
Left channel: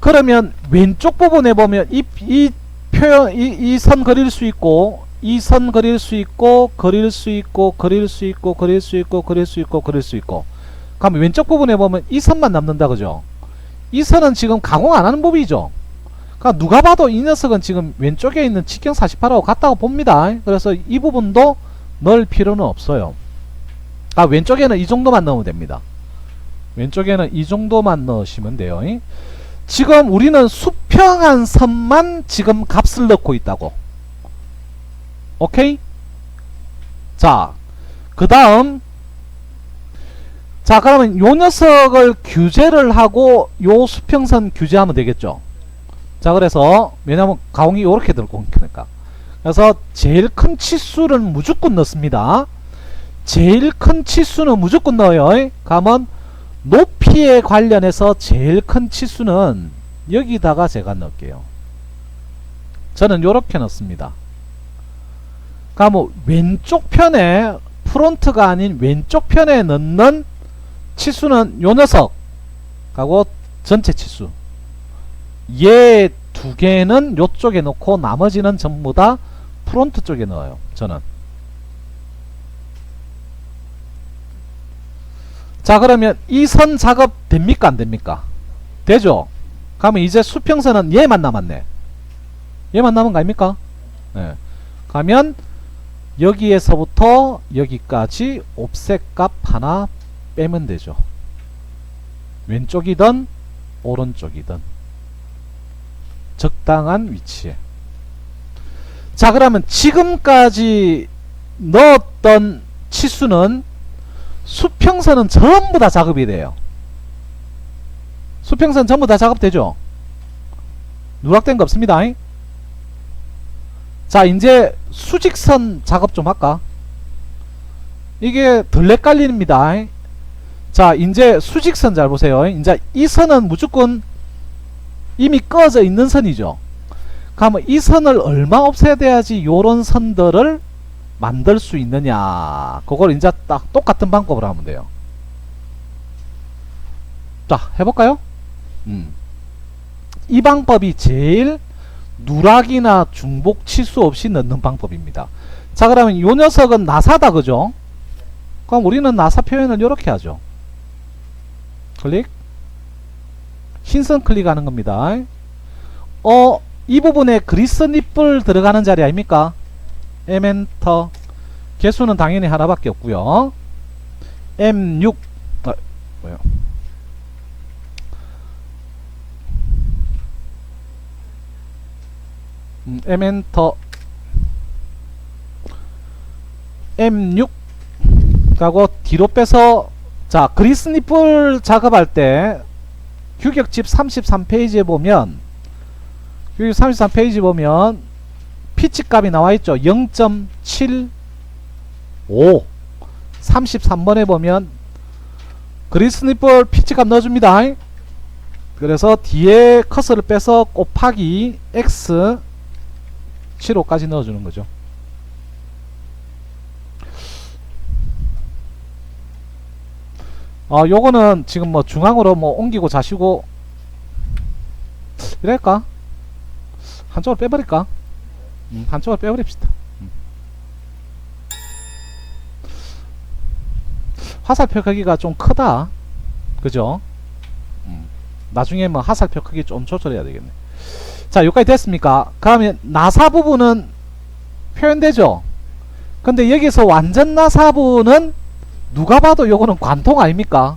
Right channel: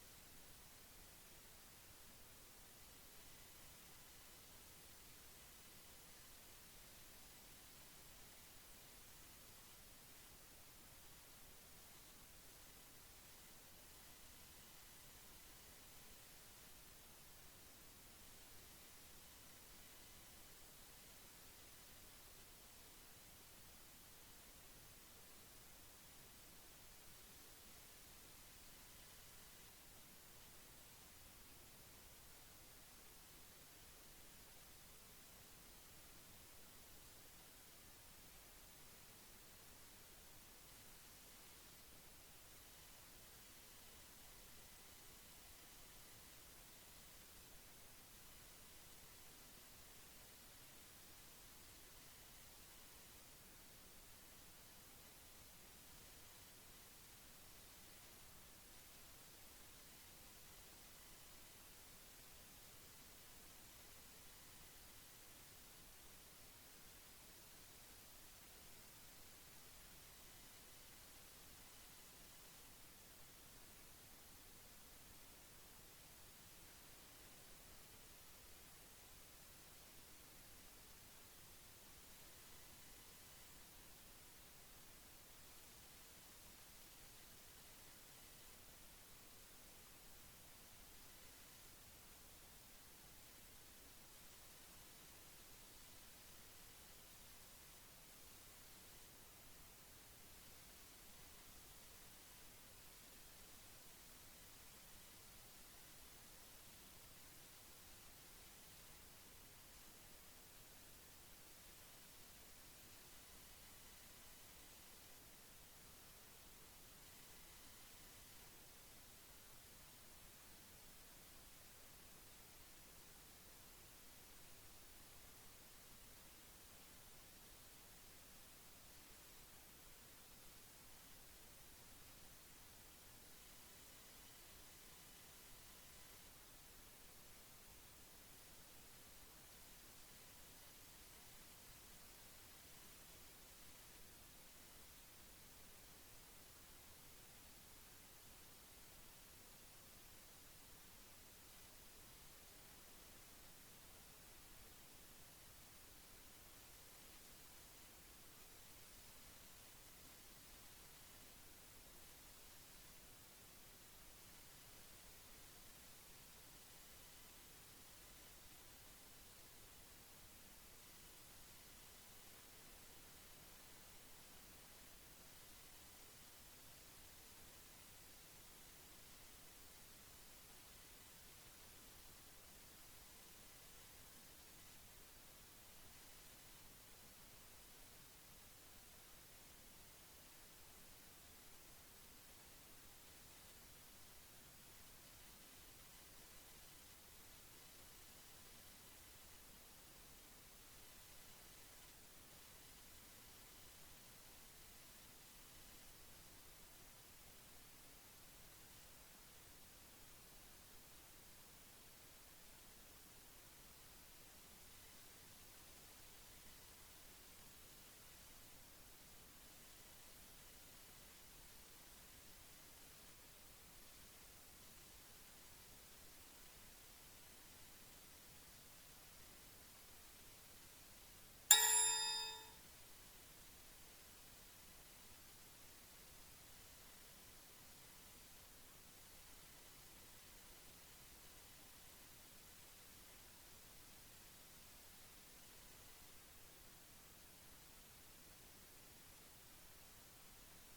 그러면 왼쪽 부분에 보면 이 표현, 이 선 그릴 수 있고, 이 선 그릴 수 있고, 그릴 수 있고, 그릴 수 있고, 그릴 수 있고, 그릴 수 있고, 그릴 수 있고. 그럼 왼쪽 부분에 보면 이 선만 남는다, 그죠? 이 선은 지금 가공 안 하는 부분이죠. 그러니까 누가 봐도 이 녀석은 지금 왼쪽에 있는 직경 48하고 같다고 봅니다. 그래서 이 부분도 넣을 필요는 없어요. 아, 왼쪽에는 이 정도만 넣으면 됩니다. 왼쪽에는 이 정도만 넣으시면 돼요. 지금 우리는 수평한 선만 지금 값을 넣고 있다고. 오케이? 자, 그 다음, 자, 그러면 요 녀석을 규제를 하고 요 수평선 규제하면 되겠죠. 자, 그래서 왜냐면 가공이 요렇게 들고 오니까, 그래서 제일 큰 치수를 무조건 넣습니다. 제일 큰 치수는 무조건 넣어요. 그러면 높이에 관련해서 제일 큰 치수는 여기다가 제가 넣을게요. 저는 요렇게 넣습니다. 그러면 왼쪽 편에, 프론트가 아닌 왼쪽 편에 넣는 치수는 요 녀석 하고 전체 치수, 얘 두 개는 요쪽에 넣고 나머지는 전부 다 프론트 쪽에 넣어요. 저는. 자, 그러면 이 선 작업 됩니까 안 됩니까? 되죠. 그러면 이제 수평선은 얘만 남았네. 얘만 남은 거 아닙니까? 네. 가면 여기에서부터 여기까지 옵셋 값 하나 빼면 되죠. 왼쪽이든 오른쪽이든 적당한 위치에. 자, 그러면 지금까지 넣었던 치수는 수평선은 전부 다 작업이 돼요. 수평선 전부 다 작업되죠? 누락된 거 없습니다. 자, 이제 수직선 작업 좀 할까? 이게 덜 헷갈립니다. 자, 이제 수직선 잘 보세요. 이제 이 선은 무조건 이미 꺼져 있는 선이죠. 그러면 이 선을 얼마 없애야돼야지 요런 선들을 만들 수 있느냐, 그걸 이제 딱 똑같은 방법으로 하면 돼요. 자, 해볼까요? 이 방법이 제일 누락이나 중복 치수 없이 넣는 방법입니다. 자, 그러면 요 녀석은 나사다, 그죠? 그럼 우리는 나사 표현을 이렇게 하죠. 클릭, 흰선 클릭하는 겁니다. 이 부분에 그리스 니플 들어가는 자리 아닙니까? M엔터. 개수는 당연히 하나밖에 없고요. M6 뭐요? M엔터 M6 하고 뒤로 빼서, 자, 그리스 니플 작업할 때 규격집 33페이지에 보면 여기 33페이지 보면 피치 값이 나와있죠. 0.75. 33번에 보면 그리스니플 피치 값 넣어줍니다. 그래서 뒤에 커서를 빼서 곱하기 x 75까지 넣어주는 거죠. 요거는 지금 뭐 중앙으로 뭐 옮기고 자시고 이럴까? 한쪽을 빼버릴까? 한쪽을 빼버립시다. 화살표 크기가 좀 크다. 그죠? 나중에 뭐 화살표 크기 좀 조절해야 되겠네. 자, 여기까지 됐습니까? 그러면 나사 부분은 표현되죠? 근데 여기서 완전 나사 부분은 누가 봐도 요거는 관통 아닙니까?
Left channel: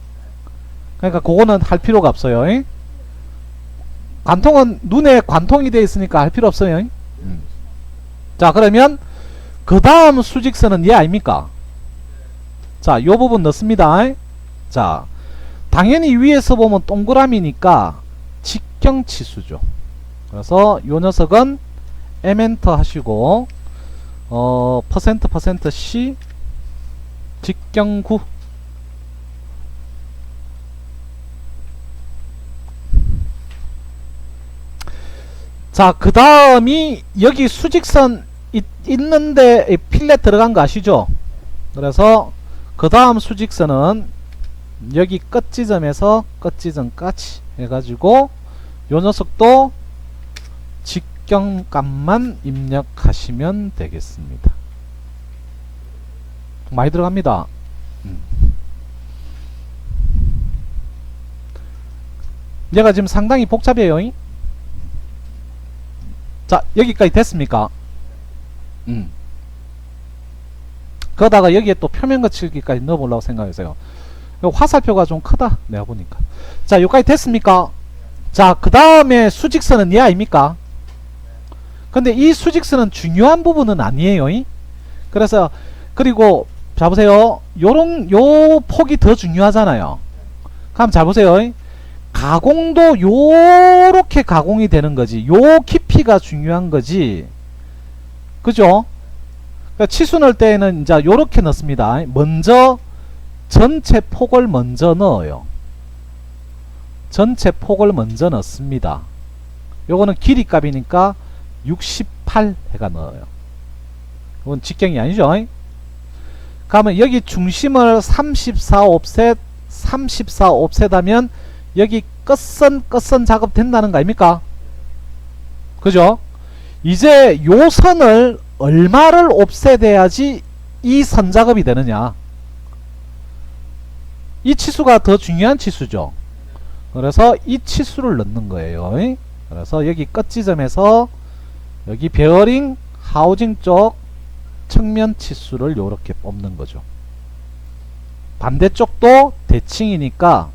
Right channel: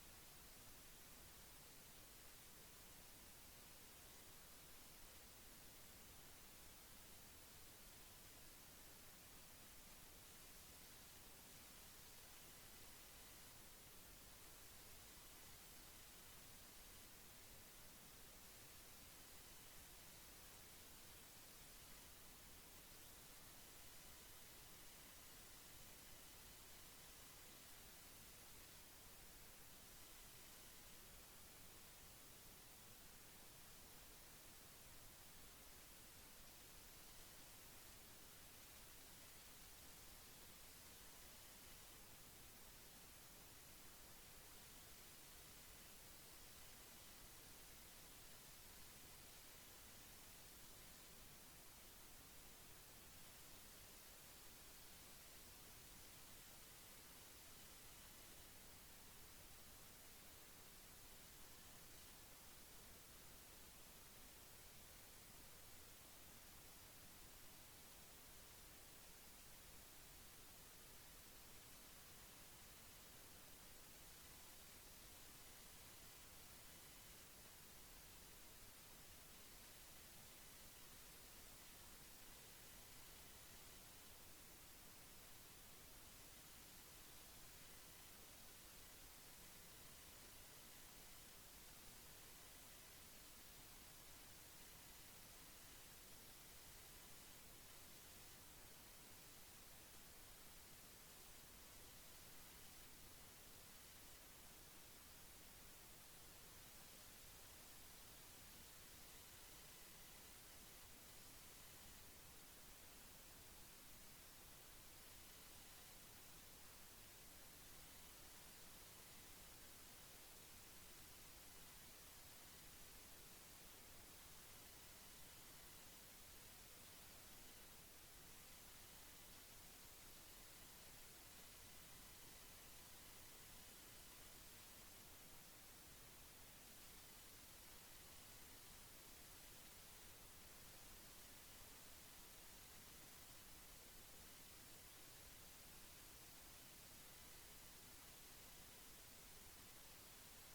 그러니까 그거는 할 필요가 없어요. 잉? 관통은 눈에 관통이 되어 있으니까 할 필요 없어요. 잉? 자, 그러면 그 다음 수직선은 얘 아닙니까? 자, 요 부분 넣습니다. 자, 당연히 위에서 보면 동그라미니까 직경치수죠. 그래서 요 녀석은 M엔터 하시고 퍼센트 C 직경구. 자, 그 다음이 여기 수직선 있는데 필렛 들어간 거 아시죠? 그래서 그 다음 수직선은 여기 끝지점에서 끝지점까지 해가지고 요 녀석도 직경값만 입력하시면 되겠습니다. 많이 들어갑니다. 얘가 지금 상당히 복잡해요. 자, 여기까지 됐습니까? 그러다가 여기에 또 표면 거칠기까지 넣어보려고 생각했어요. 화살표가 좀 크다 내가 보니까. 자, 여기까지 됐습니까? 자, 그 다음에 수직선은 얘 아닙니까? 근데 이 수직선은 중요한 부분은 아니에요. 그래서 그리고 자 보세요. 요 폭이 더 중요하잖아요. 그럼 자 보세요. 가공도 요렇게 가공이 되는 거지. 요 깊이가 중요한 거지. 그죠? 그러니까 치수 넣을 때는 이제 요렇게 넣습니다. 먼저 전체 폭을 먼저 넣어요. 전체 폭을 먼저 넣습니다. 요거는 길이 값이니까 68 해가 넣어요. 이건 직경이 아니죠. 그러면 여기 중심을 34옵셋 34옵셋 하면 여기 끝선 작업 된다는 거 아닙니까? 그죠? 이제 요 선을 얼마를 옵셋해야지 이 선 작업이 되느냐. 이 치수가 더 중요한 치수죠. 그래서 이 치수를 넣는 거예요. 그래서 여기 끝지점에서 여기 베어링 하우징 쪽 측면 치수를 요렇게 뽑는 거죠. 반대쪽도 대칭이니까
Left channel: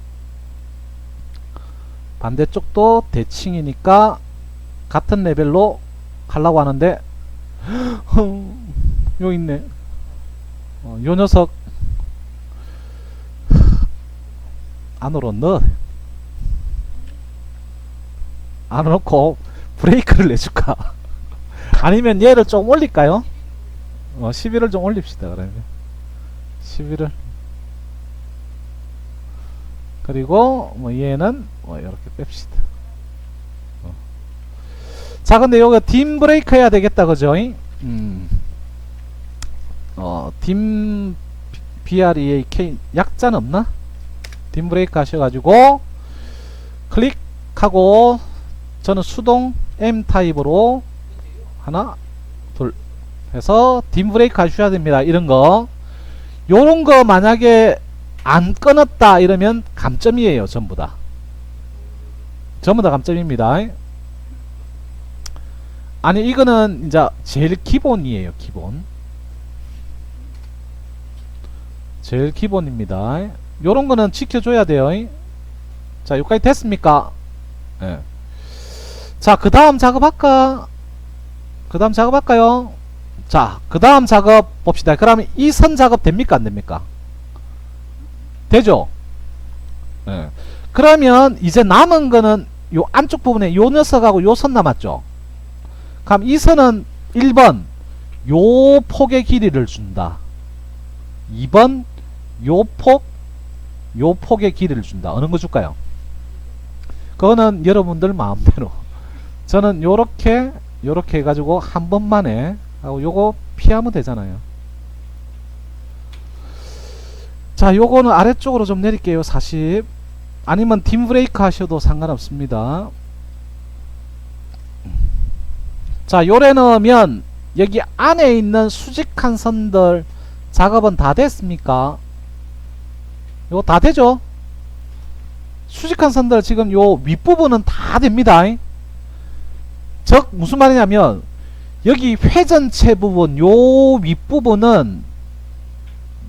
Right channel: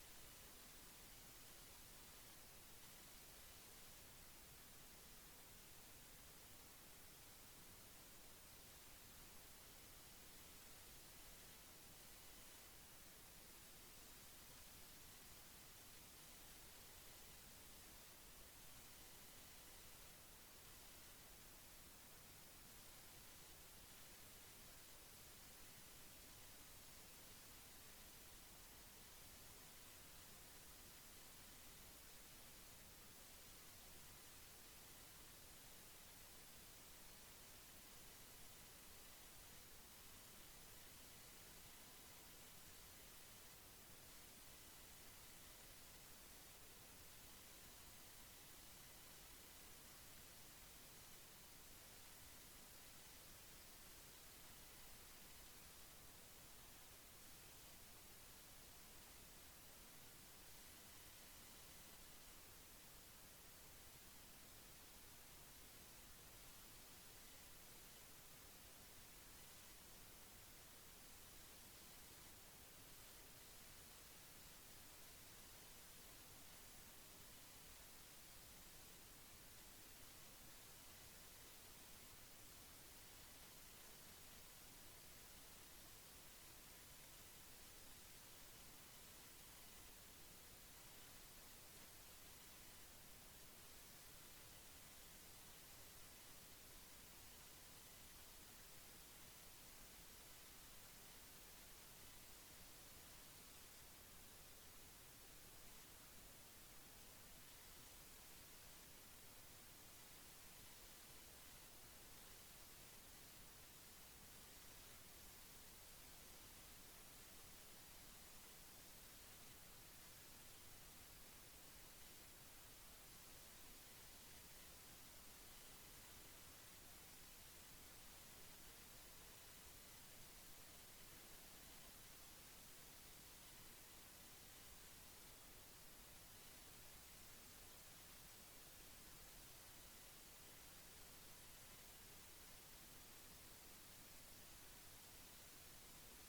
같은 레벨로 하려고 하는데 여기 있네. 요 녀석 안으로 안 넣고 브레이크를 내줄까? 아니면 얘를 좀 올릴까요? 11을 좀 올립시다. 그러면 11을 그리고 뭐 얘는 이렇게 뺍시다. 자, 근데 요거 딤 브레이크 해야 되겠다. 그죠? 딤 BREAK 약자는 없나? 딤 브레이크 하셔가지고 클릭하고 저는 수동 M 타입으로 하나 둘 해서 딤 브레이크 하셔야 됩니다. 이런 거 요런 거 만약에 안 끊었다 이러면 감점이에요. 전부 다 감점입니다. 아니 이거는 이제 제일 기본이에요. 제일 기본입니다. 요런 거는 지켜줘야 돼요. 자, 여기까지 됐습니까? 네. 자, 그 다음 작업할까요? 자, 그 다음 작업 봅시다. 그러면 이 선 작업 됩니까? 안 됩니까? 되죠? 네. 그러면 이제 남은 거는 요 안쪽 부분에 요 녀석하고 요 선 남았죠? 그럼 이 선은 1번 요 폭의 길이를 준다. 2번 요 폭의 길이를 준다. 어느 거 줄까요? 그거는 여러분들 마음대로. 저는 요렇게 해가지고 한 번만에 하고 요거 피하면 되잖아요. 자, 요거는 아래쪽으로 좀 내릴게요. 40. 아니면 딤 브레이크 하셔도 상관없습니다. 자, 요래 넣으면 여기 안에 있는 수직한 선들 작업은 다 됐습니까? 요거 다 되죠? 수직한 선들 지금 요 윗부분은 다 됩니다. 즉 무슨 말이냐면 여기 회전체 부분 요 윗부분은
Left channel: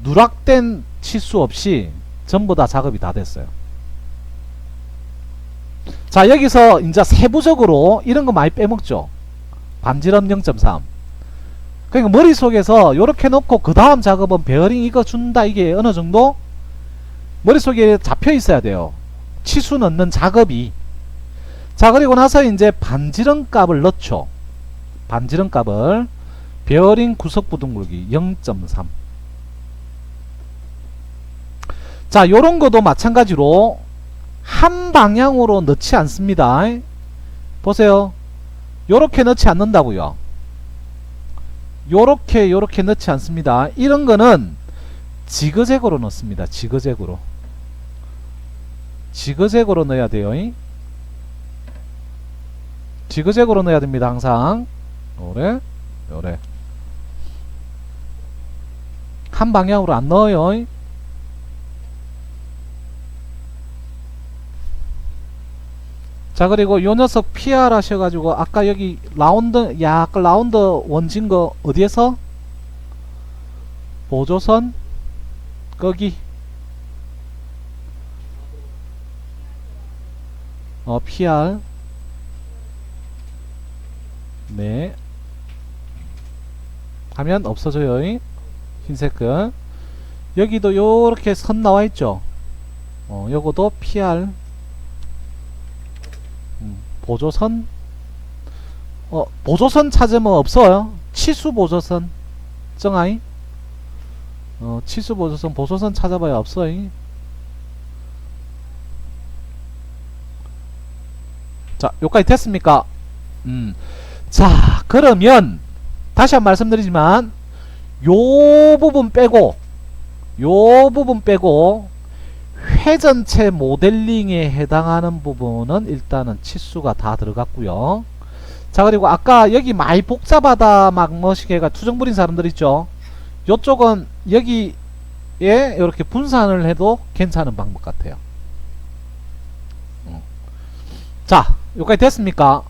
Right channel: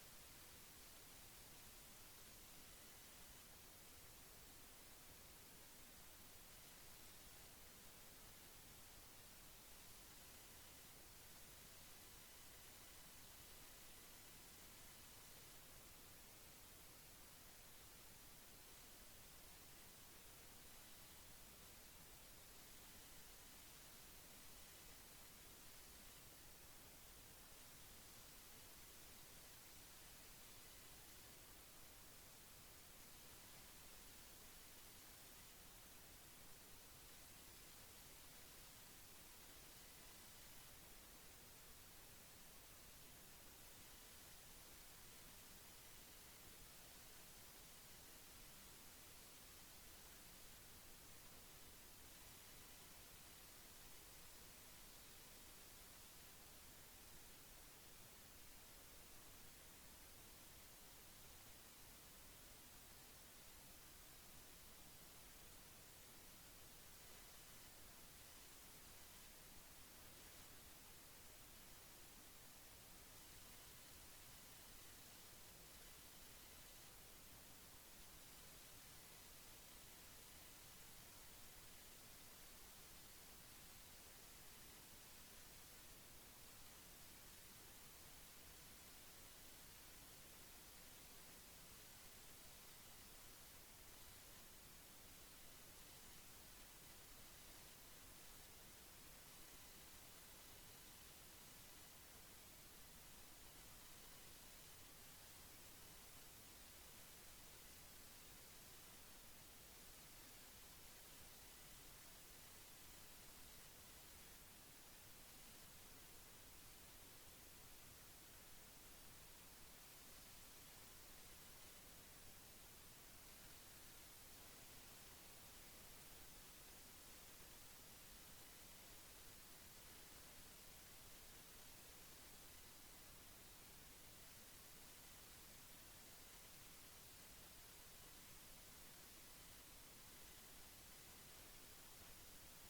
누락된 치수 없이 전부 다 작업이 다 됐어요. 자, 여기서 이제 세부적으로 이런 거 많이 빼먹죠. 반지름 0.3. 그러니까 머릿속에서 요렇게 놓고 그 다음 작업은 베어링 이거 준다, 이게 어느 정도 머릿속에 잡혀 있어야 돼요. 치수 넣는 작업이. 자, 그리고 나서 이제 반지름 값을 넣죠. 반지름 값을 베어링 구석 부등 굵기 0.3. 자, 요런 것도 마찬가지로 한 방향으로 넣지 않습니다. 보세요. 요렇게 넣지 않는다고요. 요렇게 넣지 않습니다. 이런 거는 지그재그로 넣습니다. 지그재그로 넣어야 돼요. 지그재그로 넣어야 됩니다. 항상 요래 한 방향으로 안 넣어요. 자, 그리고 요 녀석 PR 하셔가지고 아까 여기 라운드 약간 라운드 원진 거 어디에서 보조선 거기 PR 네 하면 없어져요. 흰색 거 여기도 요렇게 선 나와있죠. 요거도 PR 보조선 보조선 찾으면 없어요. 치수 보조선 정아이 치수 보조선 보조선 찾아봐야 없어요. 자, 여기까지 됐습니까? 자, 그러면 다시 한 번 말씀드리지만 요 부분 빼고 회전체 모델링에 해당하는 부분은 일단은 치수가 다 들어갔고요. 자, 그리고 아까 여기 많이 복잡하다 막 뭐시게가 투정 부린 사람들 있죠. 요쪽은 여기에 이렇게 분산을 해도 괜찮은 방법 같아요. 자, 여기까지 됐습니까?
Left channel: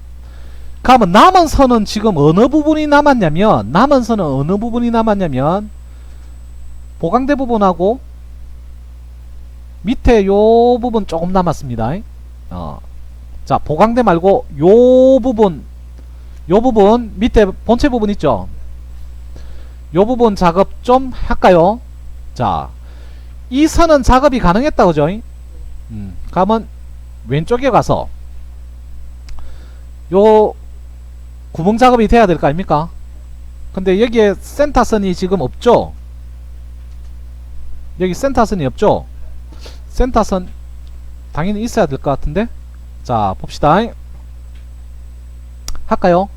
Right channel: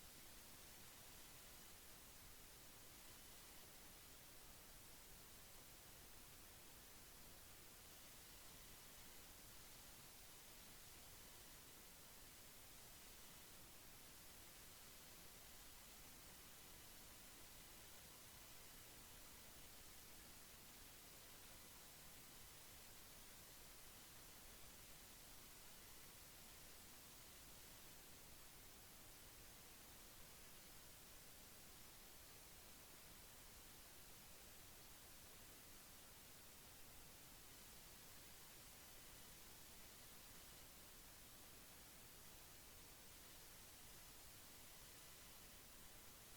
그러면 남은 선은 지금 어느 부분이 남았냐면 보강대 부분하고 밑에 요 부분 조금 남았습니다. 자, 보강대 말고 요 부분 밑에 본체 부분 있죠. 요 부분 작업 좀 할까요? 자, 이 선은 작업이 가능했다, 그죠? 그러면 왼쪽에 가서 요 구멍 작업이 돼야 될 거 아닙니까? 근데 여기에 센터선이 지금 없죠? 여기 센터선이 없죠? 센터선 당연히 있어야 될 것 같은데. 자, 봅시다. 할까요?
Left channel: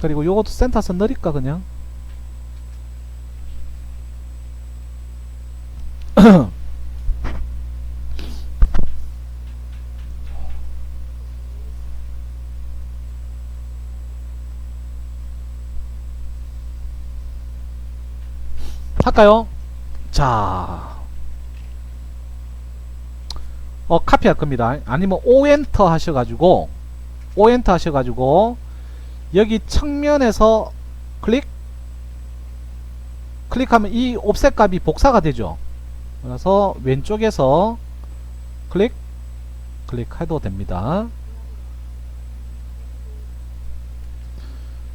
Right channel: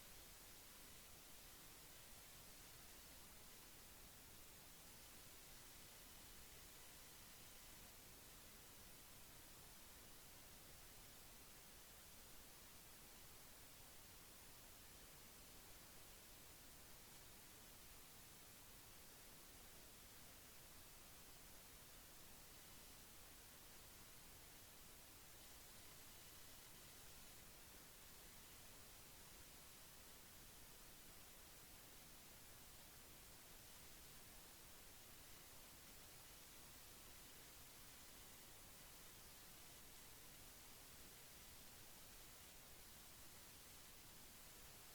그리고 요것도 센터선 넣을까 그냥. 할까요? 자, 카피할 겁니다. 아니면 오엔터 하셔가지고 여기 측면에서 클릭하면 이 옵셋 값이 복사가 되죠. 그래서 왼쪽에서 클릭해도 됩니다.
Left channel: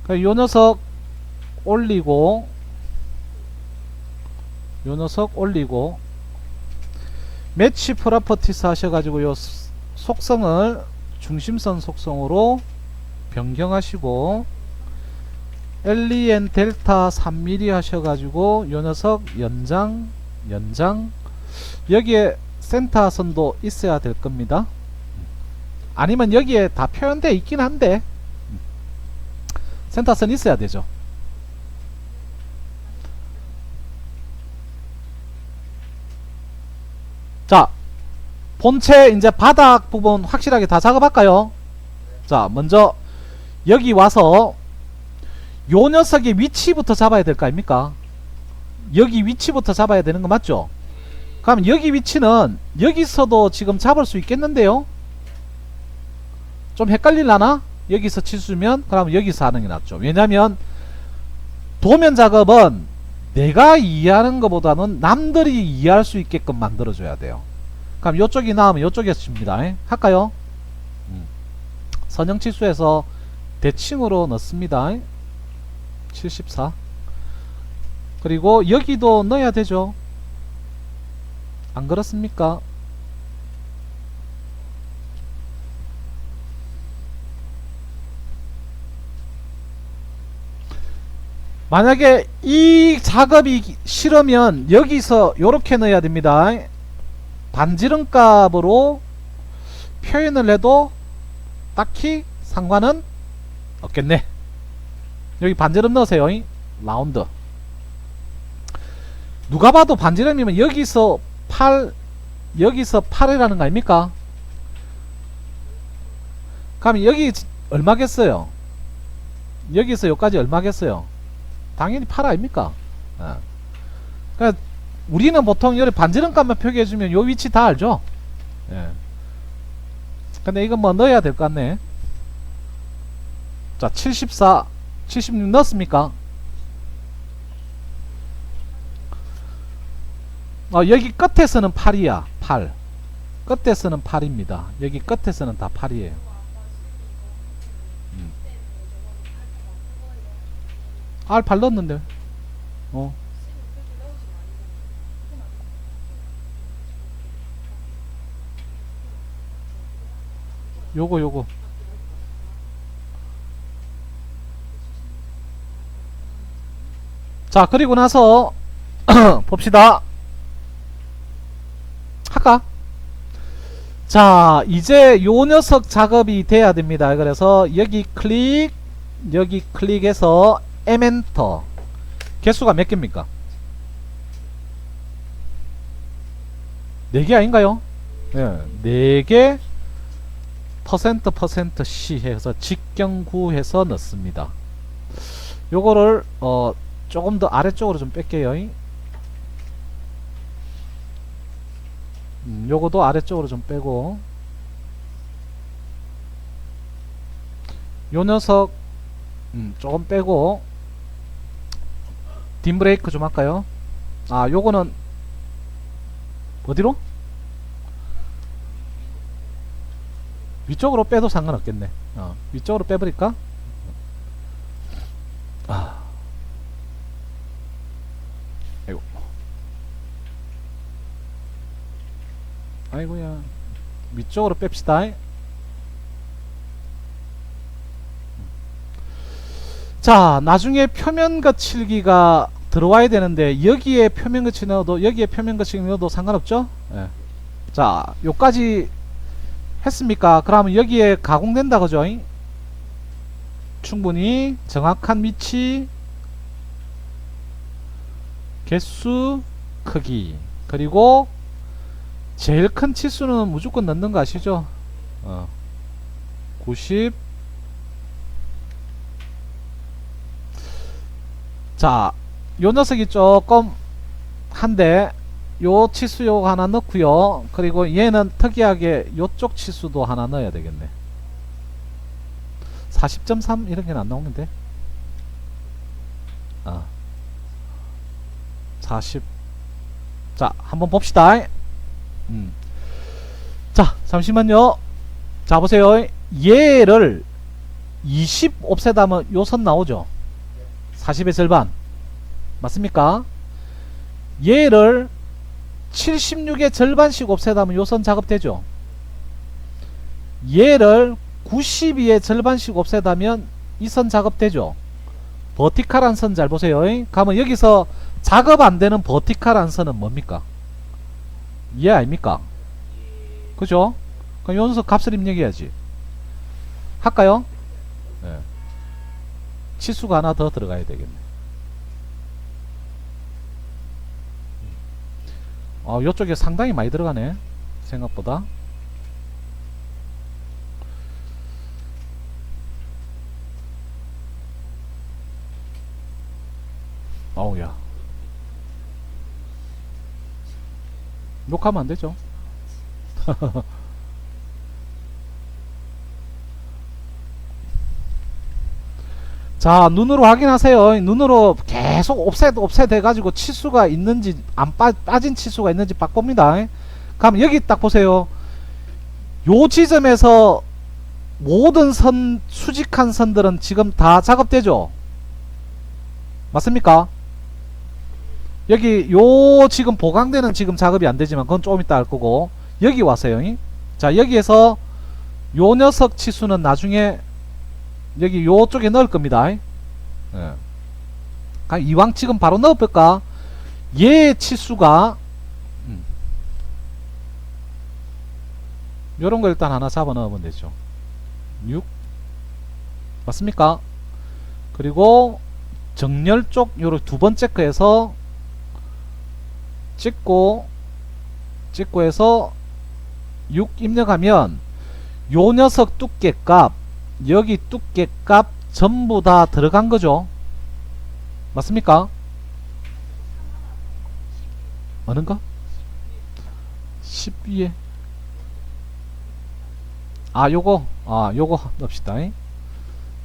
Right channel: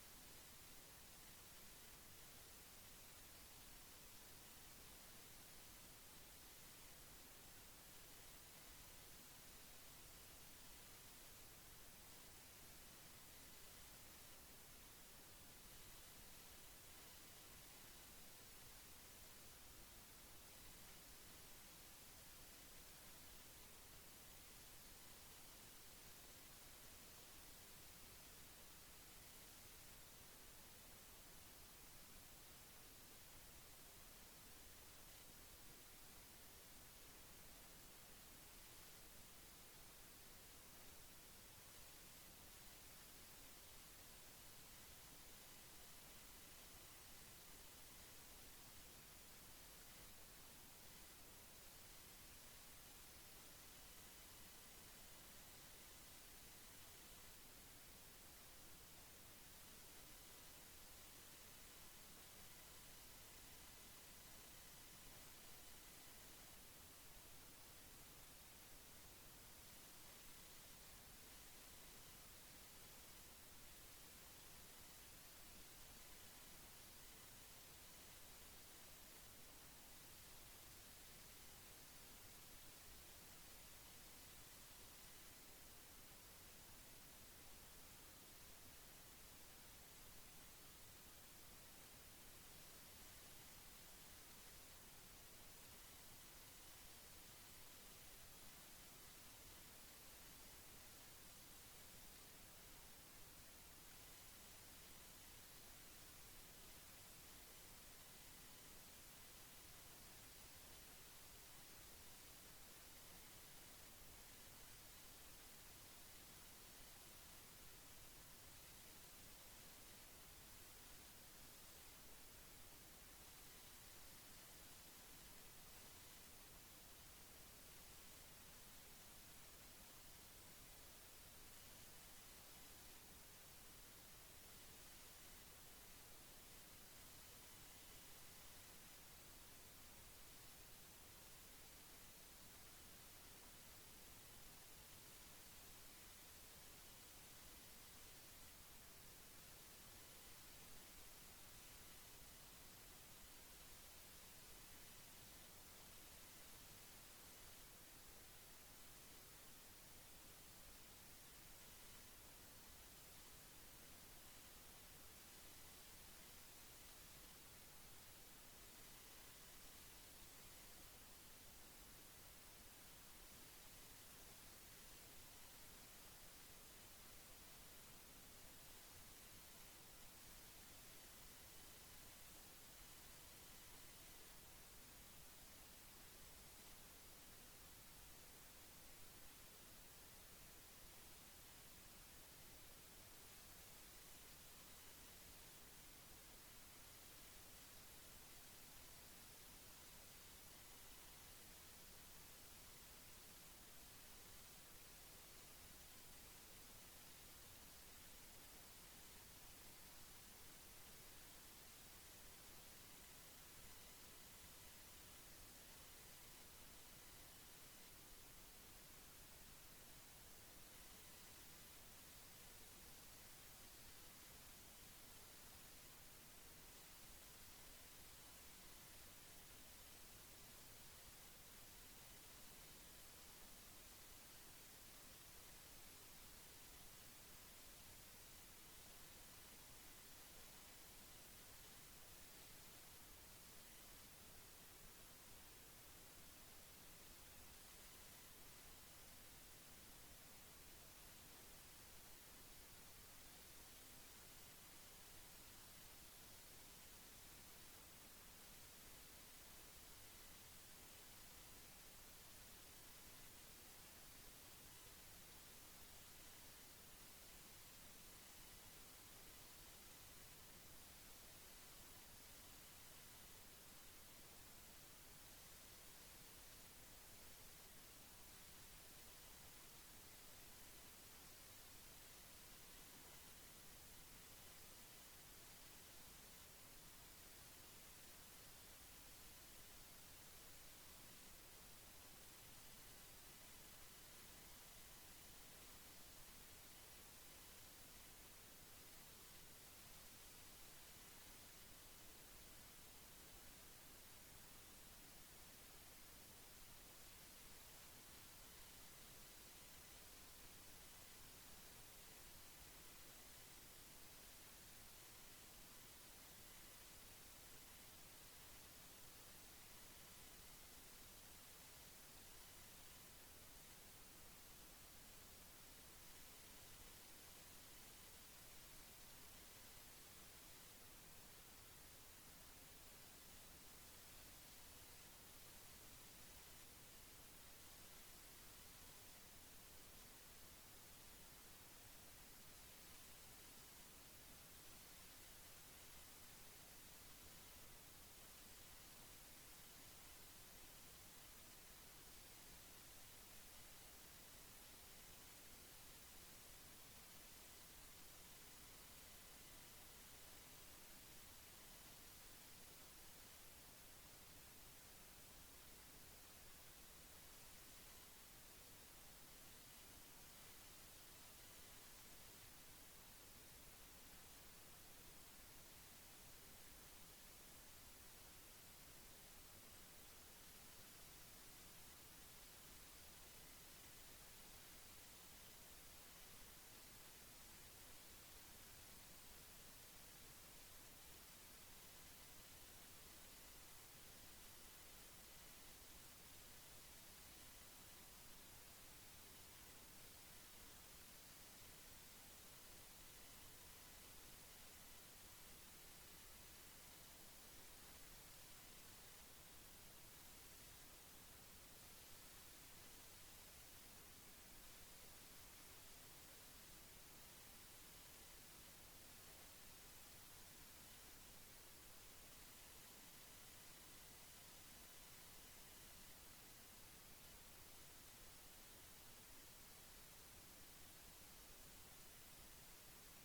요 녀석 올리고 매치 프로퍼티스 하셔가지고 요 속성을 중심선 속성으로 변경하시고 LEN 델타 3mm 하셔가지고 요 녀석 연장 여기에 센터선도 있어야 될 겁니다. 아니면 여기에 다 표현되어 있긴 한데 센터선 있어야 되죠. 자, 본체 이제 바닥 부분 확실하게 다 작업할까요? 자, 먼저 여기 와서 요 녀석의 위치부터 잡아야 될 거 아닙니까? 여기 위치부터 잡아야 되는 거 맞죠? 그럼 여기 위치는 여기서도 지금 잡을 수 있겠는데요? 좀 헷갈릴라나? 여기서 치수면 그럼 여기서 하는 게 낫죠. 왜냐면 도면 작업은 내가 이해하는 것보다는 남들이 이해할 수 있게끔 만들어줘야 돼요. 그럼 요쪽이 나오면 요쪽에서 칩니다. 할까요? 선형치수에서 대칭으로 넣습니다. 74. 그리고 여기도 넣어야 되죠. 안 그렇습니까? 만약에 이 작업이 싫으면 여기서 요렇게 넣어야 됩니다. 반지름 값으로 표현을 해도 딱히 상관은 없겠네. 여기 반지름 넣으세요. 라운드. 누가 봐도 반지름이면 여기서 8 여기서 8이라는 거 아닙니까? 그럼 여기 얼마겠어요? 여기서 여기까지 얼마겠어요? 당연히 8 아닙니까? 그러니까 우리는 보통 여기 반지름 값만 표기해주면 요 위치 다 알죠? 예. 근데 이건 뭐 넣어야 될 것 같네. 자, 74, 76 넣었습니까? 여기 끝에서는 8이야. 8. 끝에서는 8입니다. 여기 끝에서는 다 8이에요. R8 넣었는데. 요거. 자, 그리고 나서 봅시다. 할까? 자, 이제 요 녀석 작업이 돼야 됩니다. 그래서 여기 클릭해서 M엔터. 개수가 몇 개입니까? 4개 아닌가요? 네, 4개 %% 해서 직경구해서 넣습니다. 요거를 조금 더 아래쪽으로 좀 뺄게요. 요거도 아래쪽으로 좀 빼고 요 녀석 조금 빼고 딤 브레이크 좀 할까요? 요거는 어디로? 위쪽으로 빼도 상관없겠네. 위쪽으로 빼버릴까? 아이고. 아이고야. 위쪽으로 뺍시다. 자, 나중에 표면 거칠기가 들어와야 되는데 여기에 표면 거칠기 넣어도 여기에 표면 거칠기 넣어도 상관없죠? 예. 자, 요까지 했습니까? 그러면 여기에 가공된다 그죠? 충분히 정확한 위치, 개수, 크기, 그리고 제일 큰 치수는 무조건 넣는 거 아시죠? 90. 자, 요 녀석이 조금 한데 요 치수 요거 하나 넣고요. 그리고 얘는 특이하게 요쪽 치수도 하나 넣어야 되겠네. 40.3 이런 게 안 나오는데. 40. 자, 한번 봅시다. 자, 잠시만요. 자, 보세요. 얘를 20 옵셋하면 요 선 나오죠. 40의 절반 맞습니까? 얘를 76의 절반씩 옵셋하면 요 선 작업되죠. 얘를 92의 절반씩 옵셋하면 이 선 작업되죠. 버티칼한 선 잘 보세요. 그러면 여기서 작업 안 되는 버티칼한 선은 뭡니까? 얘 아닙니까? 그죠? 그럼 요 녀석 값을 입력해야지. 할까요? 네. 치수가 하나 더 들어가야 되겠네. 요쪽에 상당히 많이 들어가네. 생각보다. 어우야. 녹화하면 안 되죠. 자, 눈으로 확인하세요. 눈으로 계속 옵셋 해가지고 치수가 있는지 안 빠진 치수가 있는지 딱 봅니다. 그럼 여기 딱 보세요. 요 지점에서 모든 선 수직한 선들은 지금 다 작업되죠. 맞습니까? 여기 요 지금 보강되는 지금 작업이 안 되지만 그건 조금 이따 할 거고, 여기 와서요. 자, 여기에서 요 녀석 치수는 나중에 여기 요쪽에 넣을 겁니다. 예. 이왕 지금 바로 넣어볼까? 얘 치수가 요런 거 일단 하나 잡아 넣으면 되죠. 6 맞습니까? 그리고 정렬 쪽 요런 두 번째 거에서 찍고 해서 6 입력하면 요 녀석 두께값, 여기 두께값 전부 다 들어간 거죠. 맞습니까? 어는가? 12에 요거 넣읍시다.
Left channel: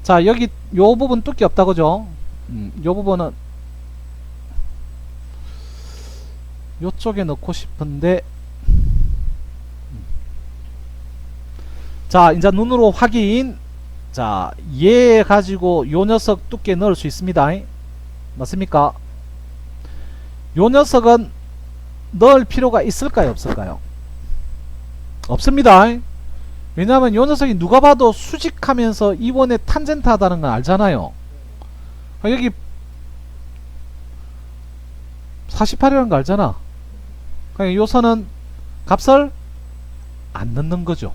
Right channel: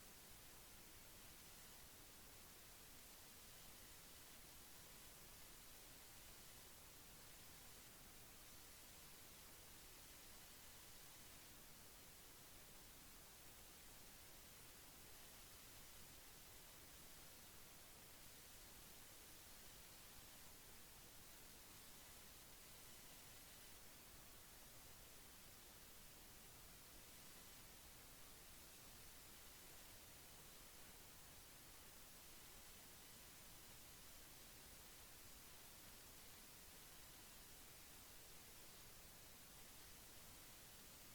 자, 여기 요 부분 두께 없다 그죠? 요 부분은 요쪽에 넣고 싶은데, 자, 이제 눈으로 확인. 자, 얘 가지고 요 녀석 두께 넣을 수 있습니다. 맞습니까? 요 녀석은 넣을 필요가 있을까요, 없을까요? 없습니다. 왜냐하면 요 녀석이 누가 봐도 수직하면서 이번에 탄젠트 하다는 건 알잖아요. 여기 48이라는 거 알잖아. 그러니까 요 선은 값을 안 넣는 거죠.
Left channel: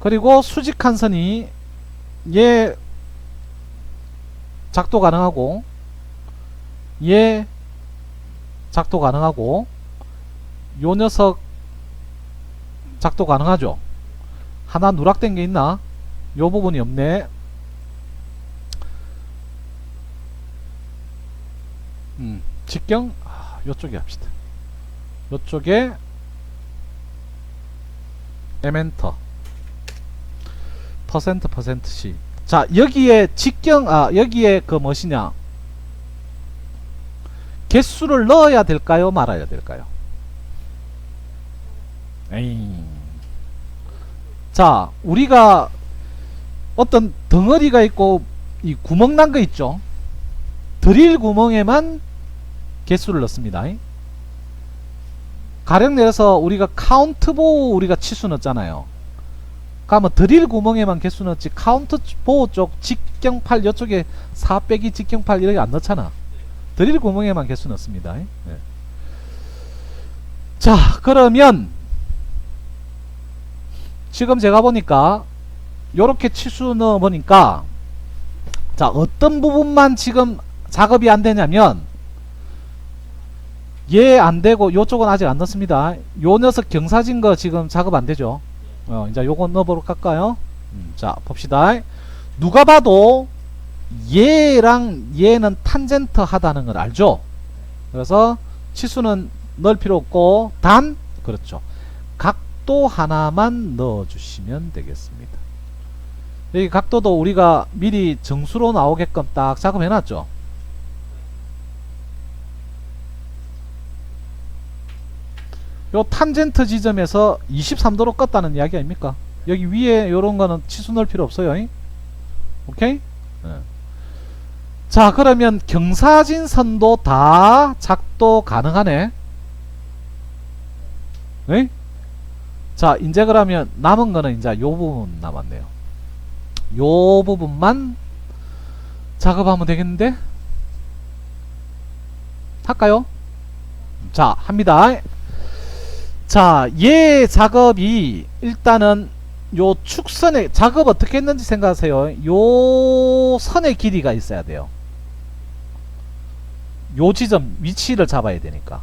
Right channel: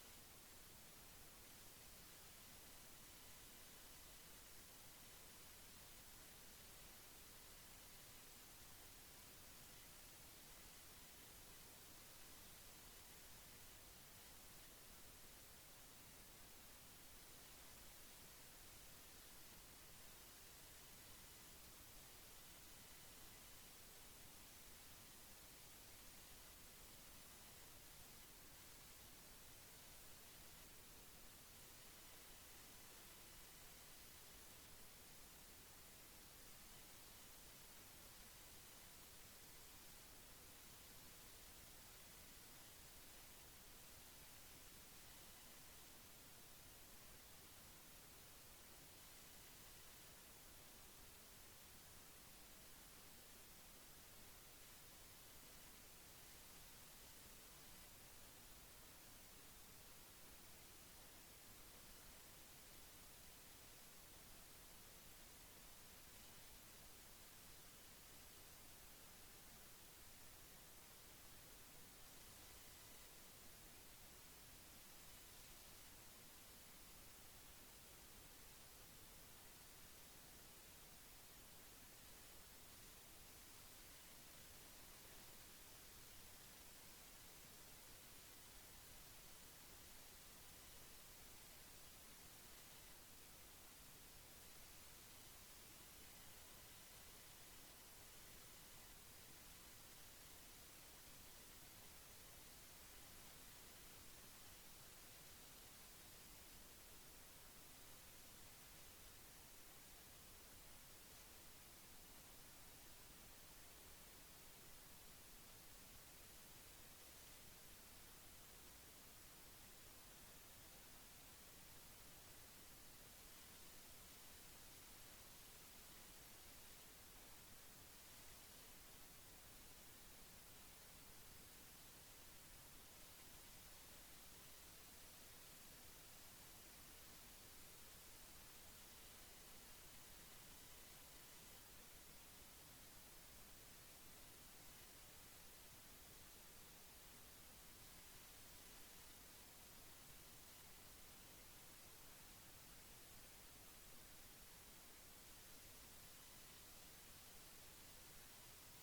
그리고 수직한 선이 얘 작도 가능하고 얘 작도 가능하고 요 녀석 작도 가능하죠. 하나 누락된 게 있나? 요 부분이 없네. 직경 요쪽에 합시다. 요쪽에 에멘터 %%C. 자, 여기에 직경 여기에 그 무엇이냐, 개수를 넣어야 될까요, 말아야 될까요? 자, 우리가 어떤 덩어리가 있고 이 구멍 난 거 있죠. 드릴 구멍에만 개수를 넣습니다. 가령 내려서 우리가 카운트보우 우리가 치수 넣었잖아요. 그러면 드릴 구멍에만 개수 넣었지 카운트보우 쪽 직경팔 이쪽에 4 빼기 직경팔 이렇게 안 넣잖아. 드릴 구멍에만 개수 넣습니다. 네. 자, 그러면 지금 제가 보니까 요렇게 치수 넣어 보니까, 자, 어떤 부분만 지금 작업이 안 되냐면 얘 안 되고 요쪽은 아직 안 넣습니다. 요 녀석 경사진 거 지금 작업 안 되죠. 이제 요거 넣어보러 갈까요? 자, 봅시다. 누가 봐도 얘랑 얘는 탄젠트 하다는 걸 알죠? 그래서 치수는 넣을 필요 없고, 단, 그렇죠, 각도 하나만 넣어주시면 되겠습니다. 여기 각도도 우리가 미리 정수로 나오게끔 딱 작업해놨죠. 요 탄젠트 지점에서 23도로 껐다는 이야기 아닙니까? 여기 위에 요런 거는 치수 넣을 필요 없어요. 오케이? 네. 자, 그러면 경사진 선도 다 작도 가능하네. 네? 자, 이제 그러면 남은 거는 이제 요 부분 남았네요. 요 부분만 작업하면 되겠는데? 할까요? 자, 합니다. 자, 얘 작업이 일단은 요 축선의 작업 어떻게 했는지 생각하세요. 요 선의 길이가 있어야 돼요. 요 지점 위치를 잡아야 되니까.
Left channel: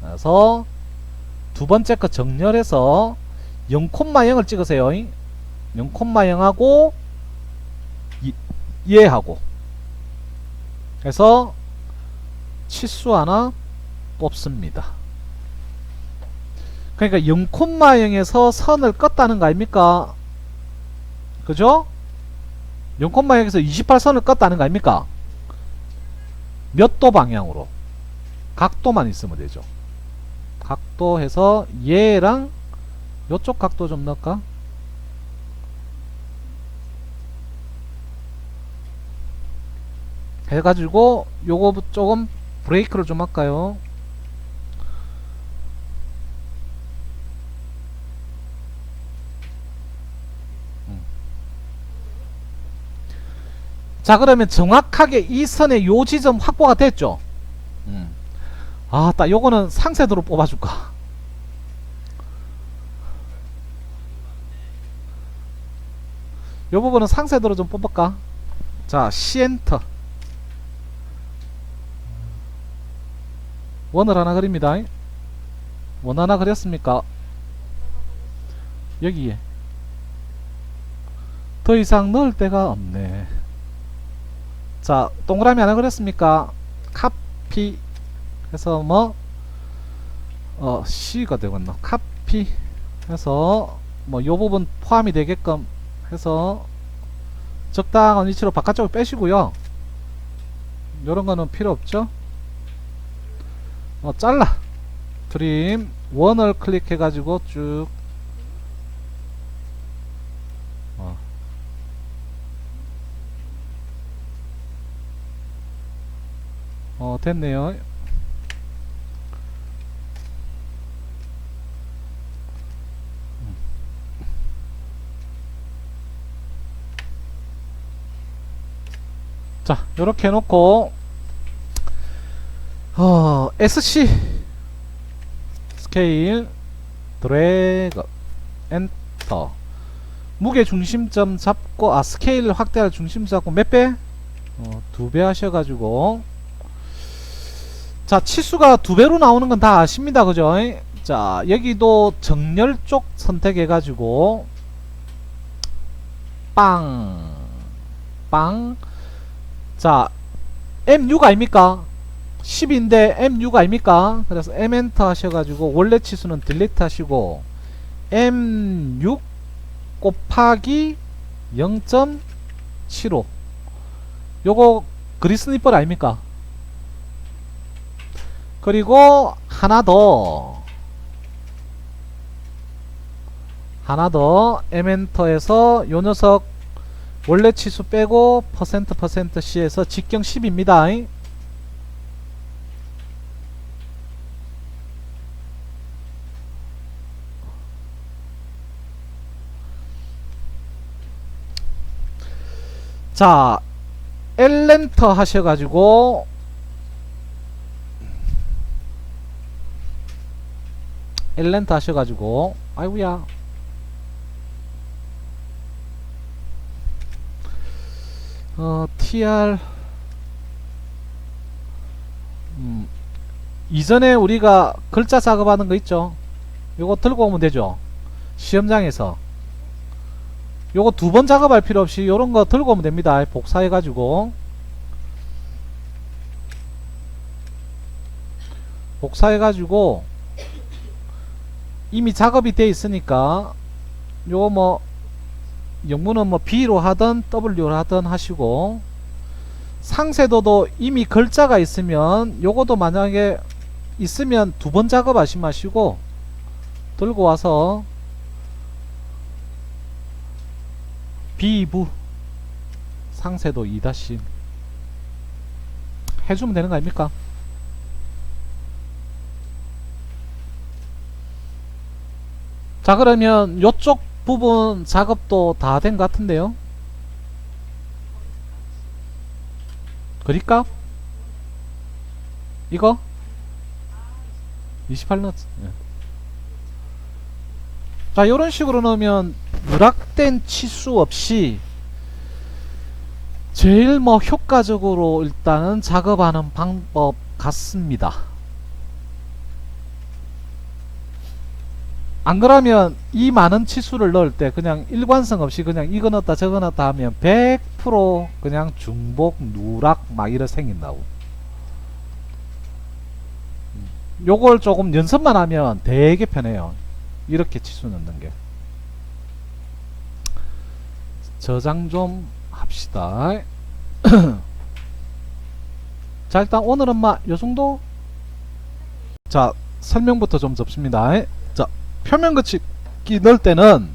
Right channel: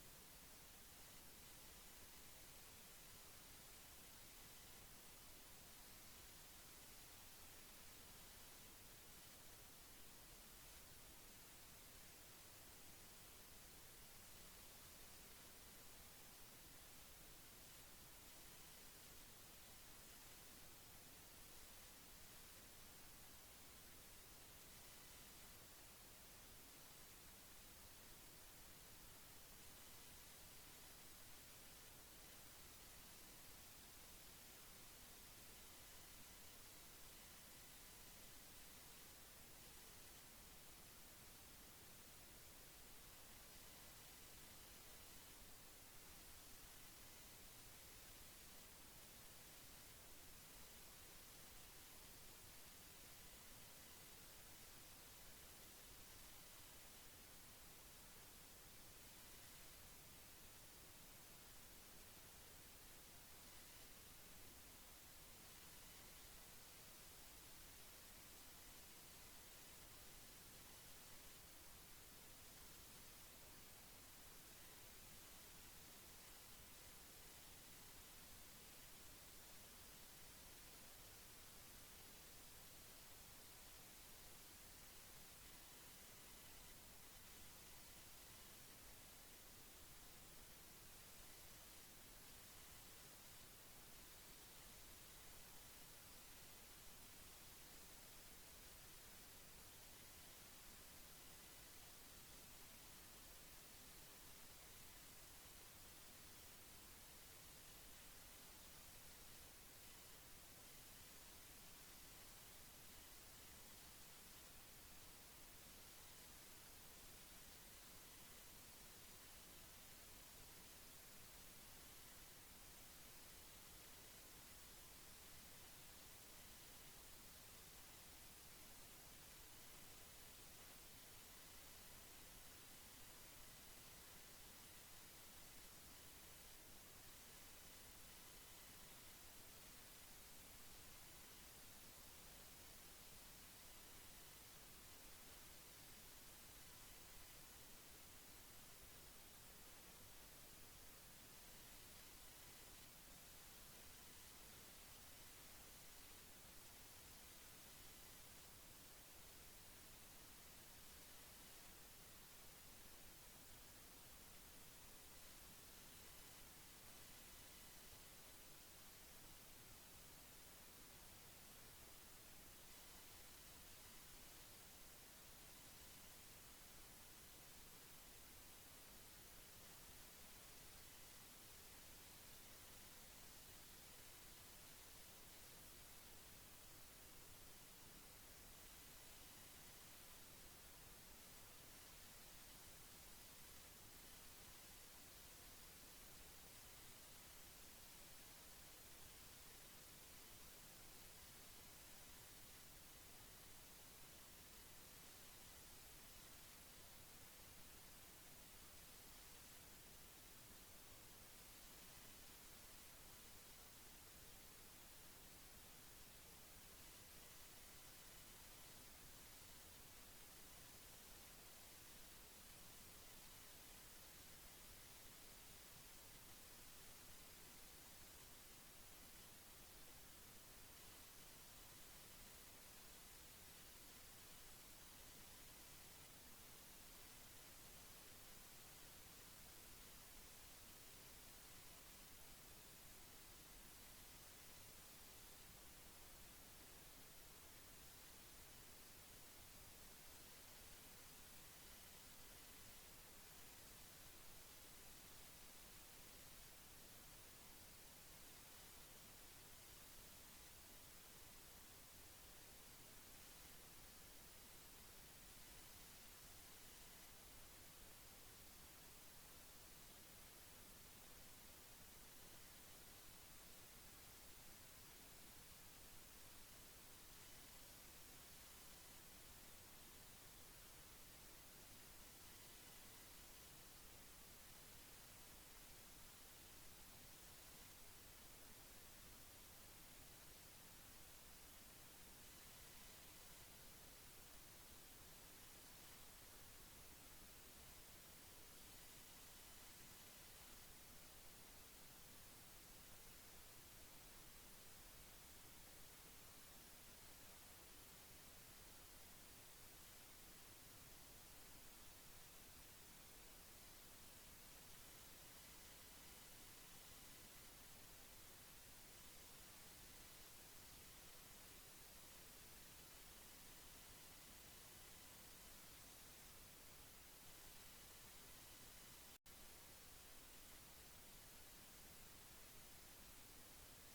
그래서 두 번째 거 정렬해서 0,0을 찍으세요. 0,0하고 얘하고 해서 치수 하나 뽑습니다. 그러니까 0,0에서 선을 껐다는 거 아닙니까? 그죠? 0,0에서 28선을 껐다는 거 아닙니까? 몇 도 방향으로? 각도만 있으면 되죠. 각도 해서 얘랑 요쪽 각도 좀 넣을까? 해가지고 요거 조금 브레이크를 좀 할까요? 자, 그러면 정확하게 이 선의 요 지점 확보가 됐죠? 아, 딱 요거는 상세도로 뽑아줄까? 요 부분은 상세도로 좀 뽑을까? 자, 시엔터 원을 하나 그립니다. 원 하나 그렸습니까? 여기에 더 이상 넣을 데가 없네. 자, 동그라미 하나 그렸습니까? 카피 해서 뭐 C가 되겠나? 카피 해서 뭐 요 부분 포함이 되게끔 해서 적당한 위치로 바깥쪽을 빼시고요. 요런 거는 필요 없죠. 잘라 트림 원을 클릭해 가지고 쭉 됐네요. 자, 요렇게 해놓고 SC 스케일 드래그 엔터 무게 중심점 잡고 스케일 확대할 중심 잡고 몇 배? 2배 하셔가지고 자, 치수가 2배로 나오는 건 다 아십니다. 그죠? 자, 여기도 정렬 쪽 선택해가지고 빵 자, M6 아닙니까? 10인데 M6 아닙니까? 그래서 M 엔터 하셔가지고 원래 치수는 딜리트 하시고 M6 곱하기 0.75 요거 그리스니펄 아닙니까? 그리고 하나 더 M 엔터에서 요 녀석 원래 치수 빼고 퍼센트 C에서 직경 10입니다. 자, L엔터 하셔가지고 L엔터 하셔가지고 아이고야 TR 이전에 우리가 글자 작업하는 거 있죠? 요거 들고 오면 되죠? 시험장에서 요거 2번 작업할 필요 없이 요런 거 들고 오면 됩니다. 복사해 가지고 이미 작업이 돼 있으니까 요거 뭐 영문은 뭐 B로 하든 W로 하든 하시고 상세도도 이미 글자가 있으면 요거도 만약에 있으면 2번 작업하시 마시고 들고 와서 B부 상세도 2- 해주면 되는 거 아닙니까? 자, 그러면 요쪽 부분 작업도 다 된 것 같은데요. 그립값? 이거? 28넣었. 예. 자, 요런 식으로 넣으면 누락된 치수 없이 제일 뭐 효과적으로 일단은 작업하는 방법 같습니다. 안 그러면 이 많은 치수를 넣을 때 그냥 일관성 없이 그냥 이거 넣었다 저거 넣었다 하면 100% 그냥 중복 누락 막 이래 생긴다고. 요걸 조금 연습만 하면 되게 편해요. 이렇게 치수 넣는 게. 저장 좀 합시다. 자, 일단 오늘은 요정도. 자, 설명부터 좀 접습니다. 자, 표면 거치기 넣을 때는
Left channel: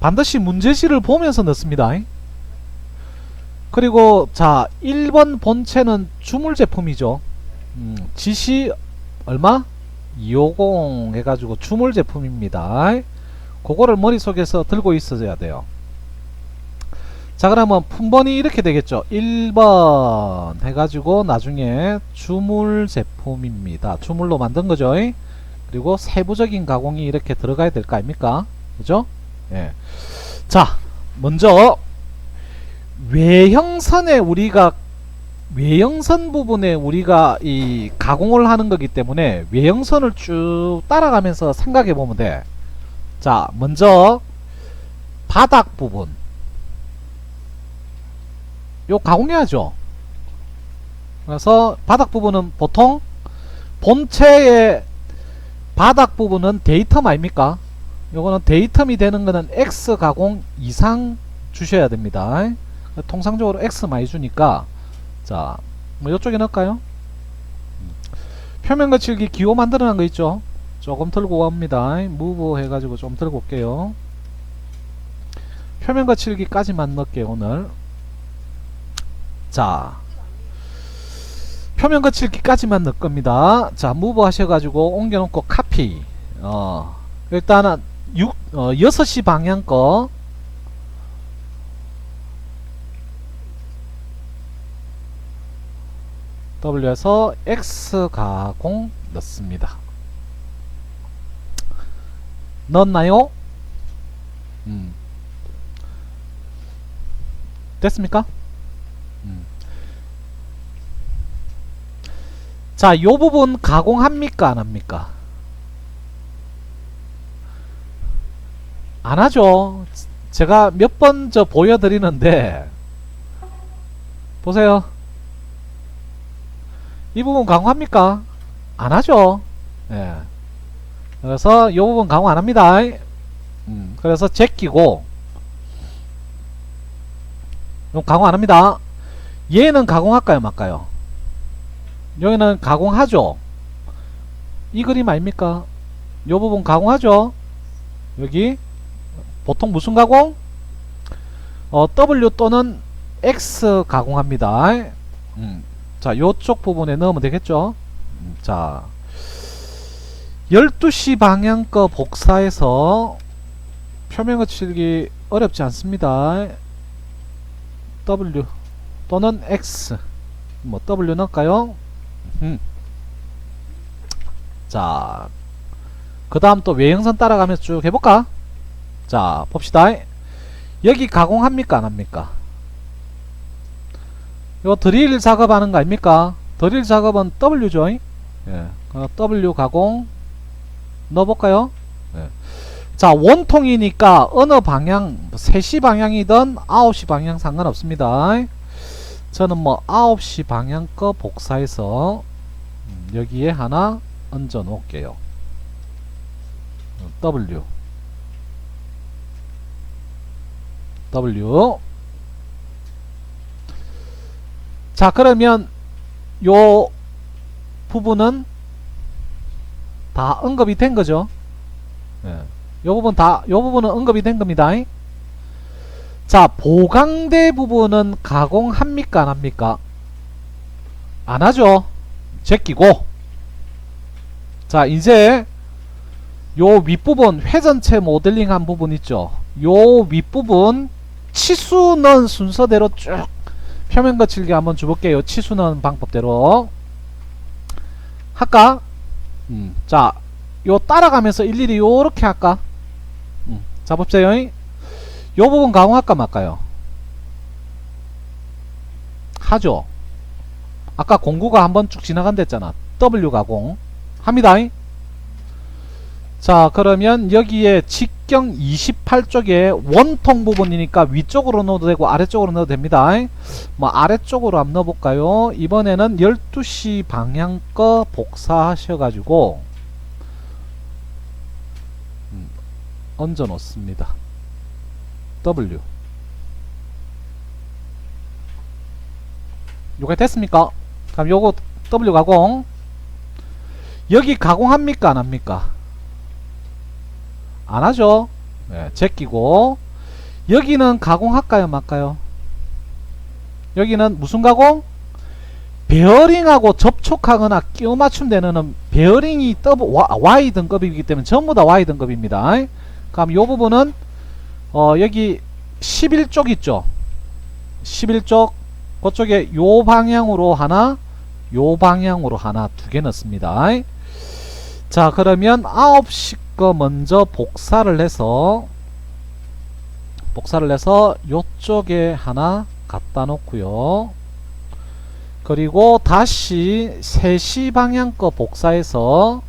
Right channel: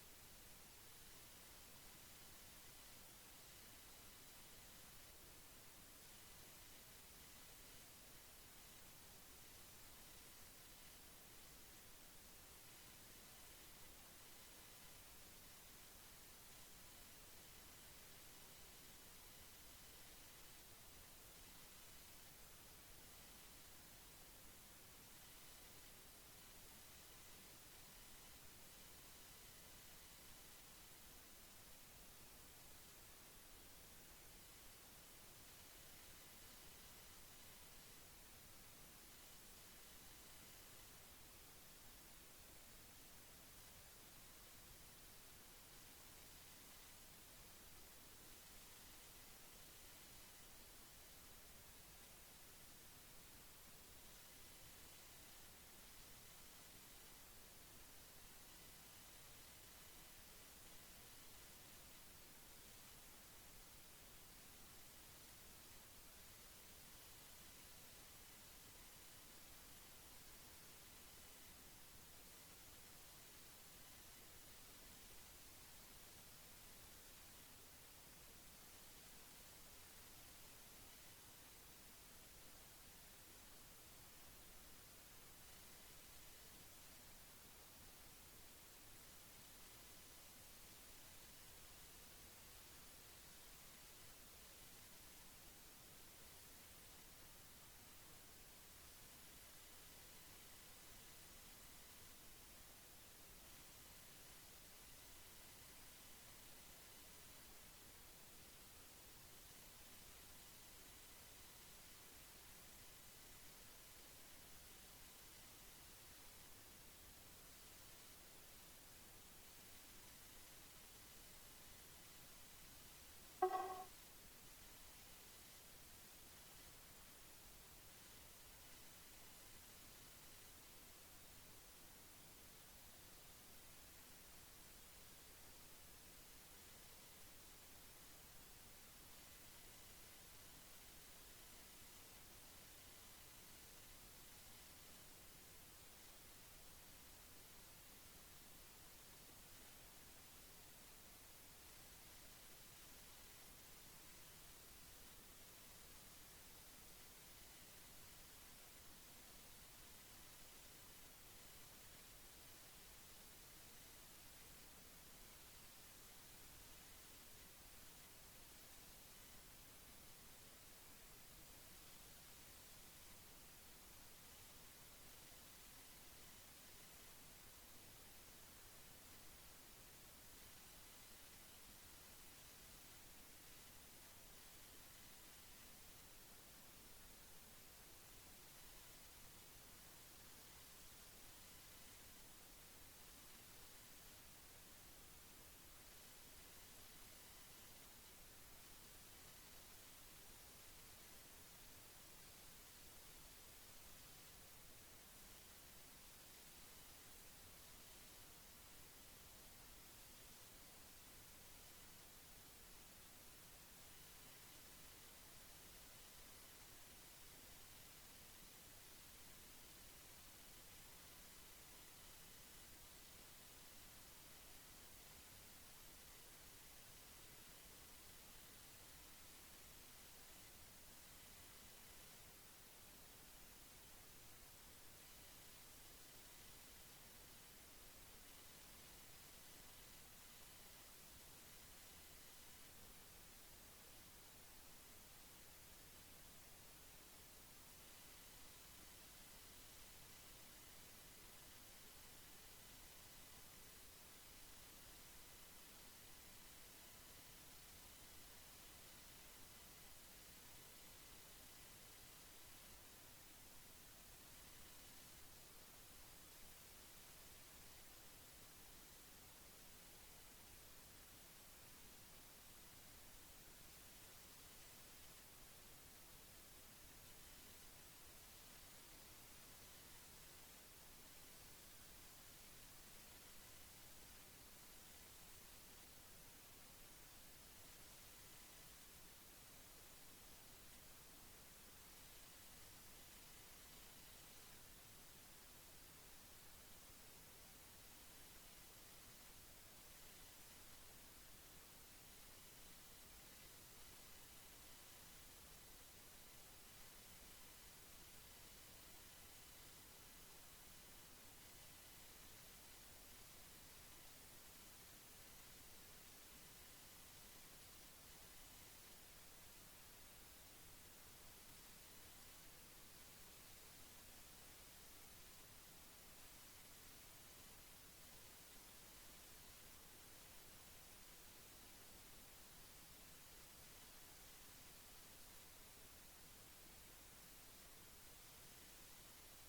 반드시 문제지를 보면서 넣습니다. 그리고 자, 1번 본체는 주물 제품이죠. 지시 얼마? 250 해가지고 주물 제품입니다. 그거를 머릿속에서 들고 있어야 돼요. 자, 그러면 품번이 이렇게 되겠죠. 1번 해가지고 나중에 주물 제품입니다. 주물로 만든 거죠. 그리고 세부적인 가공이 이렇게 들어가야 될 거 아닙니까? 그죠? 예. 자, 먼저 외형선에 외형선 부분에 우리가 이 가공을 하는 거기 때문에 외형선을 쭉 따라가면서 생각해 보면 돼. 자, 먼저 바닥 부분 요 가공해야죠. 그래서 바닥 부분은 보통 본체의 바닥 부분은 데이텀 아닙니까? 요거는 데이텀이 되는 거는 X 가공 이상 주셔야 됩니다. 통상적으로 X 많이 주니까 자, 뭐 요쪽에 넣을까요? 표면 거칠기 기호 만들어 놓은 거 있죠? 조금 들고 갑니다. 무브 해가지고 좀 들고 올게요. 표면 거칠기까지만 넣을게요, 오늘. 자, 표면 거칠기까지만 넣을 겁니다. 자, 무브 하셔가지고 옮겨놓고 카피. 일단은 6시 방향 거 W에서 X 가공 넣습니다. 넣었나요? 됐습니까? 자, 요 부분 가공합니까? 안 합니까? 안 하죠. 제가 몇 번 보여드리는데 보세요. 이 부분 가공합니까? 안 하죠. 예. 그래서 이 부분 가공 안 합니다. 그래서 제끼고 가공 안 합니다. 얘는 가공할까요? 말까요? 여기는 가공하죠. 이 그림 아닙니까? 이 부분 가공하죠. 여기 보통 무슨 가공? W 또는 X 가공합니다. 자, 요쪽 부분에 넣으면 되겠죠. 자, 12시 방향 거 복사해서 표면 거칠기 어렵지 않습니다. W 또는 X 뭐 W 넣을까요? 자, 그 다음 또 외형선 따라가면서 쭉 해볼까? 자, 봅시다. 여기 가공합니까? 안 합니까? 요 드릴 작업하는 거 아닙니까? 드릴 작업은 W죠. 예. W 가공 넣어볼까요? 예. 자, 원통이니까 어느 방향 3시 방향이든 9시 방향 상관없습니다. 저는 뭐 9시 방향 거 복사해서 여기에 하나 얹어 놓을게요. W 자, 그러면 요 부분은 다 언급이 된 거죠. 예. 요 부분은 언급이 된 겁니다. 자, 보강대 부분은 가공합니까? 안 합니까? 안 하죠. 제끼고. 자, 이제 요 윗부분 회전체 모델링 한 부분 있죠. 요 윗부분 치수 넣은 순서대로 쭉 표면 거칠기 한번 줘볼게요. 치수 넣은 방법대로 할까? 자, 요 따라가면서 일일이 요렇게 할까? 자, 봅세요. 요 부분 가공할까 말까요? 하죠. 아까 공구가 한번 쭉 지나간댔잖아. W 가공 합니다. 자, 그러면 여기에 직경 28쪽에 원통 부분이니까 위쪽으로 넣어도 되고 아래쪽으로 넣어도 됩니다. 뭐 아래쪽으로 한번 넣어볼까요? 이번에는 12시 방향 거 복사하셔가지고 얹어 놓습니다. W 요게 됐습니까? 그럼 요거 W 가공 여기 가공합니까 안합니까? 안하죠. 네, 제끼고 여기는 가공할까요 말까요? 여기는 무슨 가공? 베어링하고 접촉하거나 끼워 맞춤되는 베어링이 Y 등급이기 때문에 전부 다 Y 등급입니다. 그럼 요 부분은 여기 11쪽 있죠. 11쪽 그쪽에 요 방향으로 하나 요 방향으로 하나 두 개 넣습니다. 자, 그러면 9시 거 먼저 복사를 해서 요쪽에 하나 갖다 놓고요. 그리고 다시 3시 방향 거 복사해서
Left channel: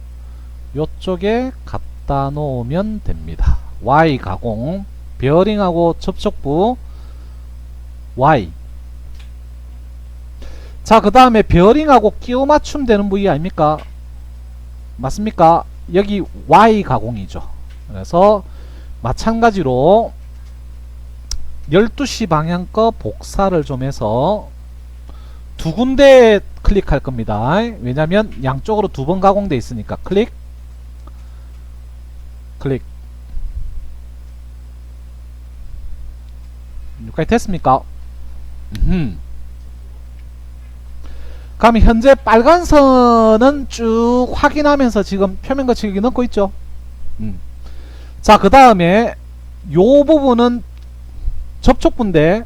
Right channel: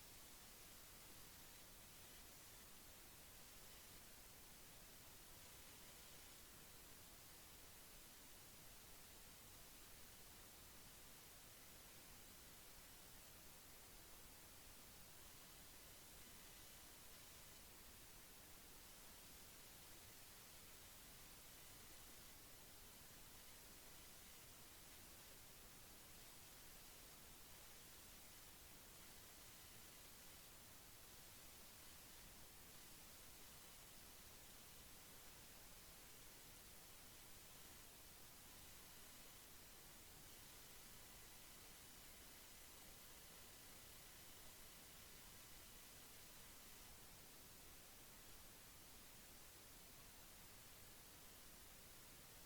요쪽에 갖다 놓으면 됩니다. Y 가공 베어링하고 접촉부 Y. 자, 그 다음에 베어링하고 끼워 맞춤 되는 부위 아닙니까? 맞습니까? 여기 Y 가공이죠. 그래서 마찬가지로 12시 방향 거 복사를 좀 해서 두 군데 클릭할 겁니다. 왜냐면 양쪽으로 두 번 가공돼 있으니까 클릭 여기까지 됐습니까? 그럼 현재 빨간 선은 쭉 확인하면서 지금 표면 거칠기 넣고 있죠. 자, 그 다음에 요 부분은 접촉부인데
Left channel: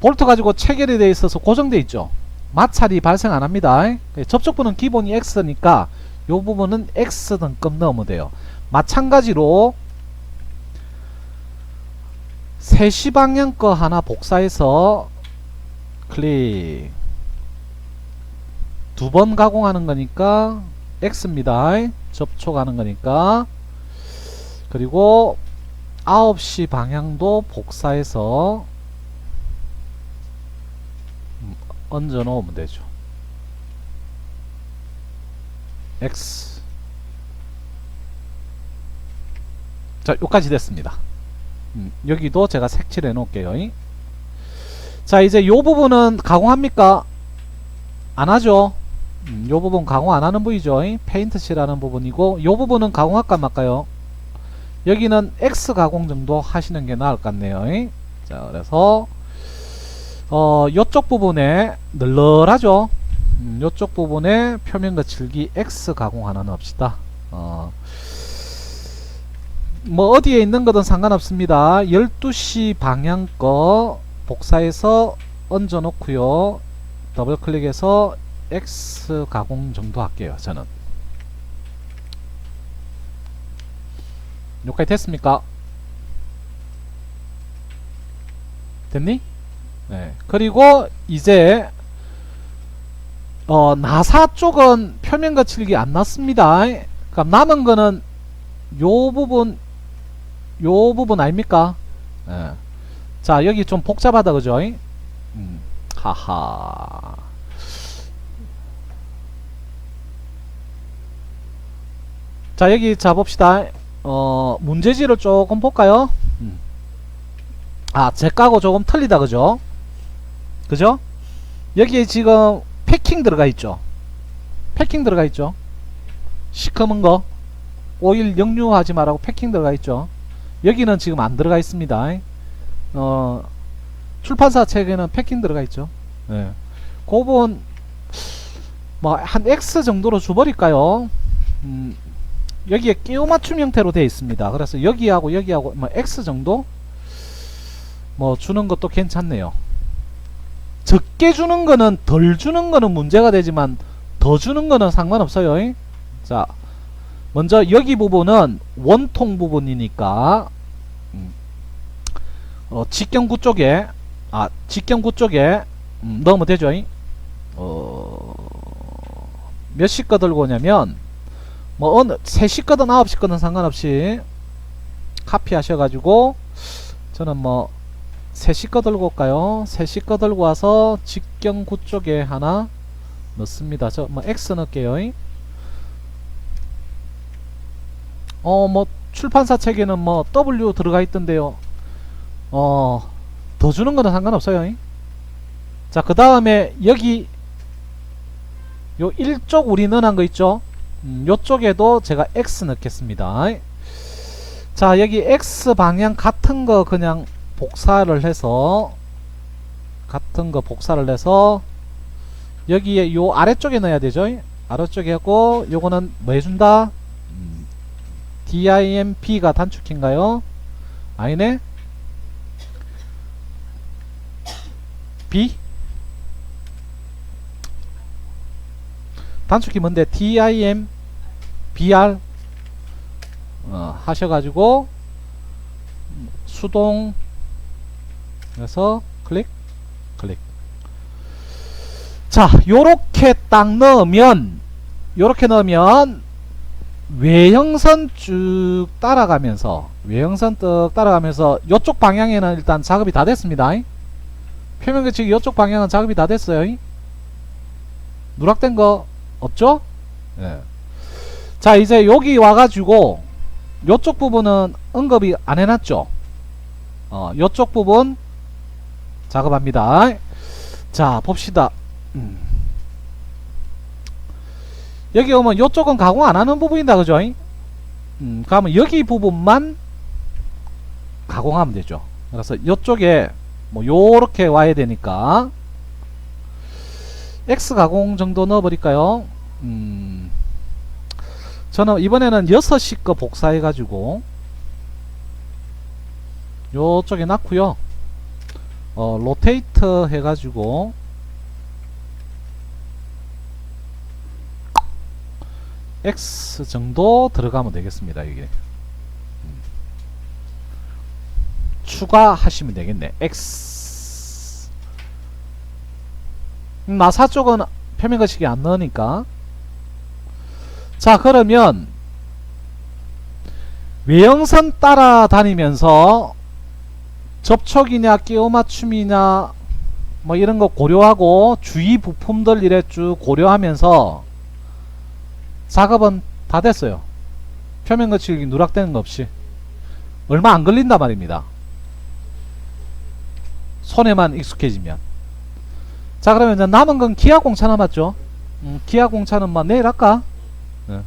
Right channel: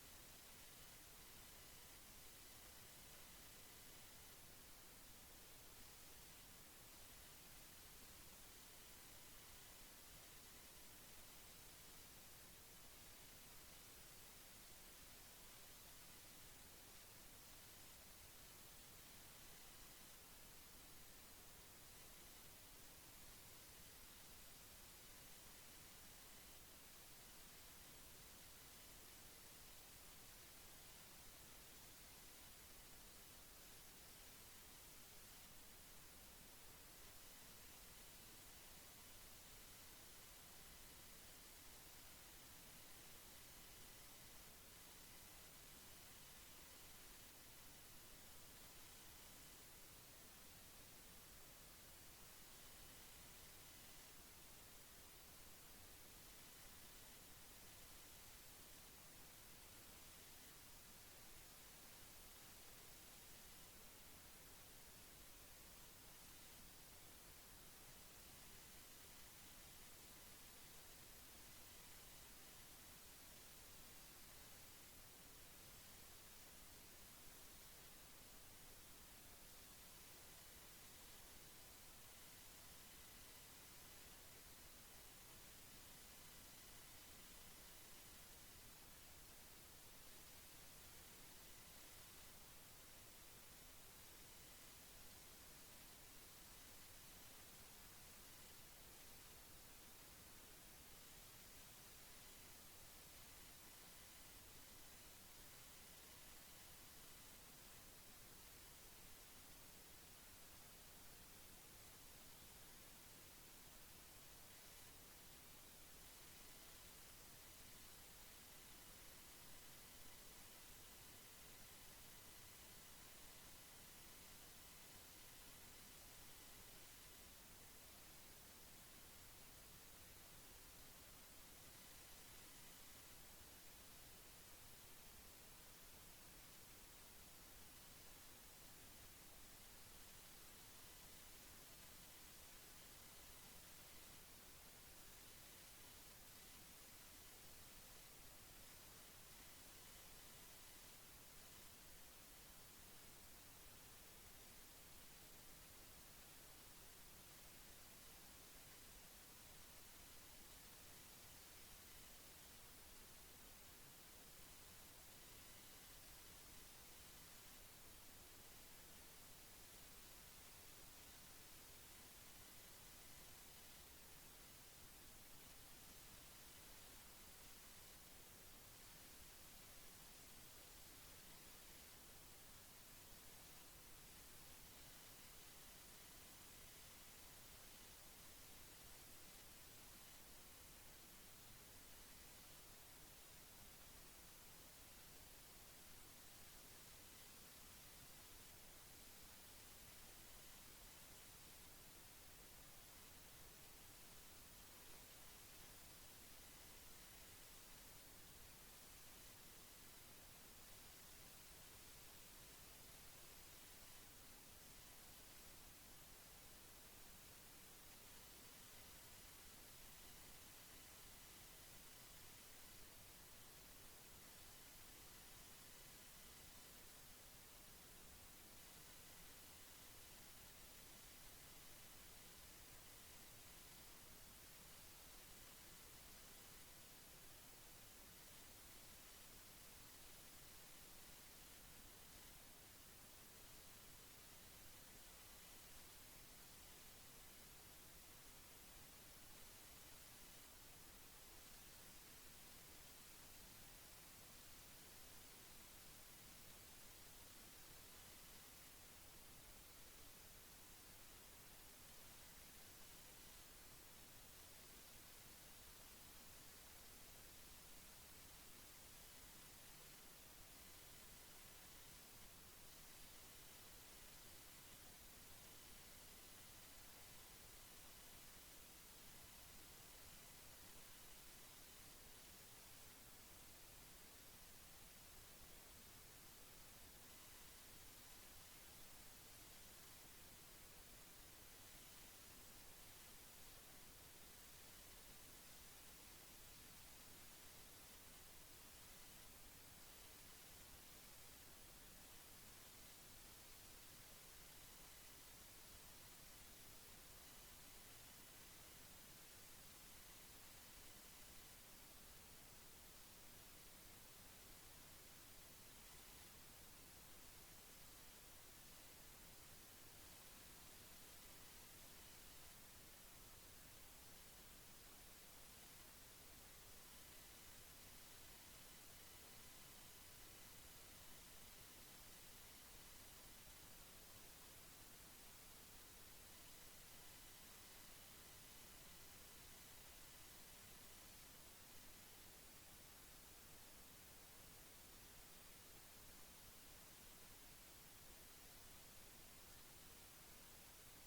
볼트 가지고 체결이 되어 있어서 고정되어 있죠. 마찰이 발생 안 합니다. 접촉부는 기본이 X니까 요 부분은 X 등급 넣으면 돼요. 마찬가지로 3시 방향 거 하나 복사해서 클릭 두 번 가공하는 거니까 X입니다. 접촉하는 거니까. 그리고 9시 방향도 복사해서 얹어 놓으면 되죠. X. 자, 요까지 됐습니다. 여기도 제가 색칠해 놓을게요. 자, 이제 요 부분은 가공합니까? 안 하죠. 요 부분 가공 안 하는 부위죠. 페인트 칠하는 부분이고, 요 부분은 가공할까 말까요? 여기는 X 가공 정도 하시는 게 나을 것 같네요. 자, 그래서 요쪽 부분에 널널하죠. 요쪽 부분에 표면 거칠기 X 가공 하나 넣읍시다. 뭐 어디에 있는 거든 상관없습니다. 12시 방향 거 복사해서 얹어 놓고요. 더블 클릭해서 X 가공 정도 할게요. 저는 여기까지 됐습니까? 됐니? 네. 그리고 이제 나사 쪽은 표면 거칠기 안 났습니다. 그러니까 남은 거는 요 부분 아닙니까? 네. 자, 여기 좀 복잡하다 그죠? 하하. 자, 여기 자 봅시다. 문제지를 조금 볼까요? 제 거하고 조금 틀리다 그죠? 그죠? 여기에 지금 패킹 들어가 있죠. 패킹 들어가 있죠. 시커먼 거 오일 역류하지 말라고 패킹 들어가 있죠. 여기는 지금 안 들어가 있습니다. 출판사 책에는 패킹 들어가 있죠. 네. 그 부분 뭐 한 X 정도로 줘버릴까요? 여기에 끼워 맞춤 형태로 되어 있습니다. 그래서 여기하고 여기하고 뭐 X 정도 뭐 주는 것도 괜찮네요. 적게 주는 거는 덜 주는 거는 문제가 되지만 더 주는 거는 상관없어요. 자, 먼저 여기 부분은 원통 부분이니까 직경구 쪽에 직경구 쪽에 넣으면 되죠. 몇 시 거 들고 오냐면 뭐 어느 3시 거든 9시 거든 상관없이 카피 하셔가지고 저는 뭐 3시 거 들고 올까요? 3시 거 들고 와서 직경구 쪽에 하나 넣습니다. 저 뭐 X 넣을게요. 뭐 출판사 책에는 뭐 W 들어가 있던데요. 더 주는 거는 상관없어요. 자, 그 다음에 여기 요 1쪽 우리 넣어놓은 거 있죠? 요쪽에도 제가 X 넣겠습니다. 자, 여기 X 방향 같은 거 그냥 복사를 해서 여기에 요 아래쪽에 넣어야 되죠? 아래쪽에 하고 요거는 뭐 해준다? DIMP가 단축키인가요? 아니네? B? 단축키 뭔데? DIM BR 하셔가지고 수동 그래서 클릭 자, 요렇게 딱 넣으면 외형선 쭉 따라가면서 요쪽 방향에는 일단 작업이 다 됐습니다. 표면규칙 요쪽 방향은 작업이 다 됐어요. 누락된 거 없죠? 네. 자, 이제 여기 와가지고 요쪽 부분은 언급이 안 해놨죠? 요쪽 부분 작업합니다. 자, 봅시다. 여기 오면 요쪽은 가공 안 하는 부분이다, 그죠? 그러면 여기 부분만 가공하면 되죠. 그래서 요쪽에 뭐 요렇게 와야 되니까 X 가공 정도 넣어버릴까요? 저는 이번에는 6시 거 복사해 가지고 요쪽에 놨고요. 로테이터 해 가지고 X 정도 들어가면 되겠습니다. 이게 추가하시면 되겠네. X 나사 쪽은 표면 거치기 안 넣으니까. 자, 그러면 외형선 따라다니면서 접촉이냐 끼워 맞춤이냐 뭐 이런 거 고려하고 주위 부품들 이래 쭉 고려하면서 작업은 다 됐어요. 표면 거치기 누락되는 거 없이 얼마 안 걸린단 말입니다. 손에만 익숙해지면. 자, 그러면 이제 남은 건 기아 공차 남았죠. 기아 공차는 뭐 내일 할까? 네.